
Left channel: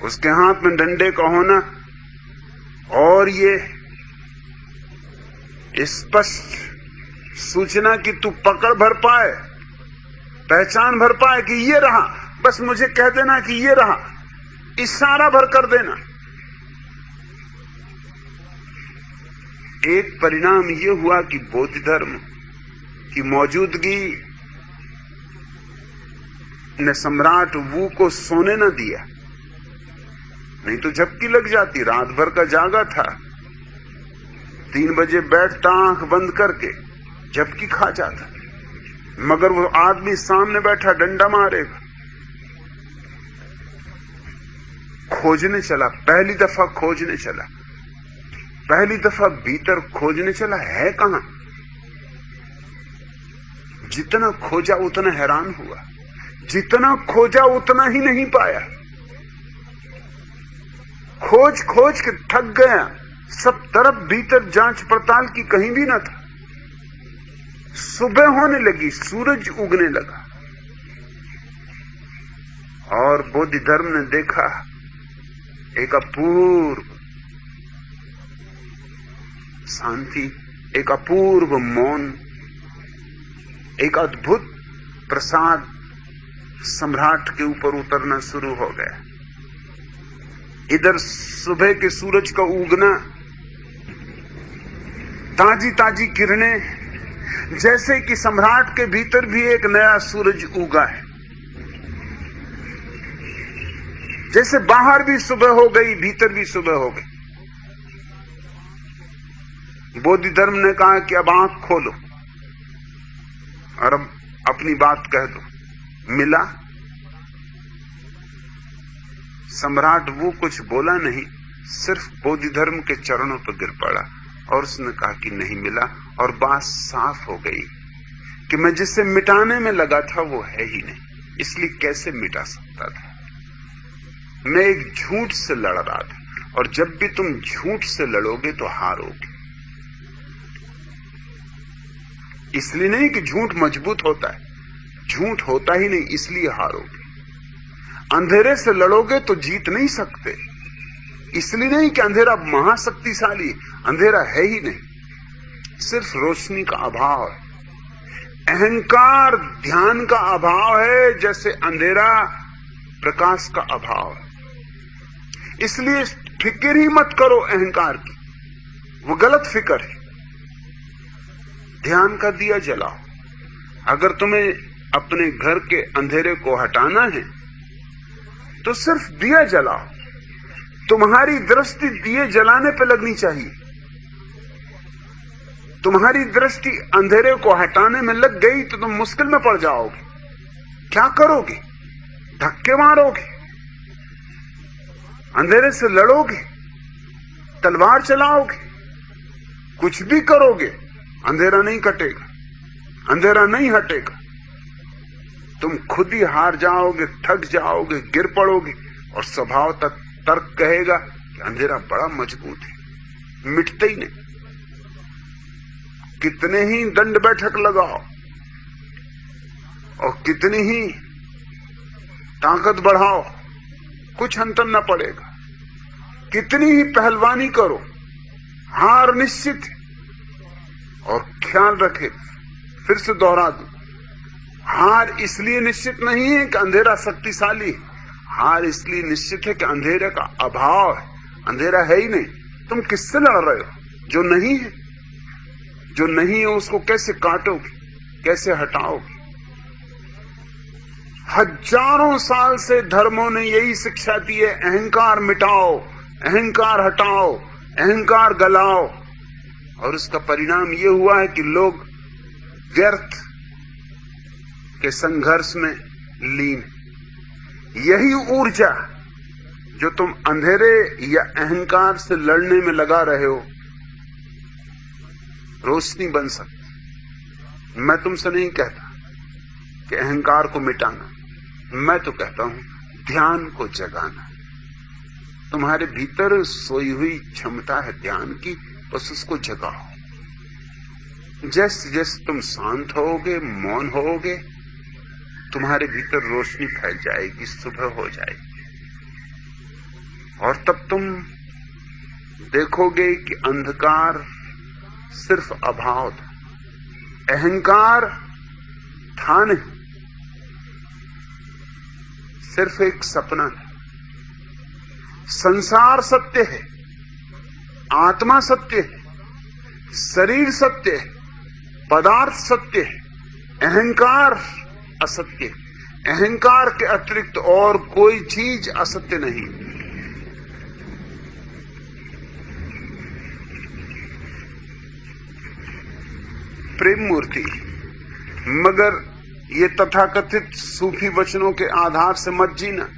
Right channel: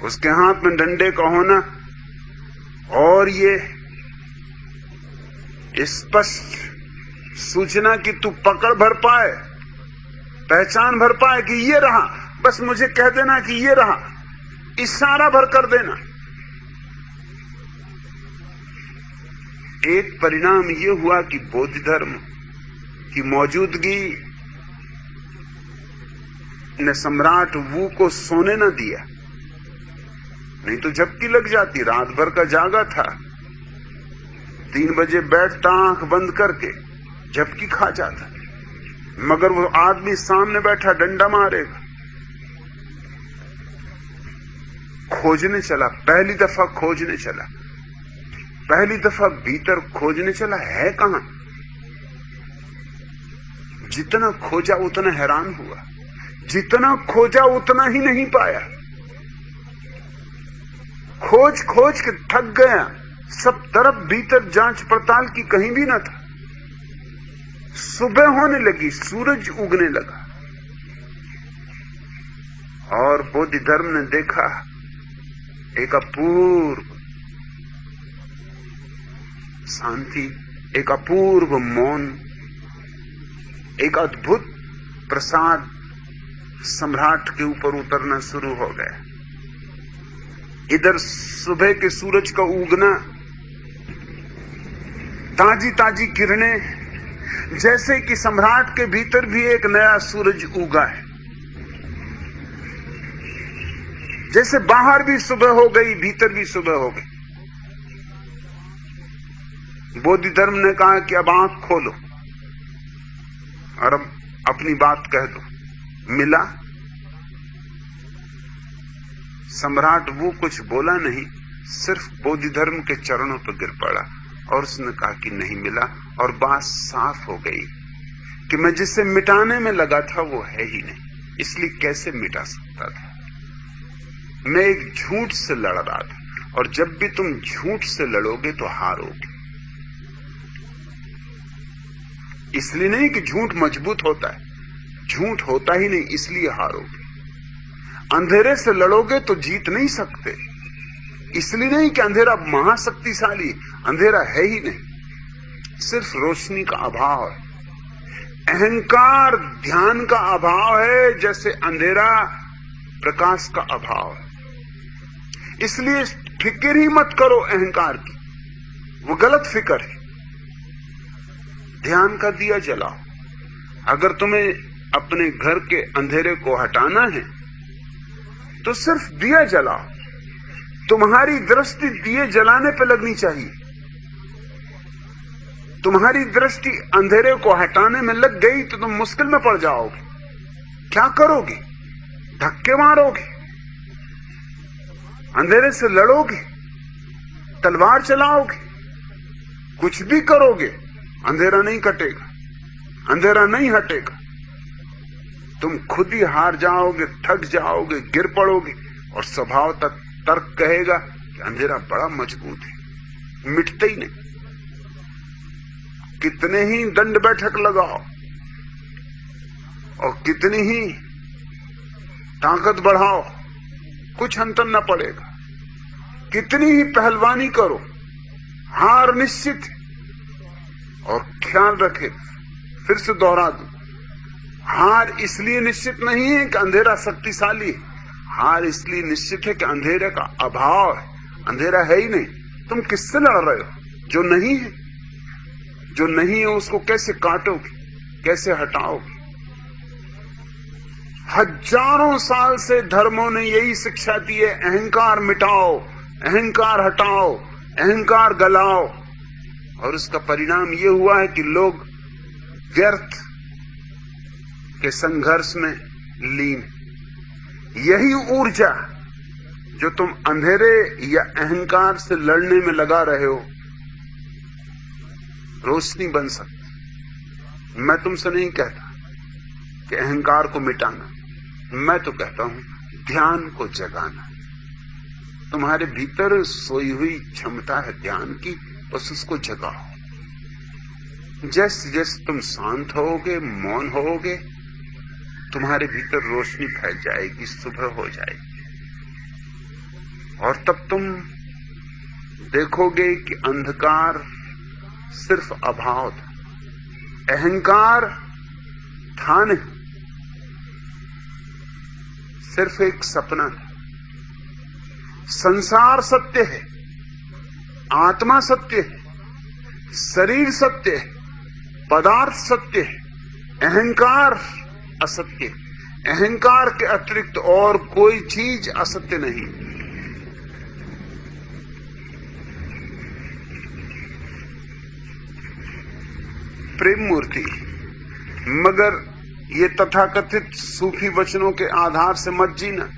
उसके हाथ में डंडे का होना, और ये स्पष्ट सूचना कि तू पकड़ भर पाए, पहचान भर पाए कि ये रहा, बस मुझे कह देना कि ये रहा, इशारा भर कर देना। एक परिणाम ये हुआ कि बोधि धर्म की मौजूदगी ने सम्राट वू को सोने न दिया, नहीं तो झपकी लग जाती। रात भर का जागा था, 3 बजे बैठता आंख बंद करके, झपकी खा जाता। मगर वो आदमी सामने बैठा डंडा मारेगा। खोजने चला, पहली दफा खोजने चला, पहली दफा भीतर खोजने चला, है कहां? जितना खोजा उतना हैरान हुआ, जितना खोजा उतना ही नहीं पाया। खोज खोज के थक गया, सब तरफ भीतर जांच पड़ताल की, कहीं भी ना था। सुबह होने लगी, सूरज उगने लगा और बोधि धर्म ने देखा एक अपूर्व शांति, एक अपूर्व मौन, एक अद्भुत प्रसाद सम्राट के ऊपर उतरना शुरू हो गया। इधर सुबह के सूरज का उगना, ताजी ताजी किरणें, जैसे कि सम्राट के भीतर भी एक नया सूरज उगा है। जैसे बाहर भी सुबह हो गई, भीतर भी सुबह हो गई। बोधि धर्म ने कहा कि अब आंख खोलो और अब अपनी बात कह दो। मिला? सम्राट वो कुछ बोला नहीं, सिर्फ बोधि धर्म के चरणों पर गिर पड़ा और उसने कहा कि नहीं मिला। और बात साफ हो गई कि मैं जिसे मिटाने में लगा था वो है ही नहीं, इसलिए कैसे मिटा सकता था? मैं एक झूठ से लड़ रहा था, और जब भी तुम झूठ से लड़ोगे तो हारोगे। इसलिए नहीं कि झूठ मजबूत होता है, झूठ होता ही नहीं, इसलिए हारोगे। अंधेरे से लड़ोगे तो जीत नहीं सकते, इसलिए नहीं कि अंधेरा महाशक्तिशाली, अंधेरा है ही नहीं, सिर्फ रोशनी का अभाव है। अहंकार ध्यान का अभाव है, जैसे अंधेरा प्रकाश का अभाव है। इसलिए फिक्र ही मत करो अहंकार की, वो गलत फिक्र है। ध्यान का दिया जलाओ। अगर तुम्हें अपने घर के अंधेरे को हटाना है तो सिर्फ दिया जलाओ। तुम्हारी दृष्टि दिए जलाने पे लगनी चाहिए। तुम्हारी दृष्टि अंधेरे को हटाने में लग गई तो तुम मुश्किल में पड़ जाओगे। क्या करोगे? धक्के मारोगे, अंधेरे से लड़ोगे, तलवार चलाओगे, कुछ भी करोगे, अंधेरा नहीं कटेगा, अंधेरा नहीं हटेगा। तुम खुद ही हार जाओगे, थक जाओगे, गिर पड़ोगे, और स्वभाव तक तर्क कहेगा कि अंधेरा बड़ा मजबूत है, मिटते ही नहीं। कितने ही दंड बैठक लगाओ और कितनी ही ताकत बढ़ाओ, कुछ अंतर न पड़ेगा। कितनी ही पहलवानी करो, हार निश्चित है। और ख्याल रखे, फिर से दोहरा दूं, हार इसलिए निश्चित नहीं है कि अंधेरा शक्तिशाली है, हार इसलिए निश्चित है कि अंधेरे का अभाव है, अंधेरा है ही नहीं। तुम किससे लड़ रहे हो? जो नहीं है। जो नहीं है उसको कैसे काटोगे, कैसे हटाओगे? हजारों साल से धर्मों ने यही शिक्षा दी है, अहंकार मिटाओ, अहंकार हटाओ, अहंकार गलाओ। और उसका परिणाम यह हुआ है कि लोग व्यर्थ के संघर्ष में लीन। यही ऊर्जा जो तुम अंधेरे या अहंकार से लड़ने में लगा रहे हो, रोशनी बन सकती। मैं तुमसे नहीं कहता कि अहंकार को मिटाना, मैं तो कहता हूं ध्यान को जगाना। तुम्हारे भीतर सोई हुई क्षमता है ध्यान की, बस उसको जगाओ। जैसे जैसे तुम शांत होगे, मौन होगे, तुम्हारे भीतर रोशनी फैल जाएगी, सुबह हो जाएगी। और तब तुम देखोगे कि अंधकार सिर्फ अभाव था, अहंकार था नहीं, सिर्फ एक सपना था। संसार सत्य है, आत्मा सत्य है, शरीर सत्य है, पदार्थ सत्य है, अहंकार असत्य है। अहंकार के अतिरिक्त और कोई चीज असत्य नहीं। प्रेम मूर्ति, मगर ये तथाकथित सूफी वचनों के आधार से मत जीना।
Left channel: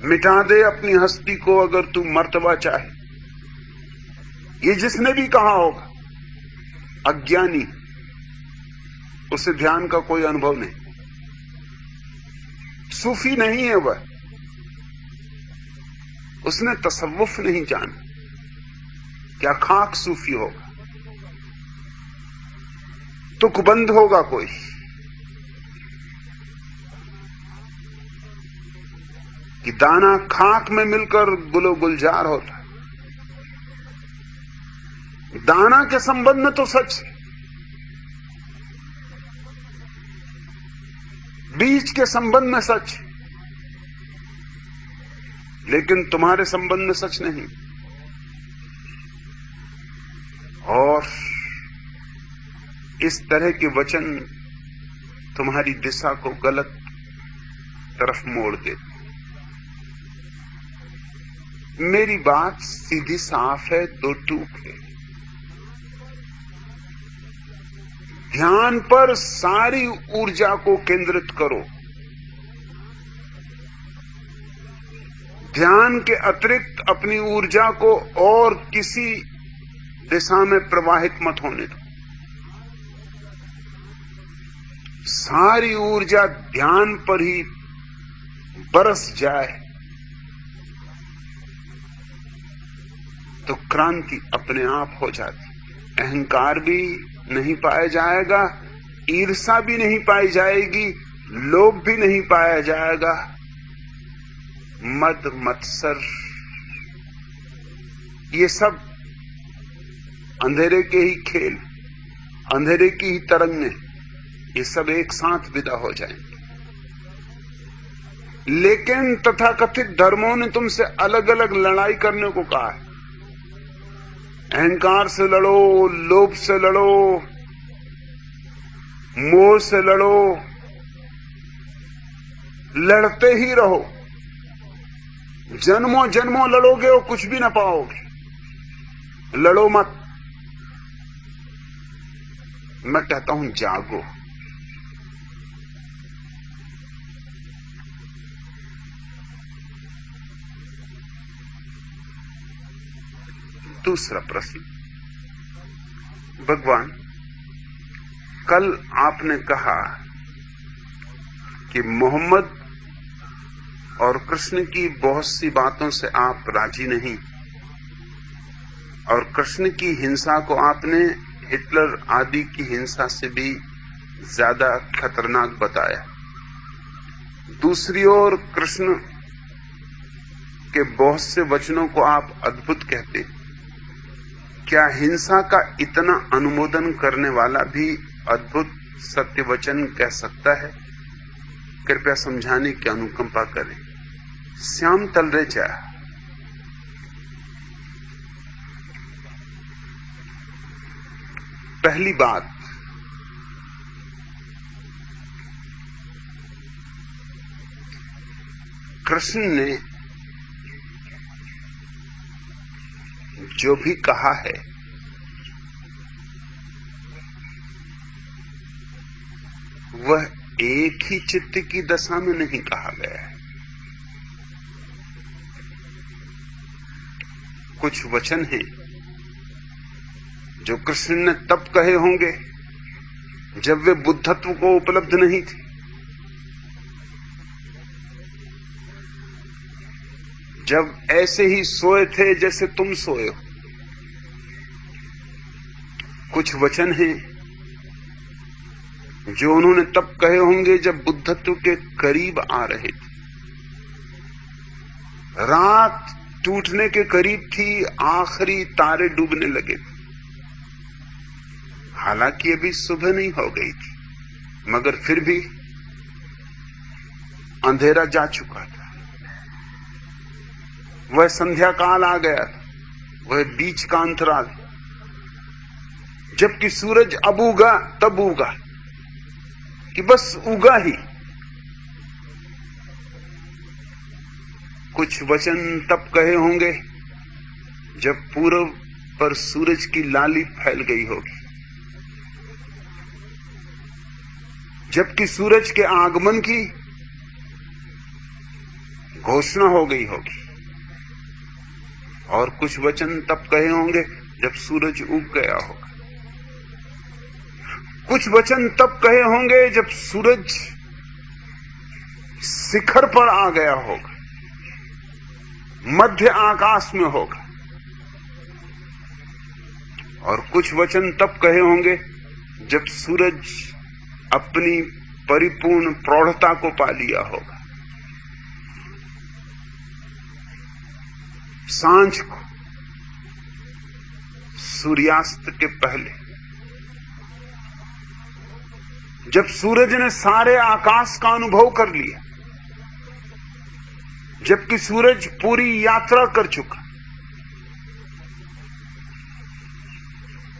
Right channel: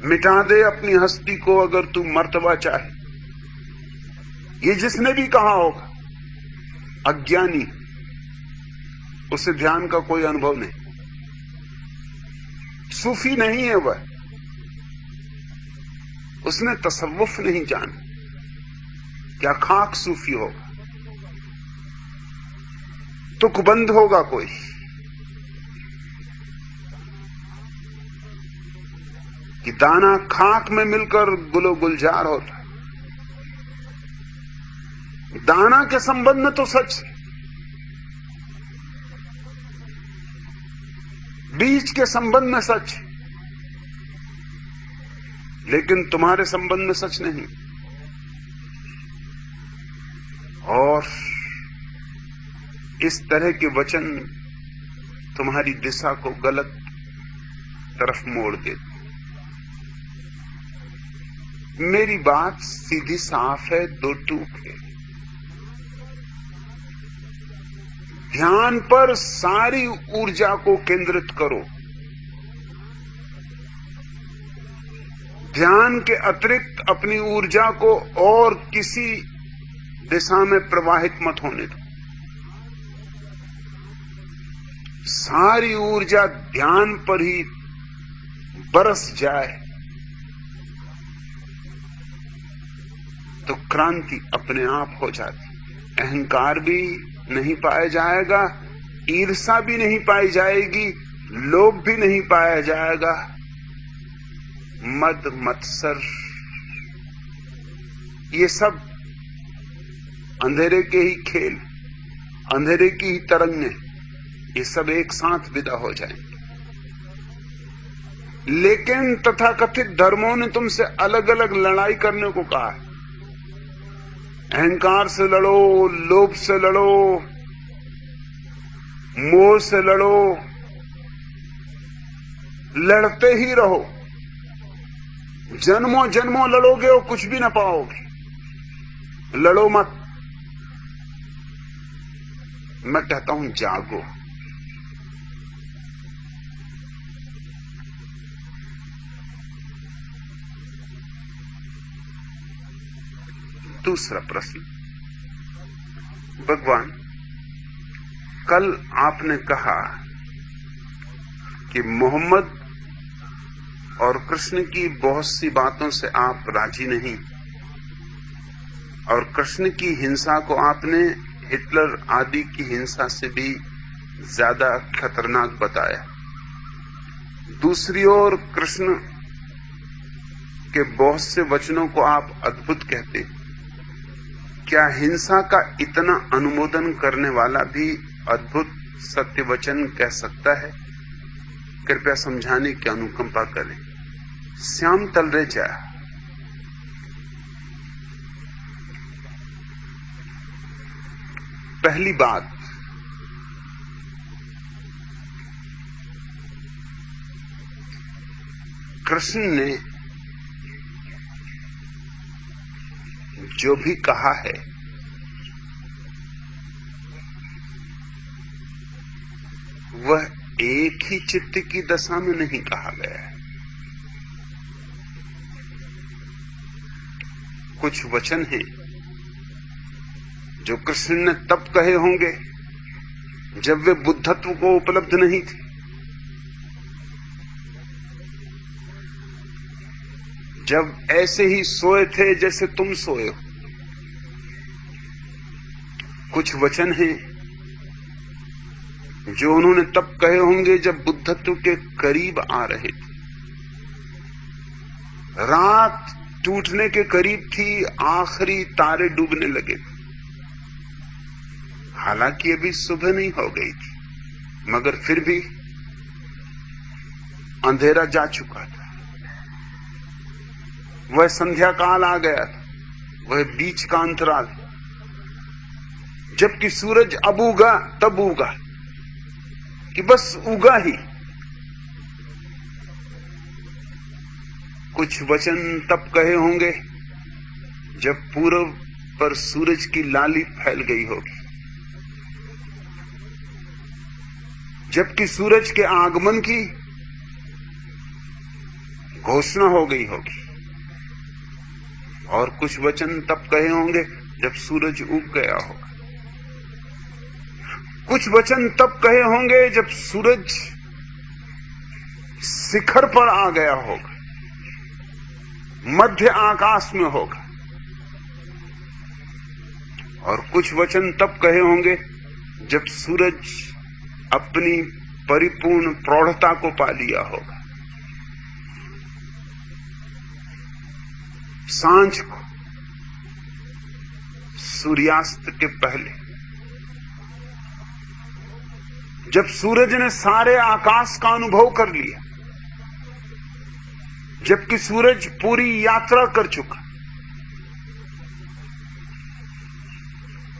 मिटा दे अपनी हस्ती को अगर तू मर्तबा चाहे। ये जिसने भी कहा होगा अज्ञानी, उसे ध्यान का कोई अनुभव नहीं, सूफी नहीं है वह, उसने तसव्वुफ नहीं जाना। क्या खाक सूफी होगा, तुकबंद होगा कोई। कि दाना खाक में मिलकर गुलो गुलजार होता। दाना के संबंध में तो सच है, बीज के संबंध में सच है, लेकिन तुम्हारे संबंध में सच नहीं। और इस तरह के वचन तुम्हारी दिशा को गलत तरफ मोड़ देते। मेरी बात सीधी साफ है, दो टूक है। ध्यान पर सारी ऊर्जा को केंद्रित करो। ध्यान के अतिरिक्त अपनी ऊर्जा को और किसी दिशा में प्रवाहित मत होने दो। सारी ऊर्जा ध्यान पर ही बरस जाए तो क्रांति अपने आप हो जाती। अहंकार भी नहीं पाया जाएगा, ईर्षा भी नहीं पाई जाएगी, लोभ भी नहीं पाया जाएगा, मद मत्सर ये सब अंधेरे के ही खेल, अंधेरे की ही तरंगें, ये सब एक साथ विदा हो जाएंगे। लेकिन तथाकथित धर्मों ने तुमसे अलग अलग लड़ाई करने को कहा है। अहंकार से लड़ो, लोभ से लड़ो, मोह से लड़ो, लड़ते ही रहो। जन्मों जन्मों लड़ोगे और कुछ भी ना पाओगे। लड़ो मत। मैं कहता हूं जागो। दूसरा प्रश्न, भगवान कल आपने कहा कि मोहम्मद और कृष्ण की बहुत सी बातों से आप राजी नहीं, और कृष्ण की हिंसा को आपने हिटलर आदि की हिंसा से भी ज्यादा खतरनाक बताया। दूसरी ओर कृष्ण के बहुत से वचनों को आप अद्भुत कहते। क्या हिंसा का इतना अनुमोदन करने वाला भी अद्भुत सत्य वचन कह सकता है? कृपया समझाने की अनुकंपा करें। श्याम तलरेजा। पहली बात, कृष्ण ने जो भी कहा है वह एक ही चित्त की दशा में नहीं कहा गया है। कुछ वचन हैं जो कृष्ण ने तब कहे होंगे जब वे बुद्धत्व को उपलब्ध नहीं थे, जब ऐसे ही सोए थे जैसे तुम सोए हो। कुछ वचन हैं जो उन्होंने तब कहे होंगे जब बुद्धत्व के करीब आ रहे थे। रात टूटने के करीब थी, आखिरी तारे डूबने लगे थे। हालांकि अभी सुबह नहीं हो गई थी, मगर फिर भी अंधेरा जा चुका था। वह संध्या काल आ गया था, वह बीच का अंतराल, जबकि सूरज अब उगा तब उगा कि बस उगा ही। कुछ वचन तब कहे होंगे जब पूर्व पर सूरज की लाली फैल गई होगी, जबकि सूरज के आगमन की घोषणा हो गई होगी। और कुछ वचन तब कहे होंगे जब सूरज उग गया होगा। कुछ वचन तब कहे होंगे जब सूरज शिखर पर आ गया होगा, मध्य आकाश में होगा। और कुछ वचन तब कहे होंगे जब सूरज अपनी परिपूर्ण प्रौढ़ता को पा लिया होगा। सांझ को, सूर्यास्त के पहले, जब सूरज ने सारे आकाश का अनुभव कर लिया, जबकि सूरज पूरी यात्रा कर चुका,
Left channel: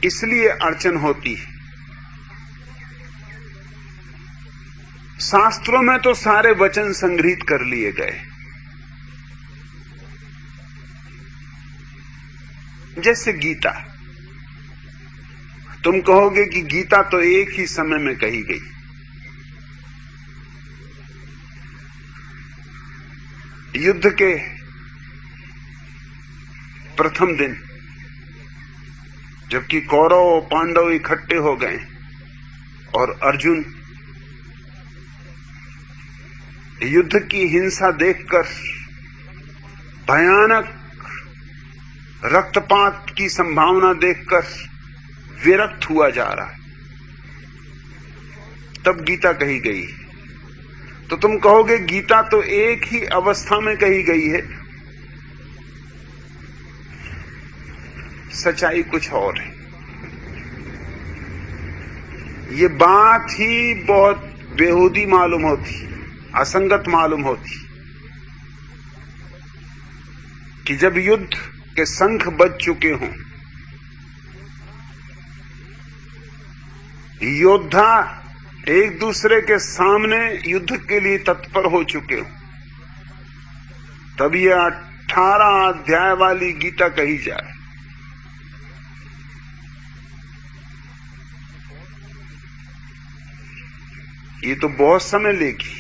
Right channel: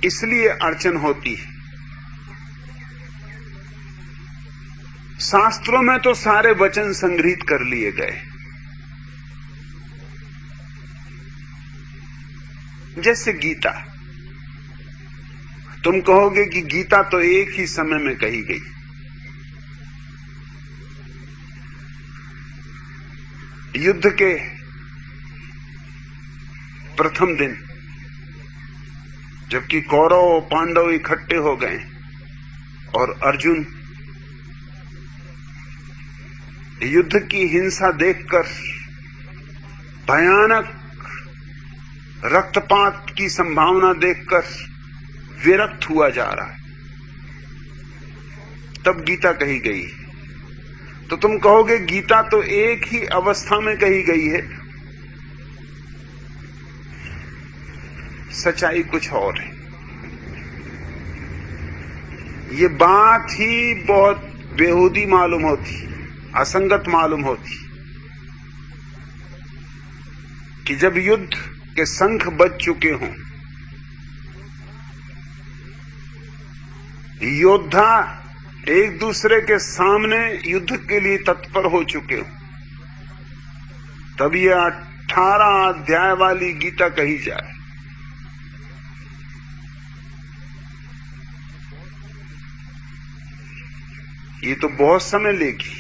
इसलिए अड़चन होती है। शास्त्रों में तो सारे वचन संग्रहित कर लिए गए, जैसे गीता। तुम कहोगे कि गीता तो एक ही समय में कही गई। युद्ध के प्रथम दिन जबकि कौरव और पांडव इकट्ठे हो गए और अर्जुन युद्ध की हिंसा देखकर, भयानक रक्तपात की संभावना देखकर विरक्त हुआ जा रहा है, तब गीता कही गई। तो तुम कहोगे गीता तो एक ही अवस्था में कही गई है। सच्चाई कुछ और है। ये बात ही बहुत बेहूदी मालूम होती, असंगत मालूम होती कि जब युद्ध के शंख बज चुके हों, योद्धा एक दूसरे के सामने युद्ध के लिए तत्पर हो चुके हो, तब यह 18 अध्याय वाली गीता कही जाए। ये तो बहुत समय लेगी।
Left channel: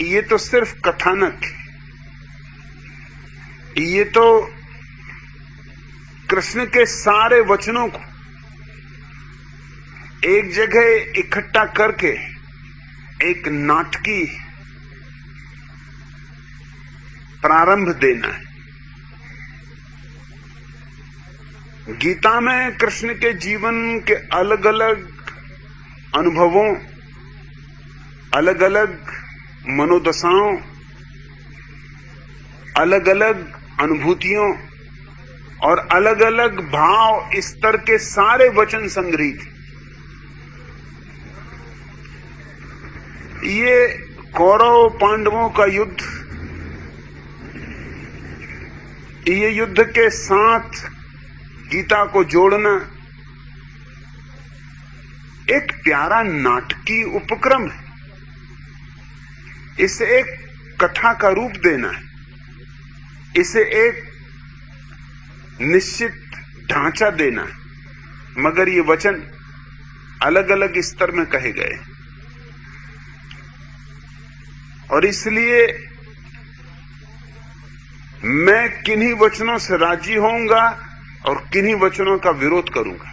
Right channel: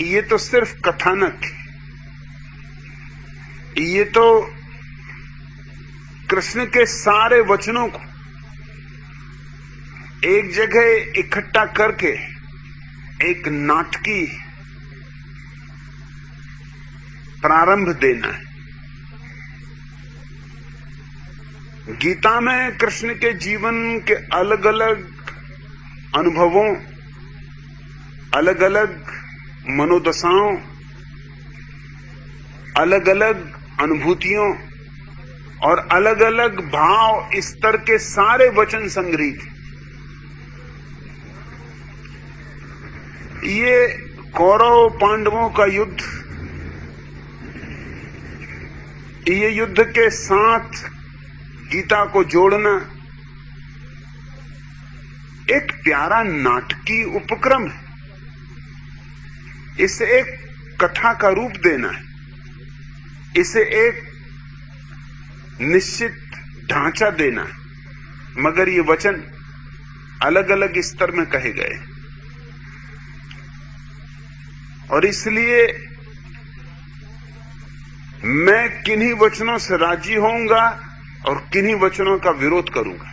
ये तो सिर्फ कथानक है। ये तो कृष्ण के सारे वचनों को एक जगह इकट्ठा करके एक नाटकीय प्रारंभ देना है। गीता में कृष्ण के जीवन के अलग अलग अनुभवों, अलग अलग मनोदशाओं, अलग अलग अनुभूतियों और अलग अलग भाव स्तर के सारे वचन संग्रहित। ये कौरव पांडवों का युद्ध, ये युद्ध के साथ गीता को जोड़ना एक प्यारा नाटकीय उपक्रम है। इसे एक कथा का रूप देना है, इसे एक निश्चित ढांचा देना है। मगर ये वचन अलग अलग स्तर में कहे गए और इसलिए मैं किन्हीं वचनों से राजी होऊंगा और किन्हीं वचनों का विरोध करूंगा।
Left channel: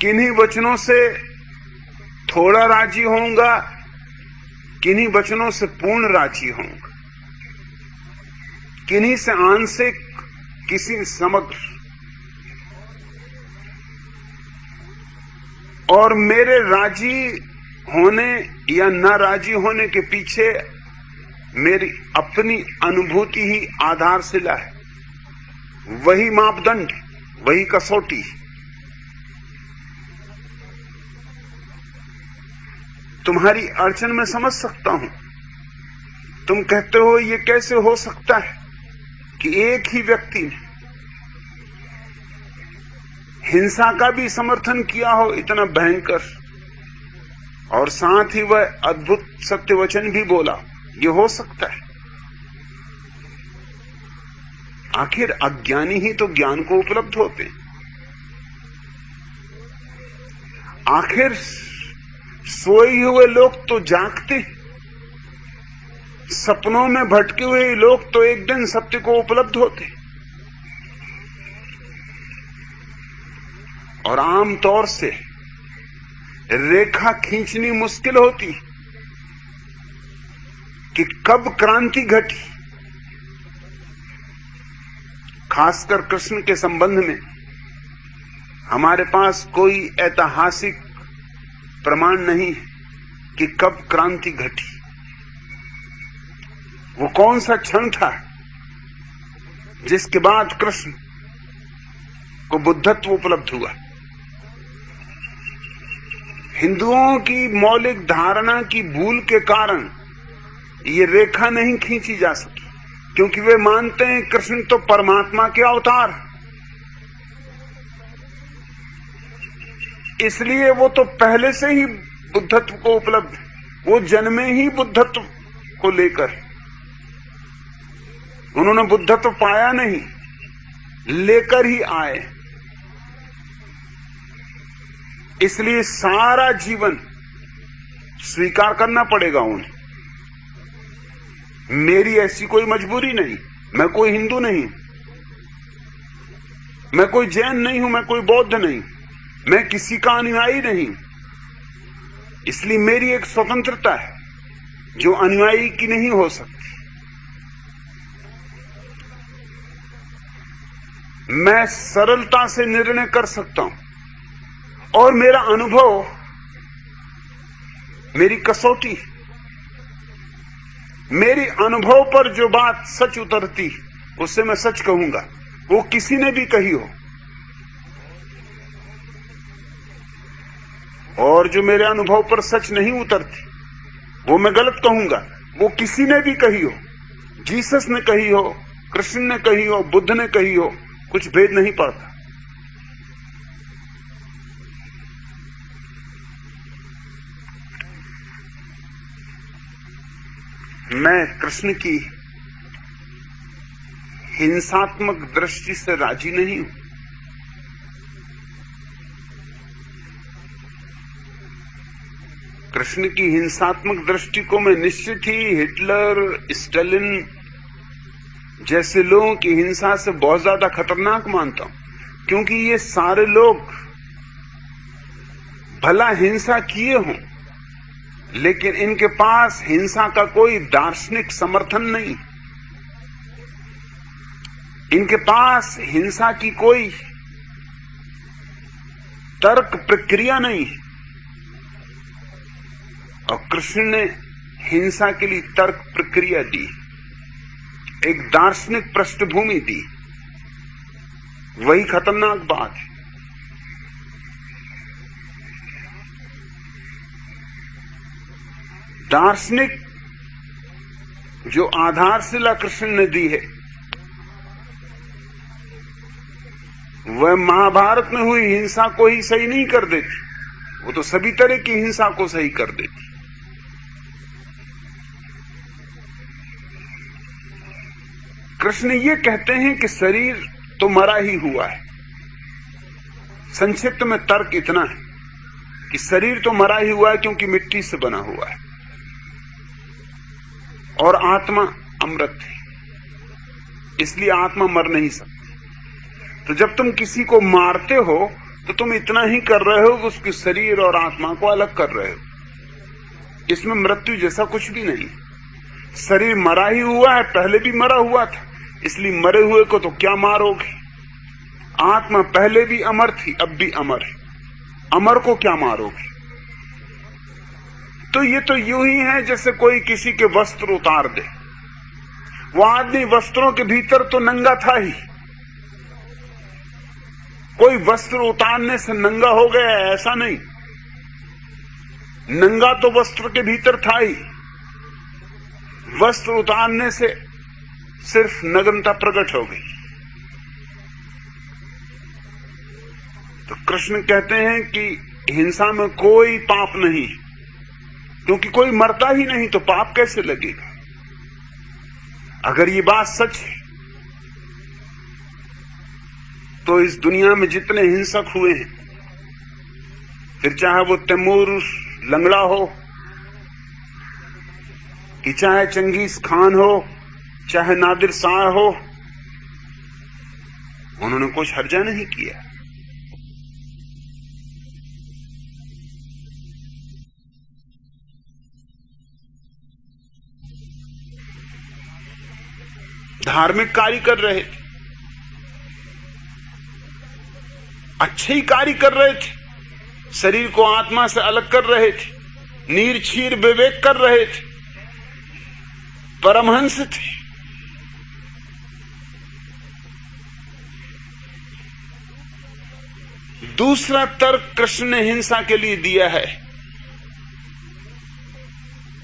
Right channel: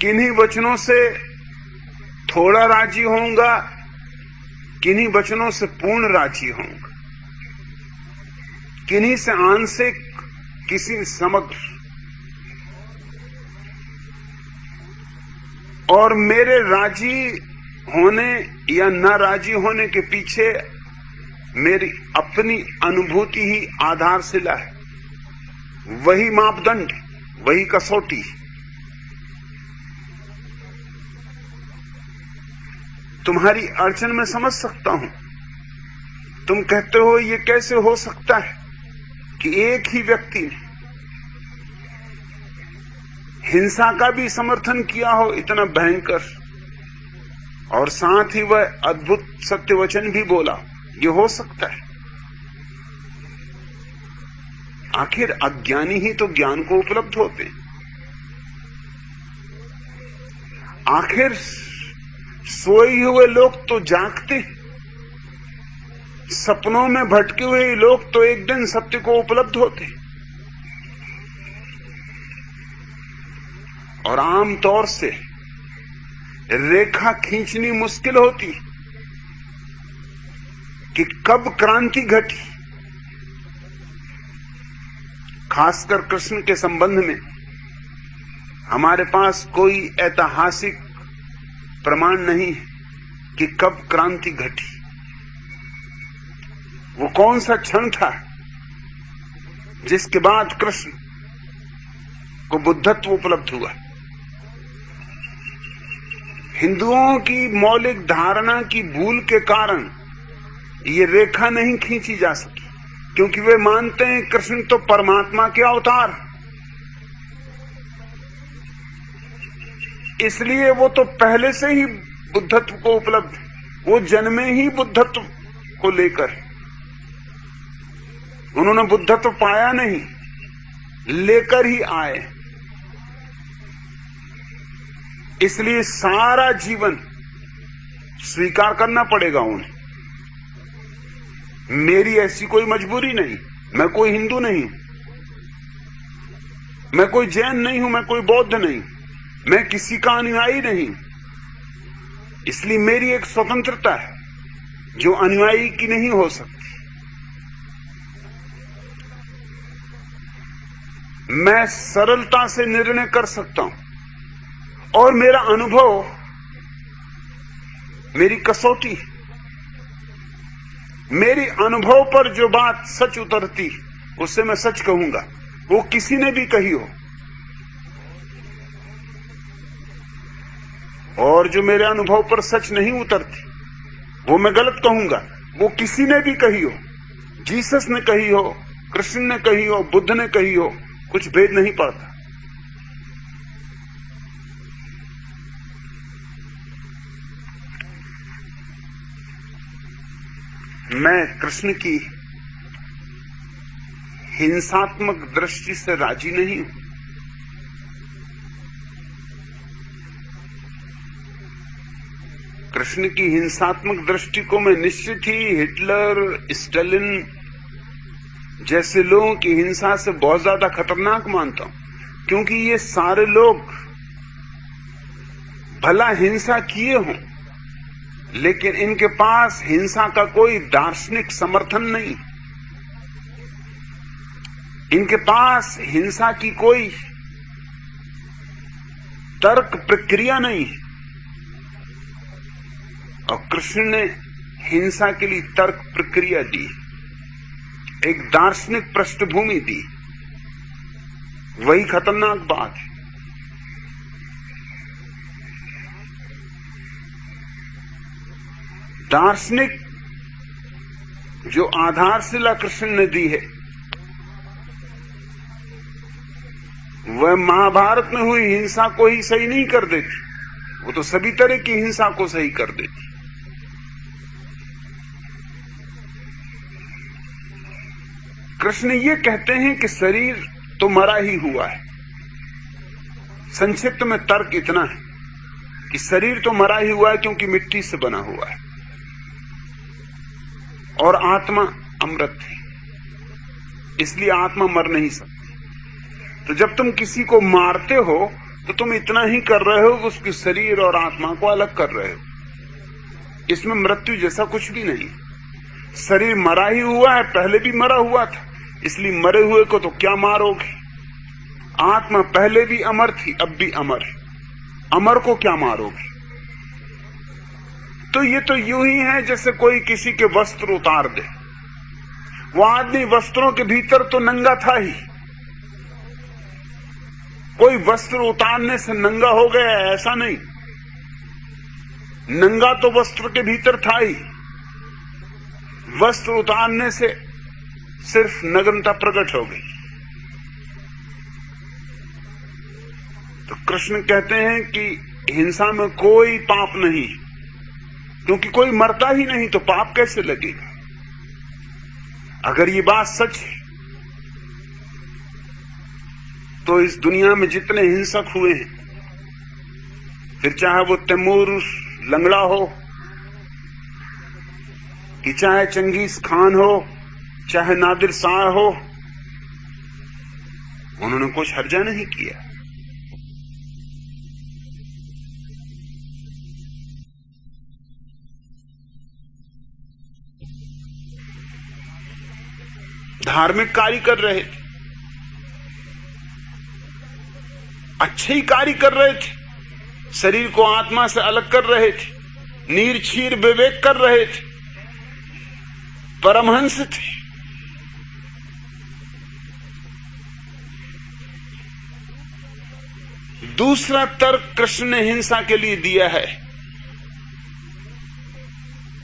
किन्हीं वचनों से थोड़ा राजी होऊंगा, किन्हीं वचनों से पूर्ण राजी होऊंगा, किन्हीं से आंशिक, किसी समग्र। और मेरे राजी होने या न राजी होने के पीछे मेरी अपनी अनुभूति ही आधारशिला है। वही मापदंड, वही कसौटी। तुम्हारी अड़चन में समझ सकता हूं। तुम कहते हो ये कैसे हो सकता है कि एक ही व्यक्ति ने हिंसा का भी समर्थन किया हो इतना भयंकर, और साथ ही वह अद्भुत सत्य वचन भी बोला। ये हो सकता है? आखिर अज्ञानी ही तो ज्ञान को उपलब्ध होते हैं। आखिर सोए हुए लोग तो जागते, सपनों में भटके हुए लोग तो एक दिन सत्य को उपलब्ध होते। और आमतौर से रेखा खींचनी मुश्किल होती कि कब क्रांति घटी। खासकर कृष्ण के संबंध में हमारे पास कोई ऐतिहासिक प्रमाण नहीं है कि कब क्रांति घटी। वो कौन सा क्षण था जिसके बाद कृष्ण को बुद्धत्व उपलब्ध हुआ। हिंदुओं की मौलिक धारणा की भूल के कारण ये रेखा नहीं खींची जा सकी, क्योंकि वे मानते हैं कृष्ण तो परमात्मा के अवतार, इसलिए वो तो पहले से ही बुद्धत्व को उपलब्ध, वो जन्मे ही बुद्धत्व को लेकर। उन्होंने बुद्धत्व पाया नहीं, लेकर ही आए। इसलिए सारा जीवन स्वीकार करना पड़ेगा उन्हें। मेरी ऐसी कोई मजबूरी नहीं, मैं कोई हिंदू नहीं हूं, मैं कोई जैन नहीं हूं, मैं कोई बौद्ध नहीं, मैं किसी का अनुयायी नहीं। इसलिए मेरी एक स्वतंत्रता है जो अनुयायी की नहीं हो सकती। मैं सरलता से निर्णय कर सकता हूं और मेरा अनुभव मेरी कसौटी है। मेरी अनुभव पर जो बात सच उतरती उससे मैं सच कहूंगा, वो किसी ने भी कही हो। और जो मेरे अनुभव पर सच नहीं उतरती वो मैं गलत कहूंगा, वो किसी ने भी कही हो। जीसस ने कही हो, कृष्ण ने कही हो, बुद्ध ने कही हो, कुछ भेद नहीं पड़ता। मैं कृष्ण की हिंसात्मक दृष्टि से राजी नहीं हूं। कृष्ण की हिंसात्मक दृष्टि को मैं निश्चित ही हिटलर, स्टालिन जैसे लोगों की हिंसा से बहुत ज्यादा खतरनाक मानता हूं, क्योंकि ये सारे लोग भला हिंसा किए हों, लेकिन इनके पास हिंसा का कोई दार्शनिक समर्थन नहीं। इनके पास हिंसा की कोई तर्क प्रक्रिया नहीं। और कृष्ण ने हिंसा के लिए तर्क प्रक्रिया दी, एक दार्शनिक पृष्ठभूमि दी। वही खतरनाक बात है। दार्शनिक जो आधारशिला कृष्ण ने दी है, वह महाभारत में हुई हिंसा को ही सही नहीं कर देती, वो तो सभी तरह की हिंसा को सही कर देती। कृष्ण ये कहते हैं कि शरीर तो मरा ही हुआ है। संक्षिप्त में तर्क इतना है कि शरीर तो मरा ही हुआ है क्योंकि मिट्टी से बना हुआ है, और आत्मा अमृत है, इसलिए आत्मा मर नहीं सकती। तो जब तुम किसी को मारते हो तो तुम इतना ही कर रहे हो कि उसके शरीर और आत्मा को अलग कर रहे हो। इसमें मृत्यु जैसा कुछ भी नहीं। शरीर मरा ही हुआ है, पहले भी मरा हुआ था, इसलिए मरे हुए को तो क्या मारोगे। आत्मा पहले भी अमर थी, अब भी अमर है, अमर को क्या मारोगे। तो ये तो यूं ही है जैसे कोई किसी के वस्त्र उतार दे। वो आदमी वस्त्रों के भीतर तो नंगा था ही, कोई वस्त्र उतारने से नंगा हो गया ऐसा नहीं। नंगा तो वस्त्र के भीतर था ही, वस्त्र उतारने से सिर्फ नग्नता प्रकट हो गई। तो कृष्ण कहते हैं कि हिंसा में कोई पाप नहीं, क्योंकि कोई मरता ही नहीं तो पाप कैसे लगेगा। अगर ये बात सच है तो इस दुनिया में जितने हिंसक हुए हैं फिर चाहे वो तैमूर लंगड़ा हो, कि चाहे चंगेज खान हो, चाहे नादिर शाह हो, उन्होंने कुछ हर्जा नहीं किया। धार्मिक कार्य कर रहे थे, अच्छे ही कार्य कर रहे थे, शरीर को आत्मा से अलग कर रहे थे, नीर छीर विवेक कर रहे थे, परमहंस थे। दूसरा तर्क कृष्ण ने हिंसा के लिए दिया है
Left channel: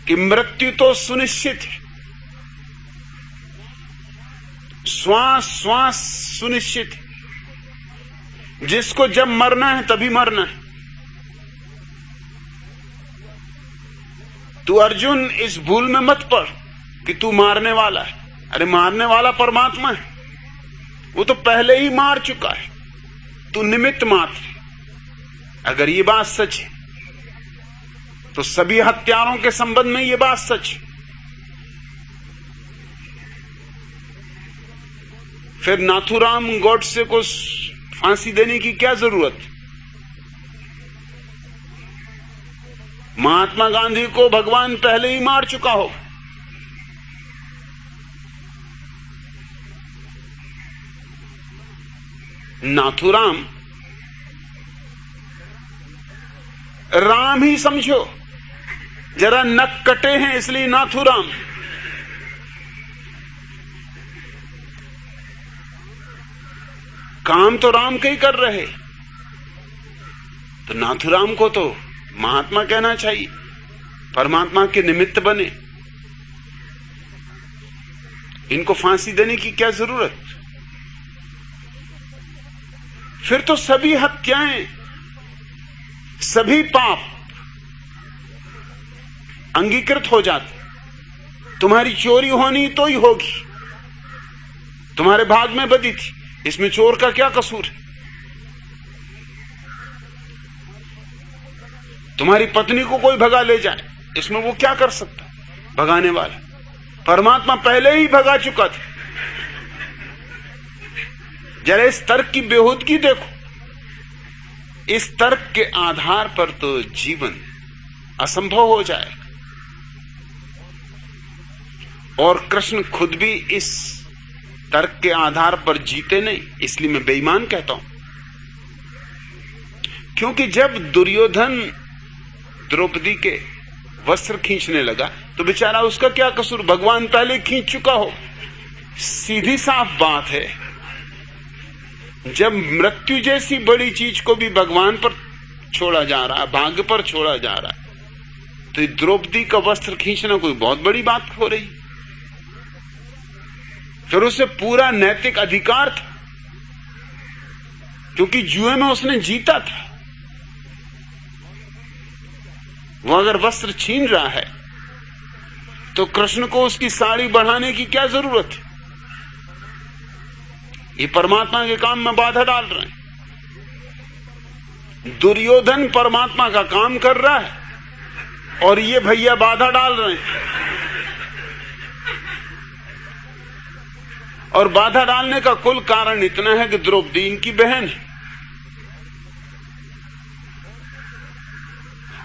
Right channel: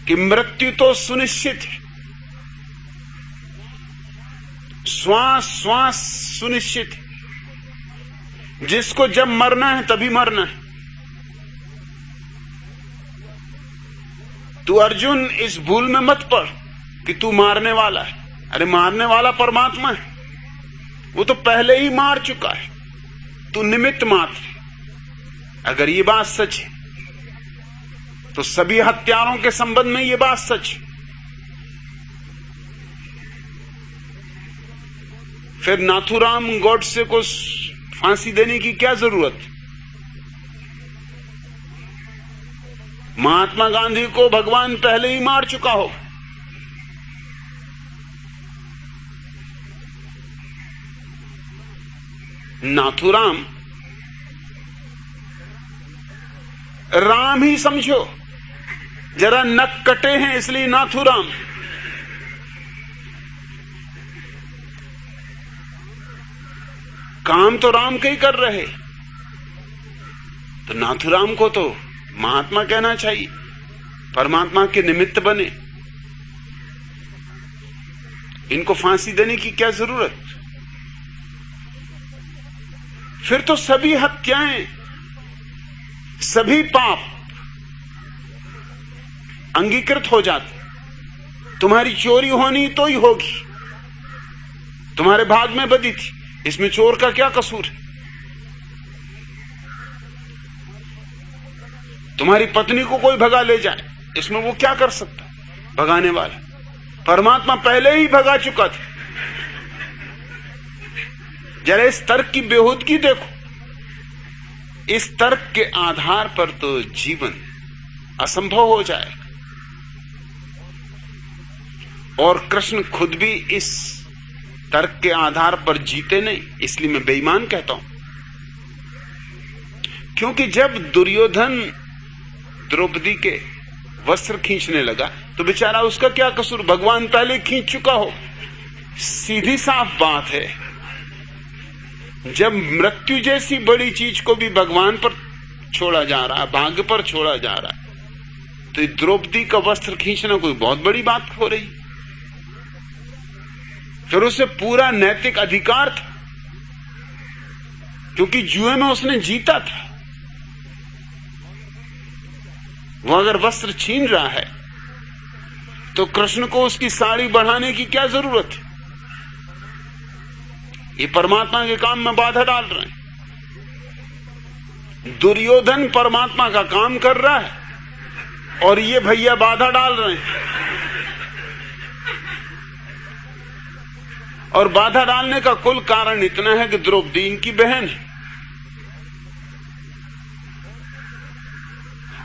कि मृत्यु तो सुनिश्चित है, श्वास श्वास सुनिश्चित है, जिसको जब मरना है तभी मरना है। तू अर्जुन इस भूल में मत पड़ कि तू मारने वाला है। अरे मारने वाला परमात्मा है, वो तो पहले ही मार चुका है, तू निमित्त मात्र है। अगर ये बात सच है तो सभी हत्यारों के संबंध में ये बात सच है। फिर नाथूराम गॉडसे को फांसी देने की क्या जरूरत? महात्मा गांधी को भगवान पहले ही मार चुका हो। नाथूराम राम ही समझो, जरा नक कटे हैं इसलिए नाथूराम। काम तो राम के ही कर रहे, तो नाथूराम को तो महात्मा कहना चाहिए, परमात्मा के निमित्त बने। इनको फांसी देने की क्या जरूरत? फिर तो सभी हत्याएं, सभी पाप अंगीकृत हो जाते। तुम्हारी चोरी होनी तो ही होगी, तुम्हारे भाग में बदी थी, इसमें चोर का क्या कसूर है? तुम्हारी पत्नी को कोई भगा ले जाए, इसमें वो क्या कर सकता? भगाने वाला परमात्मा पहले ही भगा चुका था। जरा इस तर्क की बेहूदगी देखो। इस तर्क के आधार पर तो जीवन असंभव हो जाए। और कृष्ण खुद भी इस तर्क के आधार पर जीते नहीं, इसलिए मैं बेईमान कहता हूं। क्योंकि जब दुर्योधन द्रौपदी के वस्त्र खींचने लगा तो बेचारा उसका क्या कसूर? भगवान पहले खींच चुका हो। सीधी साफ बात है, जब मृत्यु जैसी बड़ी चीज को भी भगवान पर छोड़ा जा रहा है, भाग्य पर छोड़ा जा रहा है, तो द्रौपदी का वस्त्र खींचना कोई बहुत बड़ी बात हो रही। फिर उसे पूरा नैतिक अधिकार था, क्योंकि जुए में उसने जीता था। वो अगर वस्त्र छीन रहा है तो कृष्ण को उसकी साड़ी बढ़ाने की क्या जरूरत है? ये परमात्मा के काम में बाधा डाल रहे हैं। दुर्योधन परमात्मा का काम कर रहा है और ये भैया बाधा डाल रहे हैं। और बाधा डालने का कुल कारण इतना है कि द्रौपदी इनकी बहन है,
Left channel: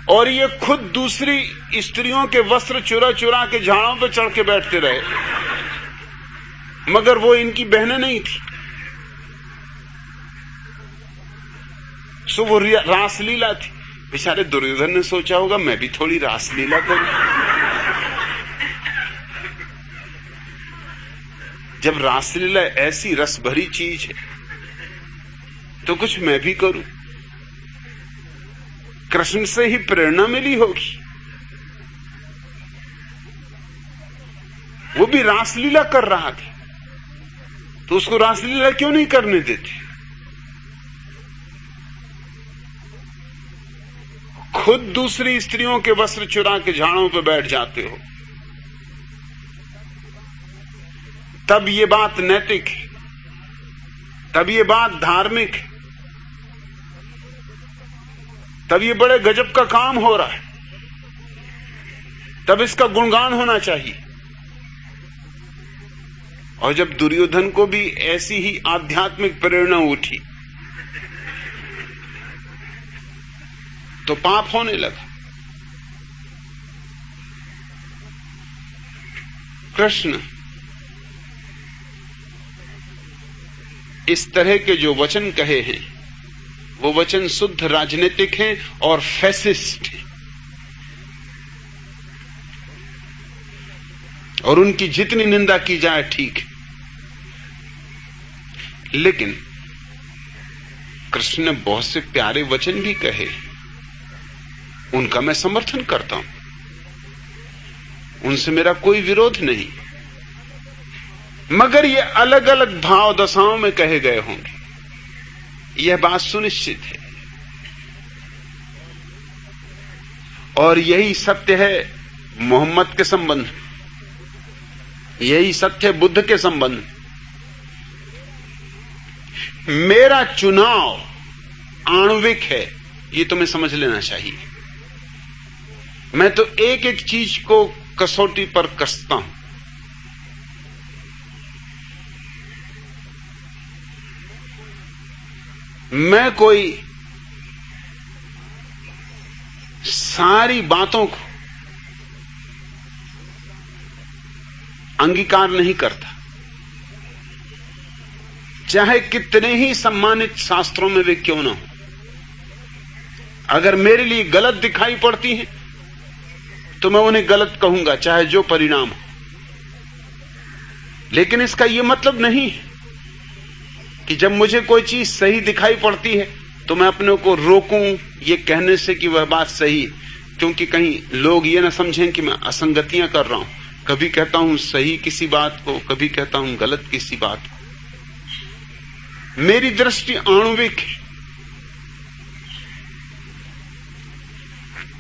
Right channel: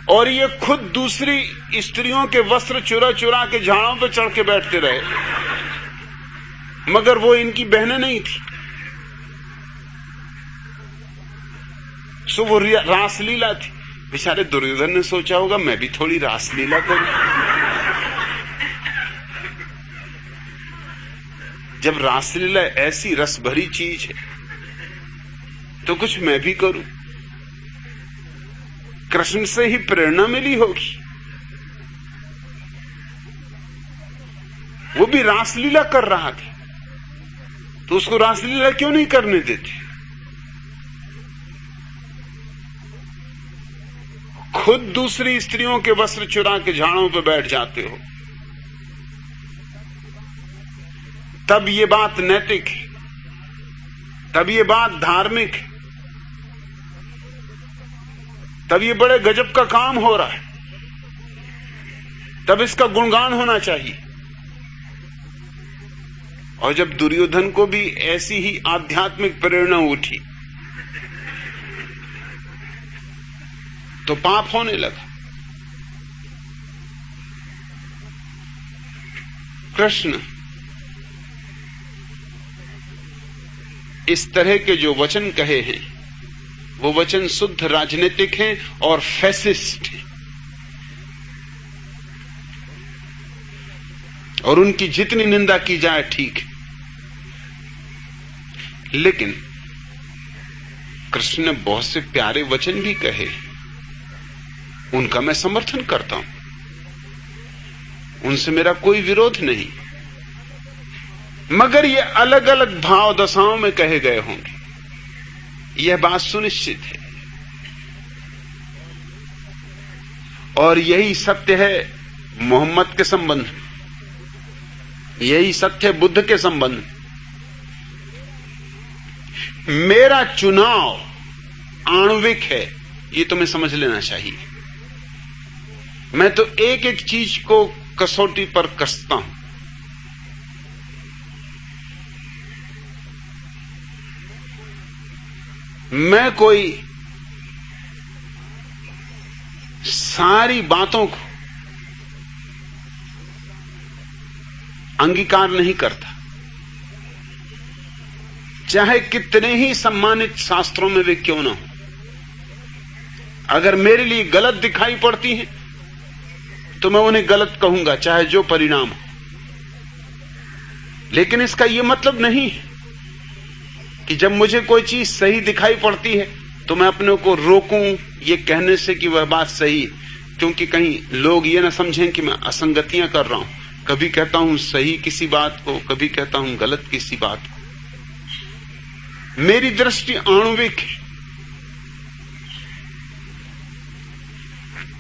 और ये खुद दूसरी स्त्रियों के वस्त्र चुरा चुरा के झाड़ों पे चढ़ के बैठते रहे, मगर वो इनकी बहनें नहीं थी। सो वो रासलीला थी। बेचारे दुर्योधन ने सोचा होगा मैं भी थोड़ी रासलीला करूं। जब रासलीला ऐसी रस भरी चीज है तो कुछ मैं भी करूं। कृष्ण से ही प्रेरणा मिली होगी, वो भी रासलीला कर रहा था, तो उसको रासलीला क्यों नहीं करने देते? खुद दूसरी स्त्रियों के वस्त्र चुरा के झाड़ों पे बैठ जाते हो, तब ये बात नैतिक है, तब ये बात धार्मिक है। तब ये बड़े गजब का काम हो रहा है, तब इसका गुणगान होना चाहिए। और जब दुर्योधन को भी ऐसी ही आध्यात्मिक प्रेरणा उठी तो पाप होने लगा। कृष्ण इस तरह के जो वचन कहे हैं वो वचन शुद्ध राजनीतिक हैं और फैसिस्ट हैं, और उनकी जितनी निंदा की जाए ठीक है। लेकिन कृष्ण ने बहुत से प्यारे वचन भी कहे, उनका मैं समर्थन करता हूं, उनसे मेरा कोई विरोध नहीं, मगर ये अलग अलग भाव दशाओं में कहे गए होंगे, यह बात सुनिश्चित है। और यही सत्य है मोहम्मद के संबंध में, यही सत्य है बुद्ध के संबंध में। मेरा चुनाव आणविक है, ये तुम्हें समझ लेना चाहिए। मैं तो एक एक चीज को कसौटी पर कसता हूं। मैं कोई सारी बातों को अंगीकार नहीं करता, चाहे कितने ही सम्मानित शास्त्रों में वे क्यों ना हो। अगर मेरे लिए गलत दिखाई पड़ती हैं तो मैं उन्हें गलत कहूंगा, चाहे जो परिणाम हो। लेकिन इसका यह मतलब नहीं है कि जब मुझे कोई चीज सही दिखाई पड़ती है तो मैं अपने को रोकूं ये कहने से कि वह बात सही है, क्योंकि कहीं लोग ये ना समझें कि मैं असंगतियां कर रहा हूं। कभी कहता हूं सही किसी बात को, कभी कहता हूं गलत किसी बात को। मेरी दृष्टि आणविक है।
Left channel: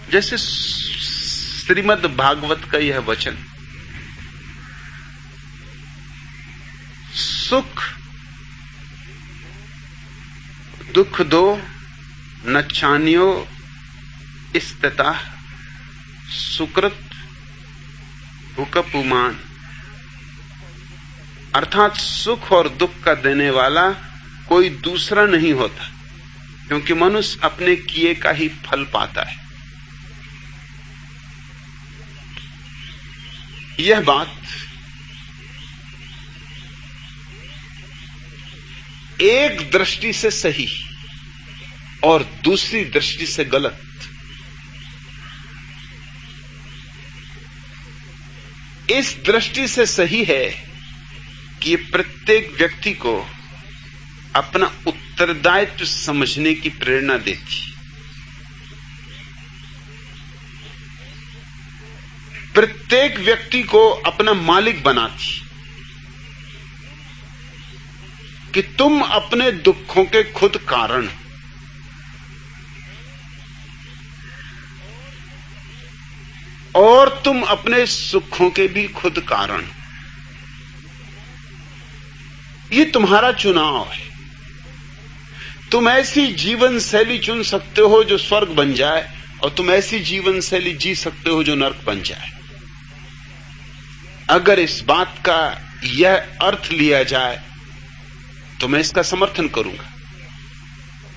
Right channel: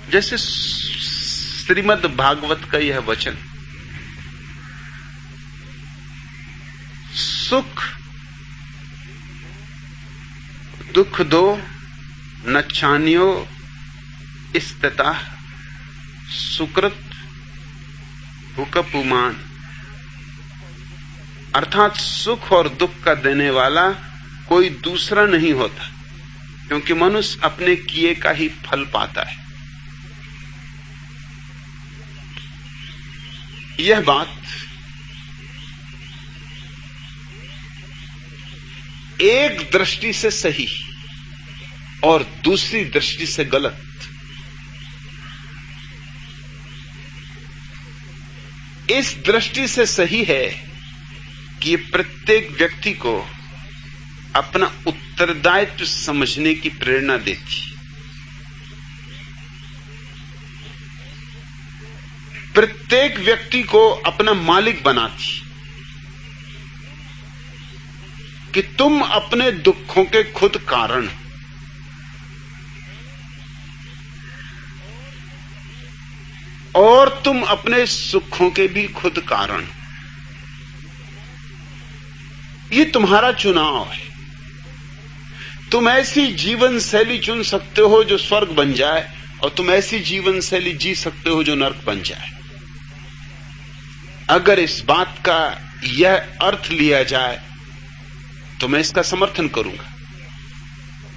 जैसे श्रीमद् भागवत का यह वचन, सुख दुख दो नच्छान्यो स्थिता सुकृत भूकपुमान, अर्थात सुख और दुख का देने वाला कोई दूसरा नहीं होता, क्योंकि मनुष्य अपने किए का ही फल पाता है। यह बात एक दृष्टि से सही और दूसरी दृष्टि से गलत। इस दृष्टि से सही है कि प्रत्येक व्यक्ति को अपना उत्तरदायित्व समझने की प्रेरणा देती, प्रत्येक व्यक्ति को अपना मालिक बनाती, कि तुम अपने दुखों के खुद कारण, और तुम अपने सुखों के भी खुद कारण। ये तुम्हारा चुनाव है। तुम ऐसी जीवन शैली चुन सकते हो जो स्वर्ग बन जाए, और तुम ऐसी जीवन शैली जी सकते हो जो नरक बन जाए। अगर इस बात का यह अर्थ लिया जाए तो मैं इसका समर्थन करूंगा।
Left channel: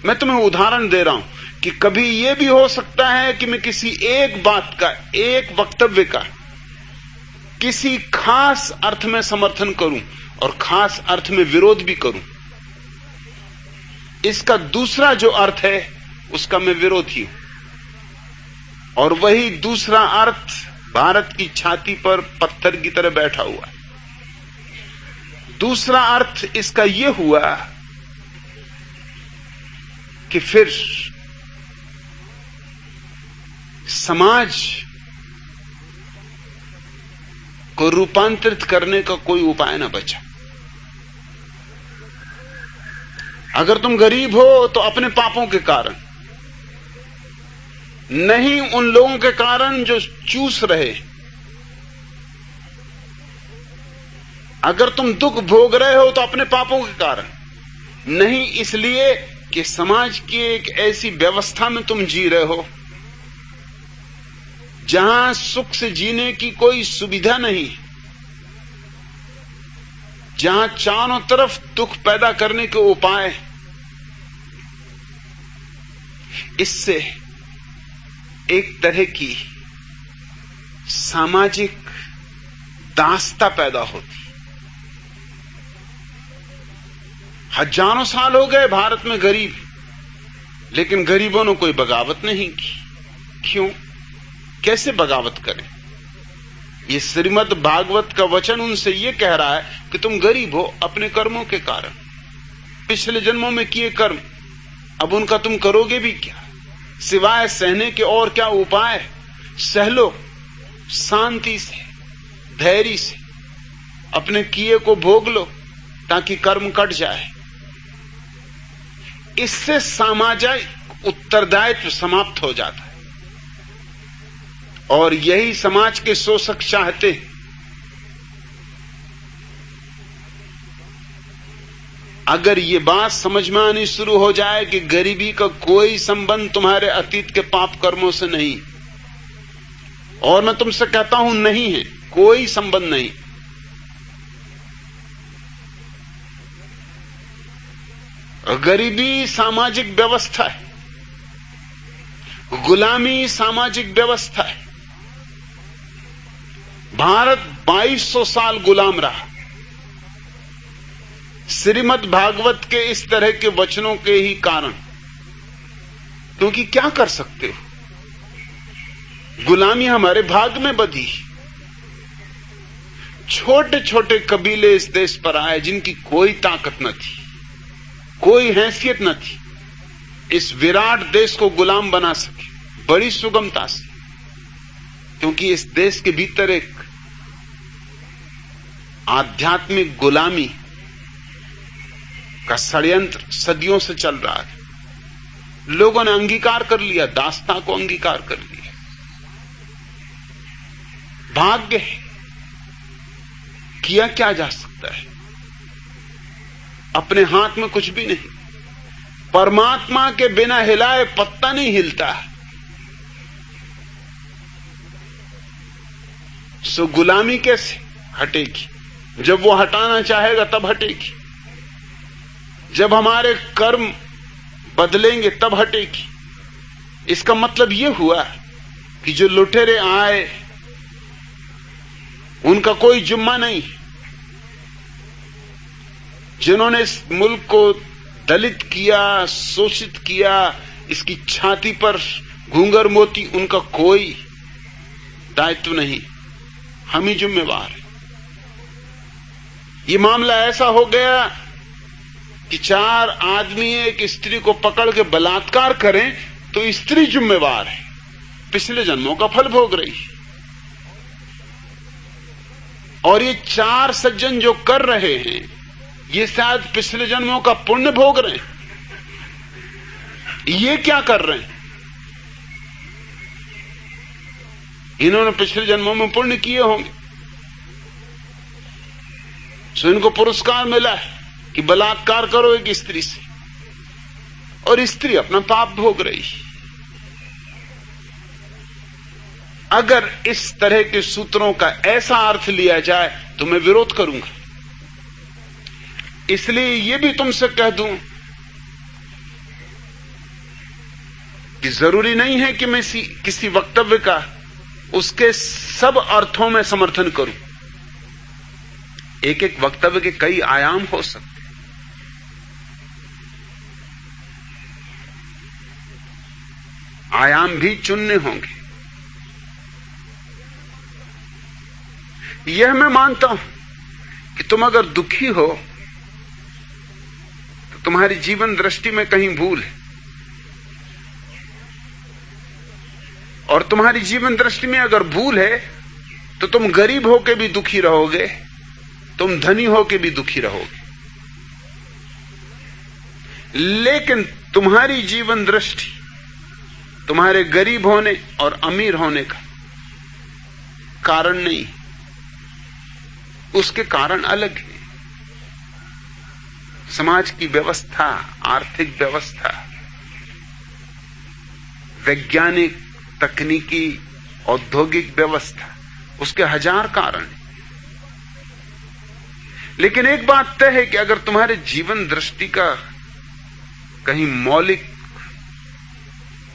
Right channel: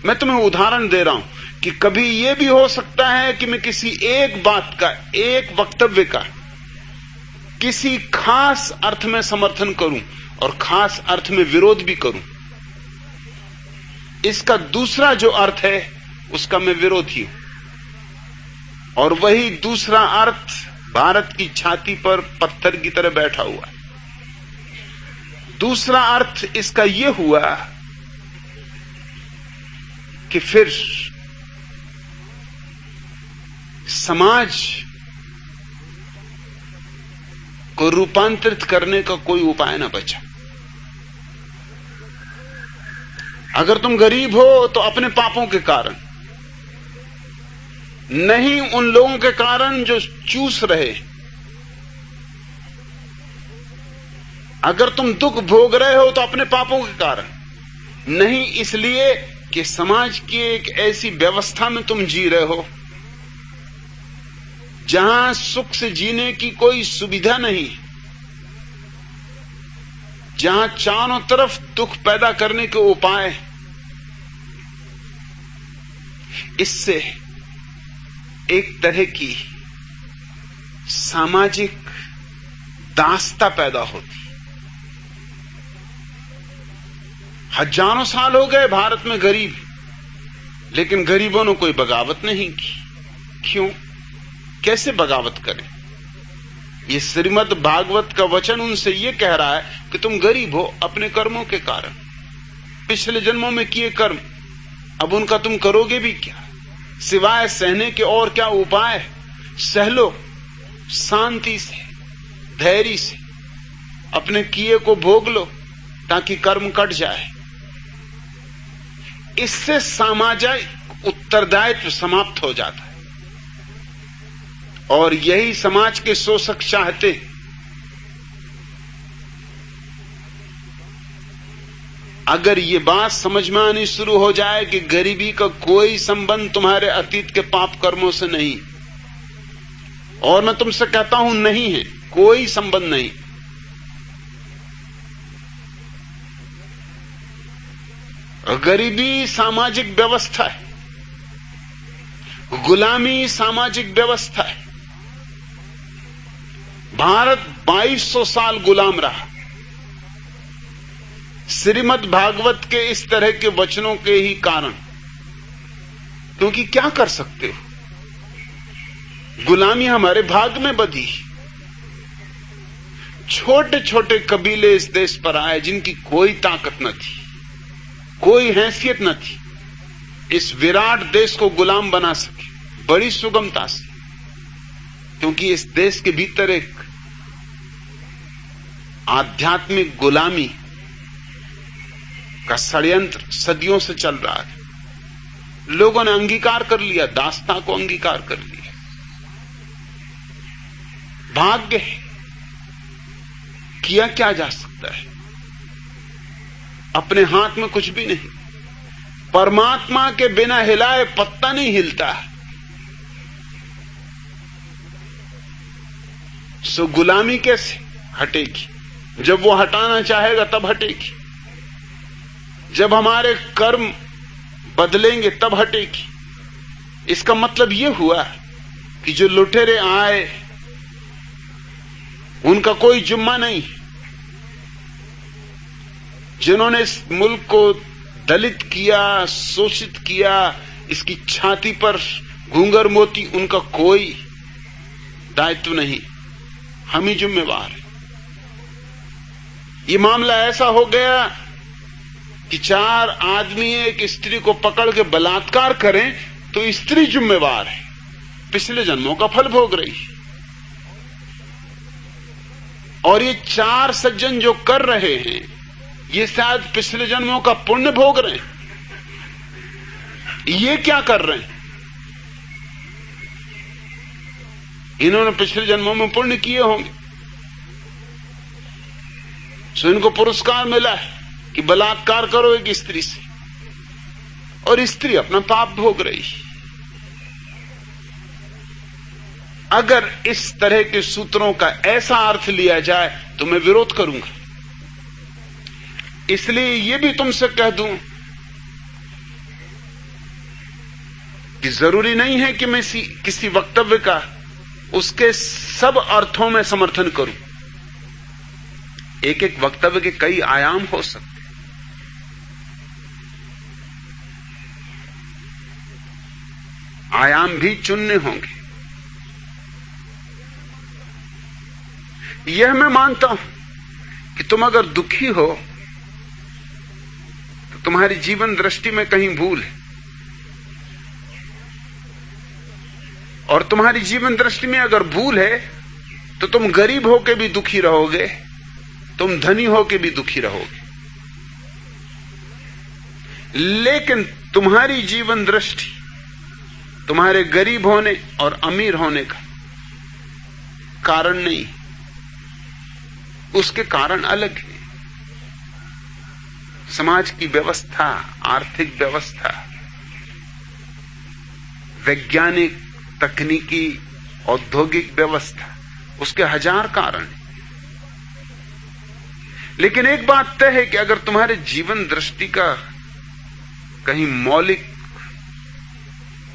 मैं तुम्हें उदाहरण दे रहा हूं कि कभी यह भी हो सकता है कि मैं किसी एक बात का, एक वक्तव्य का किसी खास अर्थ में समर्थन करूं और खास अर्थ में विरोध भी करूं। इसका दूसरा जो अर्थ है उसका मैं विरोधी हूं, और वही दूसरा अर्थ भारत की छाती पर पत्थर की तरह बैठा हुआ है। दूसरा अर्थ इसका यह हुआ कि फिर समाज को रूपांतरित करने का कोई उपाय ना बचा। अगर तुम गरीब हो तो अपने पापों के कारण, नहीं उन लोगों के कारण जो चूस रहे। अगर तुम दुख भोग रहे हो तो अपने पापों के कारण, नहीं इसलिए कि समाज की एक ऐसी व्यवस्था में तुम जी रहे हो जहां सुख से जीने की कोई सुविधा नहीं, जहां चारों तरफ दुख पैदा करने के उपाय। इससे एक तरह की सामाजिक दास्ता पैदा होती। हजारों साल हो गए भारत में गरीब, लेकिन गरीबों ने कोई बगावत नहीं की। क्यों? कैसे बगावत करें? ये श्रीमद् भागवत का वचन उनसे ये कह रहा है कि तुम गरीब हो अपने कर्मों के कारण, पिछले जन्मों में किए कर्म, अब उनका तुम करोगे भी क्या? सिवाय सहने के और क्या उपाय है? सह लो शांति से, धैर्य से, अपने किए को भोग लो ताकि कर्म कट जाए। इससे सामाजिक उत्तरदायित्व समाप्त हो जाता है। और यही समाज के शोषक चाहते हैं। अगर ये बात समझ में आनी शुरू हो जाए कि गरीबी का कोई संबंध तुम्हारे अतीत के पाप कर्मों से नहीं, और मैं तुमसे कहता हूं नहीं है, कोई संबंध नहीं, गरीबी सामाजिक व्यवस्था है, गुलामी सामाजिक व्यवस्था है। भारत 2200 साल गुलाम रहा श्रीमद् भागवत के इस तरह के वचनों के ही कारण। क्योंकि क्या कर सकते हो, गुलामी हमारे भाग में बधी। छोटे छोटे कबीले इस देश पर आए जिनकी कोई ताकत न थी, कोई हैसियत न थी, इस विराट देश को गुलाम बना सके बड़ी सुगमता से। क्योंकि इस देश के भीतर एक आध्यात्मिक गुलामी का षड्यंत्र सदियों से चल रहा है। लोगों ने अंगीकार कर लिया, दास्ता को अंगीकार कर लिया। भाग्य है, किया क्या जा सकता है? अपने हाथ में कुछ भी नहीं। परमात्मा के बिना हिलाए पत्ता नहीं हिलता। सो गुलामी कैसे हटेगी? जब वो हटाना चाहेगा तब हटेगी। जब हमारे कर्म बदलेंगे तब हटेगी। इसका मतलब यह हुआ कि जो लुटेरे आए उनका कोई जुम्मा नहीं। जिन्होंने इस मुल्क को दलित किया, शोषित किया, इसकी छाती पर घूंगर मोती, उनका कोई दायित्व नहीं। हम ही जिम्मेवार हैं। ये मामला ऐसा हो गया कि 4 आदमी एक स्त्री को पकड़ के बलात्कार करें तो स्त्री जिम्मेवार है, पिछले जन्मों का फल भोग रही। और ये 4 सज्जन जो कर रहे हैं ये शायद पिछले जन्मों का पुण्य भोग रहे हैं। ये क्या कर रहे हैं? इन्होंने पिछले जन्मों में पुण्य किए होंगे, सो इनको पुरस्कार मिला है कि बलात्कार करो एक स्त्री से, और स्त्री अपना पाप भोग रही। अगर इस तरह के सूत्रों का ऐसा अर्थ लिया जाए तो मैं विरोध करूंगा। इसलिए यह भी तुमसे कह दूं कि जरूरी नहीं है कि मैं किसी वक्तव्य का उसके सब अर्थों में समर्थन करूं। एक एक वक्तव्य के कई आयाम हो सकते, आयाम भी चुनने होंगे। यह मैं मानता हूं कि तुम अगर दुखी हो तो तुम्हारी जीवन दृष्टि में कहीं भूल है, और तुम्हारी जीवन दृष्टि में अगर भूल है तो तुम गरीब होके भी दुखी रहोगे, तुम धनी होके भी दुखी रहोगे। लेकिन तुम्हारी जीवन दृष्टि तुम्हारे गरीब होने और अमीर होने का कारण नहीं, उसके कारण अलग है। समाज की व्यवस्था, आर्थिक व्यवस्था, वैज्ञानिक, तकनीकी, औद्योगिक व्यवस्था, उसके हजार कारण। लेकिन एक बात तय है कि अगर तुम्हारे जीवन दृष्टि का कहीं मौलिक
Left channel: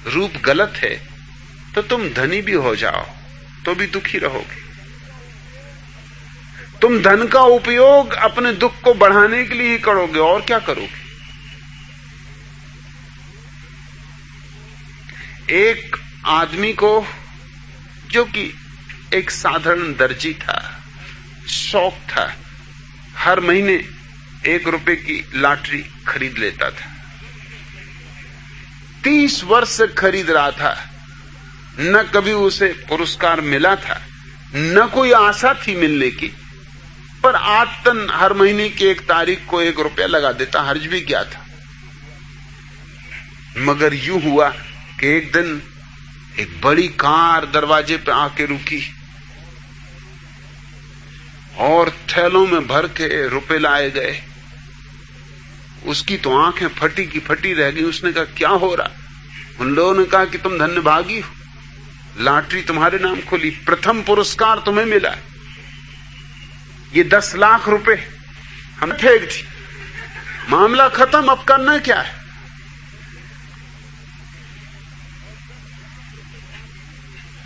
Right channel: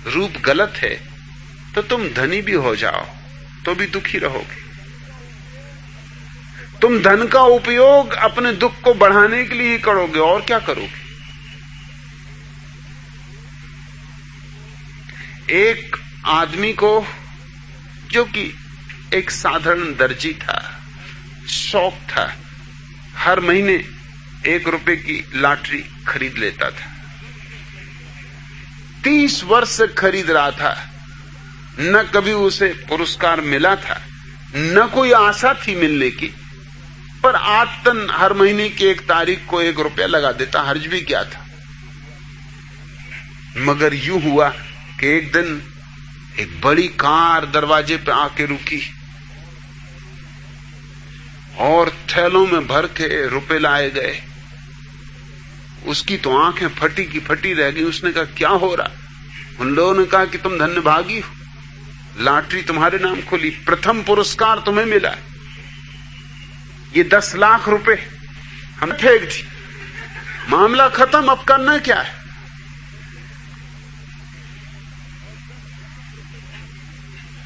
रूप गलत है तो तुम धनी भी हो जाओ तो भी दुखी रहोगे। तुम धन का उपयोग अपने दुख को बढ़ाने के लिए ही करोगे, और क्या करोगे। एक आदमी को, जो कि एक साधारण दर्जी था, शौक था, हर महीने 1 रुपए की लॉटरी खरीद लेता था। 30 वर्ष से खरीद रहा था, न कभी उसे पुरस्कार मिला था, न कोई आशा थी मिलने की, पर आदतन हर महीने की 1 तारीख को 1 रुपया लगा देता, हर्ज भी क्या था। मगर यूं हुआ कि एक दिन एक बड़ी कार दरवाजे पे आके रुकी और थैलों में भर के रुपए लाए गए। उसकी तो आंखें फटी की फटी रह गई। उसने कहा, क्या हो रहा? उन लोगों ने कहा कि तुम धन्यभागी हो, लॉटरी तुम्हारे नाम खुली, प्रथम पुरस्कार तुम्हें मिला, ये 10 लाख रुपए हम फेंक दी, मामला खत्म, अब करना क्या है।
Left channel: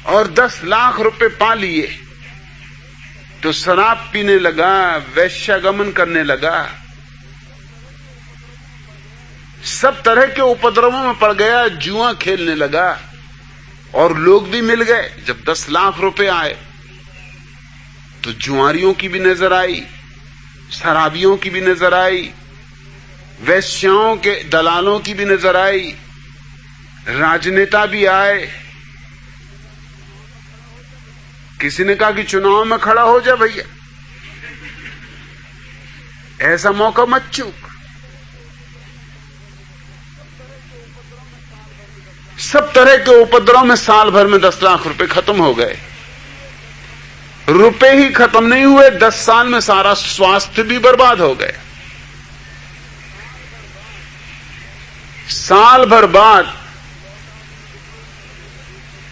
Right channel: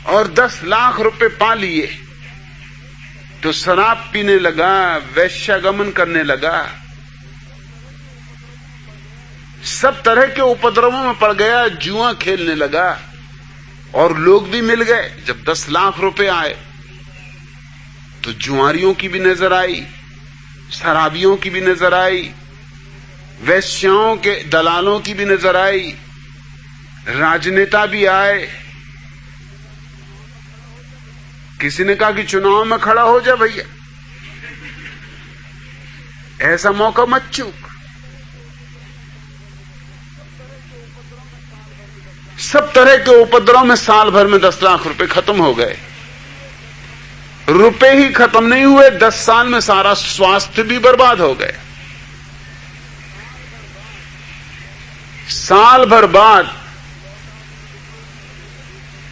और 10 लाख रुपए पा लिए तो शराब पीने लगा, वैश्यागमन करने लगा, सब तरह के उपद्रवों में पड़ गया, जुआ खेलने लगा। और लोग भी मिल गए। जब 10 लाख रुपए आए तो जुआरियों की भी नजर आई, शराबियों की भी नजर आई, वैश्याओं के दलालों की भी नजर आई, राजनेता भी आए। किसी ने कहा कि चुनाव में खड़ा हो जा भैया, ऐसा मौका मत चूक। सब तरह के उपद्रव में साल भर में 10 लाख रुपए खत्म हो गए। रुपए ही खत्म नहीं हुए, 10 साल में सारा स्वास्थ्य भी बर्बाद हो गया। साल भर बाद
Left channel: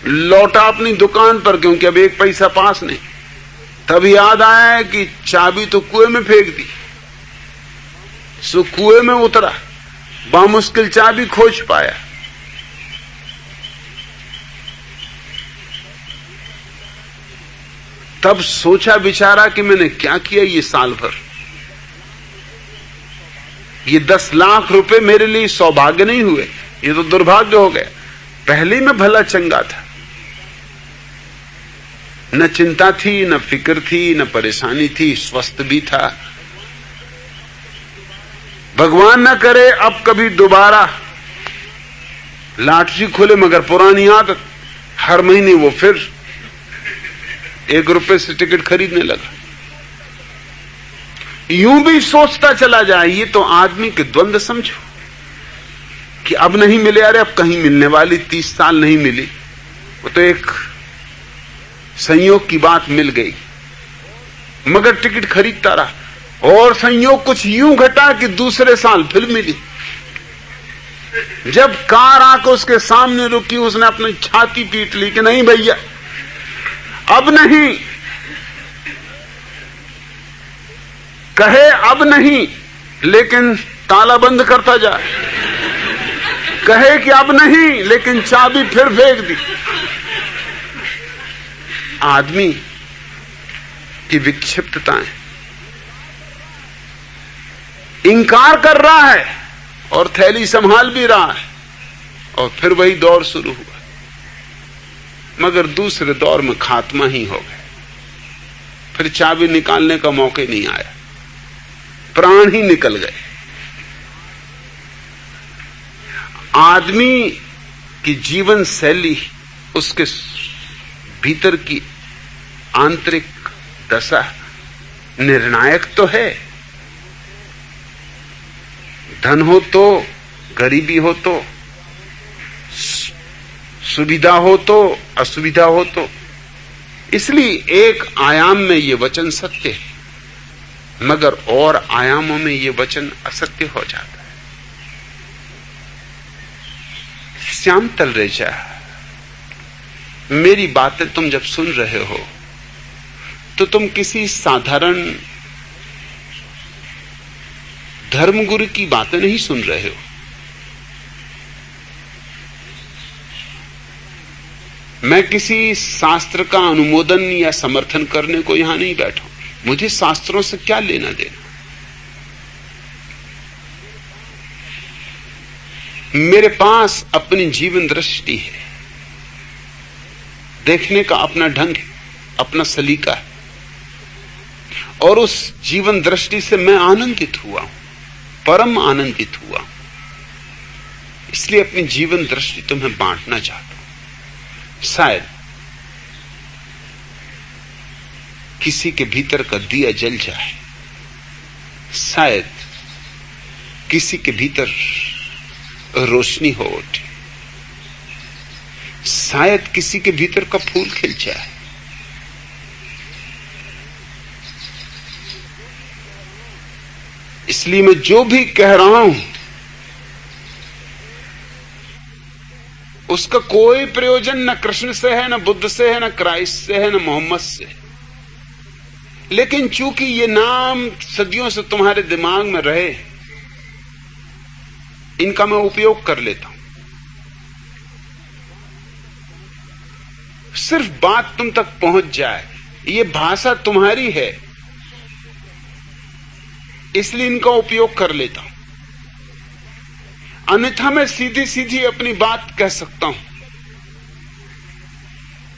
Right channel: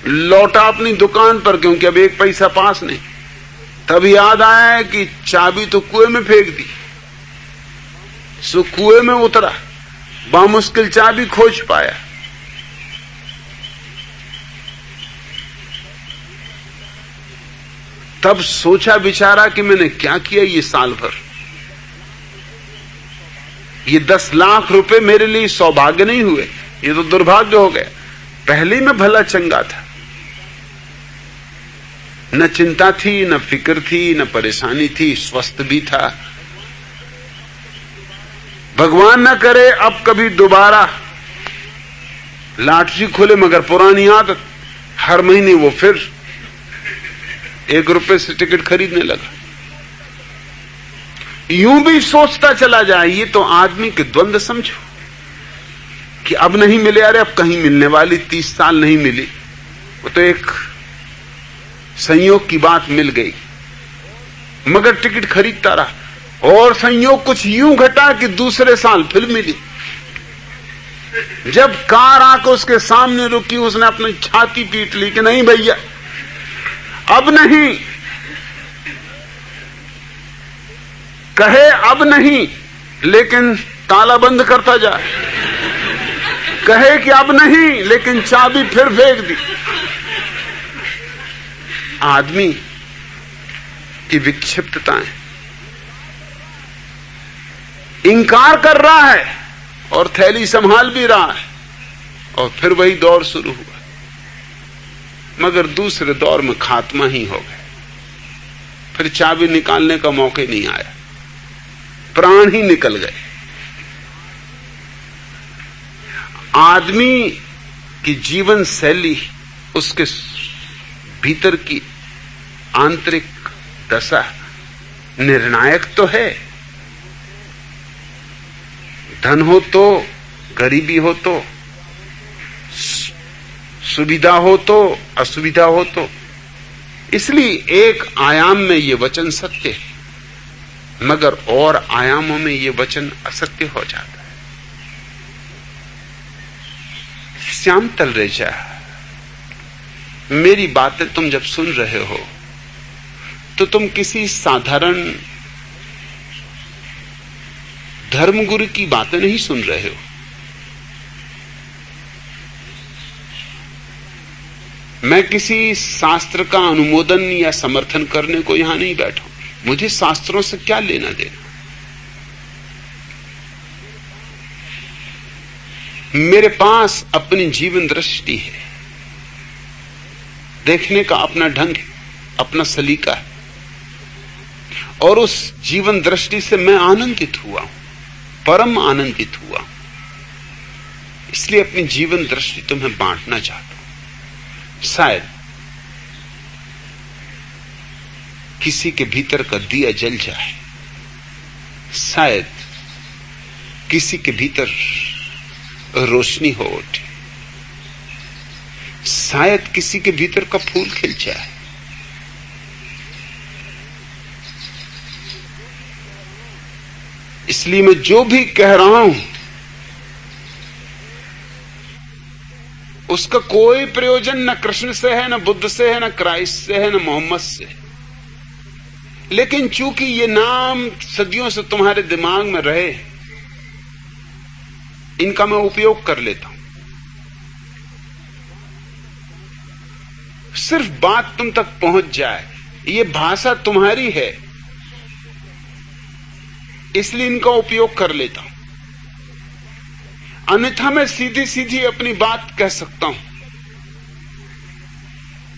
लौटा अपनी दुकान पर, क्योंकि अब 1 पैसा पास नहीं। तब याद आया कि चाबी तो कुएं में फेंक दी। सो कुएं में उतरा, बामुश्किल चाबी खोज पाया। तब सोचा विचारा कि मैंने क्या किया ये साल भर। ये 10 लाख रुपए मेरे लिए सौभाग्य नहीं हुए, ये तो दुर्भाग्य हो गया। पहले मैं भला चंगा था, न चिंता थी, न फिक्र थी, न परेशानी थी, स्वस्थ भी था। भगवान न करे अब कभी दोबारा लॉटरी खुले, मगर पुरानी आदत, हर महीने वो फिर 1 रुपए से टिकट खरीदने लगा। यूं भी सोचता चला जाए। ये तो आदमी के द्वंद्व समझो कि अब नहीं मिले, अरे अब कहीं मिलने वाली 30 साल नहीं मिली, वो तो एक संयोग की बात मिल गई, मगर टिकट खरीदता रहा। और संयोग कुछ यूं घटा कि दूसरे साल फिर मिली। जब कार आकर उसके सामने रुकी, उसने अपनी छाती पीट ली कि नहीं भैया अब नहीं। कहे अब नहीं, लेकिन ताला बंद करता जाए। कहे कि अब नहीं, लेकिन चाबी फिर फेंक दी। आदमी की विक्षिप्तताएं, इंकार कर रहा है और थैली संभाल भी रहा है, और फिर वही दौर शुरू हुआ। मगर दूसरे दौर में खात्मा ही हो गया। फिर चाबी निकालने का मौका ही नहीं आया, प्राण ही निकल गए। आदमी की जीवन शैली, उसके भीतर की आंतरिक दशा निर्णायक तो है। धन हो तो, गरीबी हो तो, सुविधा हो तो, असुविधा हो तो। इसलिए एक आयाम में ये वचन सत्य है, मगर और आयामों में ये वचन असत्य हो जाता है। श्याम तलरेजा, मेरी बातें तुम जब सुन रहे हो तो तुम किसी साधारण धर्मगुरु की बातें नहीं सुन रहे हो। मैं किसी शास्त्र का अनुमोदन या समर्थन करने को यहां नहीं बैठा हूं। मुझे शास्त्रों से क्या लेना देना। मेरे पास अपनी जीवन दृष्टि है, देखने का अपना ढंग है, अपना सलीका है, और उस जीवन दृष्टि से मैं आनंदित हुआ हूं, परम आनंदित हुआ हूं। इसलिए अपनी जीवन दृष्टि तुम्हें बांटना चाहता हूं। शायद किसी के भीतर का दिया जल जाए, शायद किसी के भीतर रोशनी हो उठे, शायद किसी के भीतर का फूल खिल जाए। इसलिए मैं जो भी कह रहा हूं उसका कोई प्रयोजन न कृष्ण से है, न बुद्ध से है, न क्राइस्ट से है, न मोहम्मद से। लेकिन चूंकि ये नाम सदियों से तुम्हारे दिमाग में रहे, इनका मैं उपयोग कर लेता हूं। सिर्फ बात तुम तक पहुंच जाए, ये भाषा तुम्हारी है, इसलिए इनका उपयोग कर लेता हूं। अन्यथा मैं सीधी सीधी अपनी बात कह सकता हूं,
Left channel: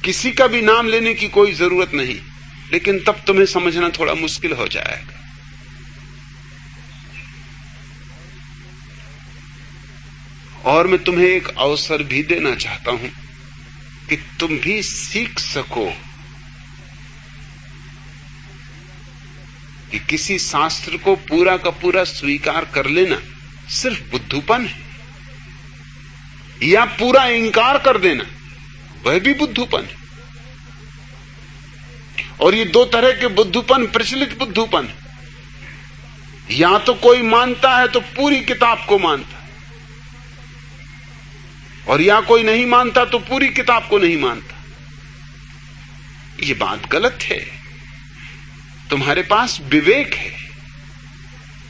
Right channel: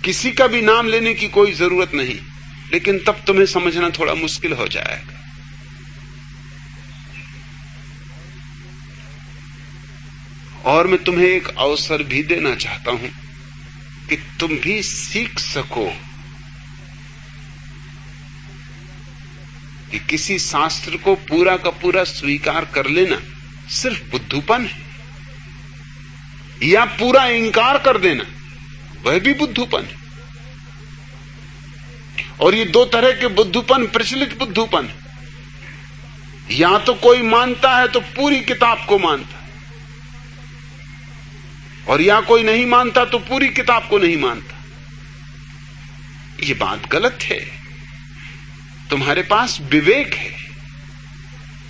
किसी का भी नाम लेने की कोई जरूरत नहीं, लेकिन तब तुम्हें समझना थोड़ा मुश्किल हो जाएगा। और मैं तुम्हें एक अवसर भी देना चाहता हूं कि तुम भी सीख सको कि किसी शास्त्र को पूरा का पूरा स्वीकार कर लेना सिर्फ बुद्धूपन है, या पूरा इंकार कर देना वह भी बुद्धूपन है। और ये दो तरह के बुद्धूपन प्रचलित बुद्धूपन है। या तो कोई मानता है तो पूरी किताब को मानता है, और या कोई नहीं मानता तो पूरी किताब को नहीं मानता। ये बात गलत है। तुम्हारे पास विवेक है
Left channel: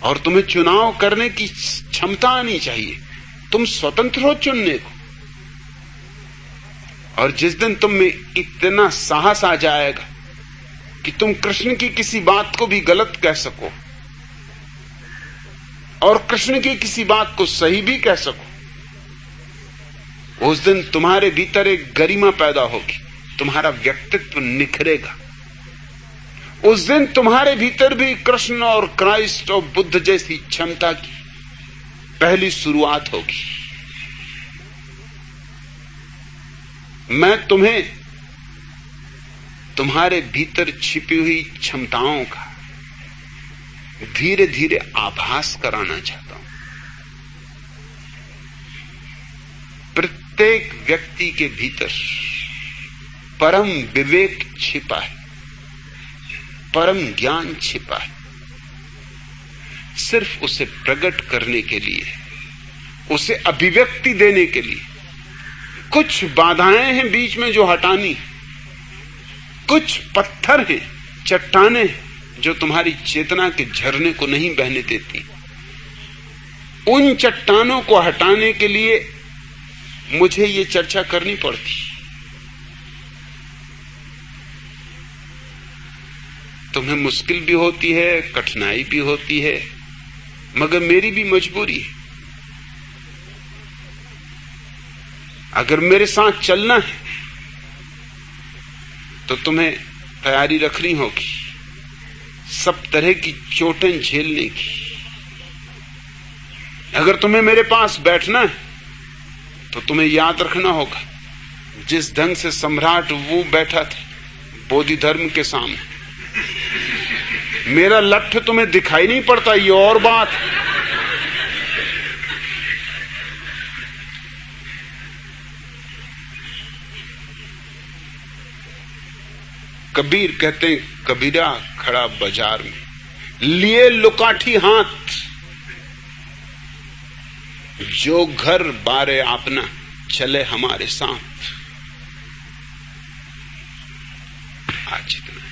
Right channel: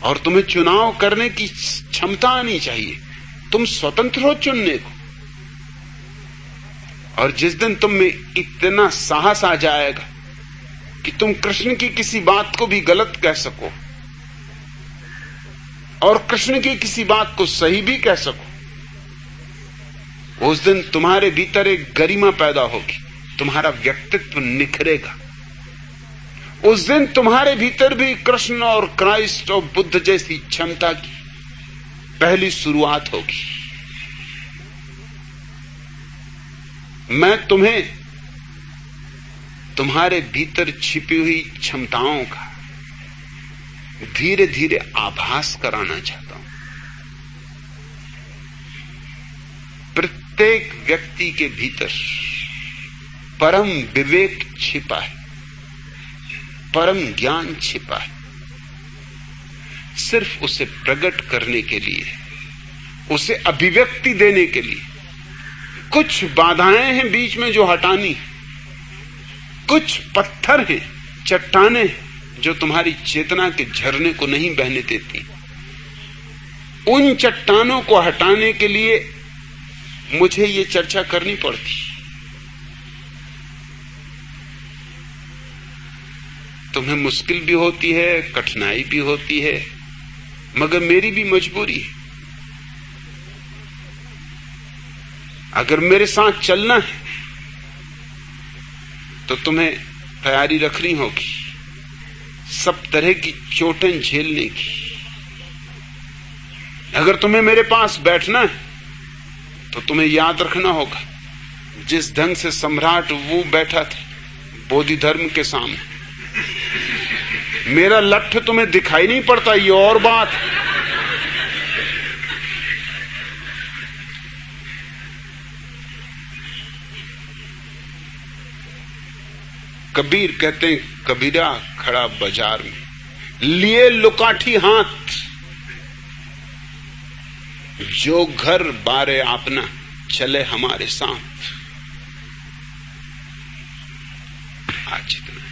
और तुम्हें चुनाव करने की क्षमता आनी चाहिए। तुम स्वतंत्र हो चुनने को। और जिस दिन तुम में इतना साहस आ जाएगा कि तुम कृष्ण की किसी बात को भी गलत कह सको और कृष्ण की किसी बात को सही भी कह सको, उस दिन तुम्हारे भीतर एक गरिमा पैदा होगी, तुम्हारा व्यक्तित्व निखरेगा। उस दिन तुम्हारे भीतर भी कृष्ण और क्राइस्ट और बुद्ध जैसी क्षमता की पहली शुरुआत होगी। मैं तुम्हें तुम्हारे भीतर छिपी हुई क्षमताओं का धीरे धीरे आभास कराना चाहता हूं। प्रत्येक व्यक्ति के भीतर परम विवेक छिपा है, परम ज्ञान छिपा है। सिर्फ उसे प्रकट करने के लिए, उसे अभिव्यक्ति देने के लिए कुछ बाधाएं हैं बीच में जो हटानी, कुछ पत्थर हैं, चट्टानें जो तुम्हारी चेतना के झरने को नहीं बहने देती। उन चट्टानों को हटाने के लिए मुझे ये चर्चा करनी पड़ती। तुम्हें मुश्किल भी होती है, कठिनाई भी होती है, मगर मेरी भी मजबूरी है। अगर मेरे साथ चलना है तो तुम्हें तैयारी रखनी होगी सब तरह की चोटें झेलने की। अगर तुम्हें मेरे पास बैठना है तो तुम्हें याद रखना होगा जिस ढंग से सम्राट वो बैठा था बोधि धर्म के सामने, मेरा लठ तुम्हें दिखाई नहीं पड़ता, ये और बात। कबीर कहते हैं, कबीरा खड़ा बाजार में, लिए लुकाठी हाथ, जो घर बारे अपना चले हमारे साथ। आज इतना।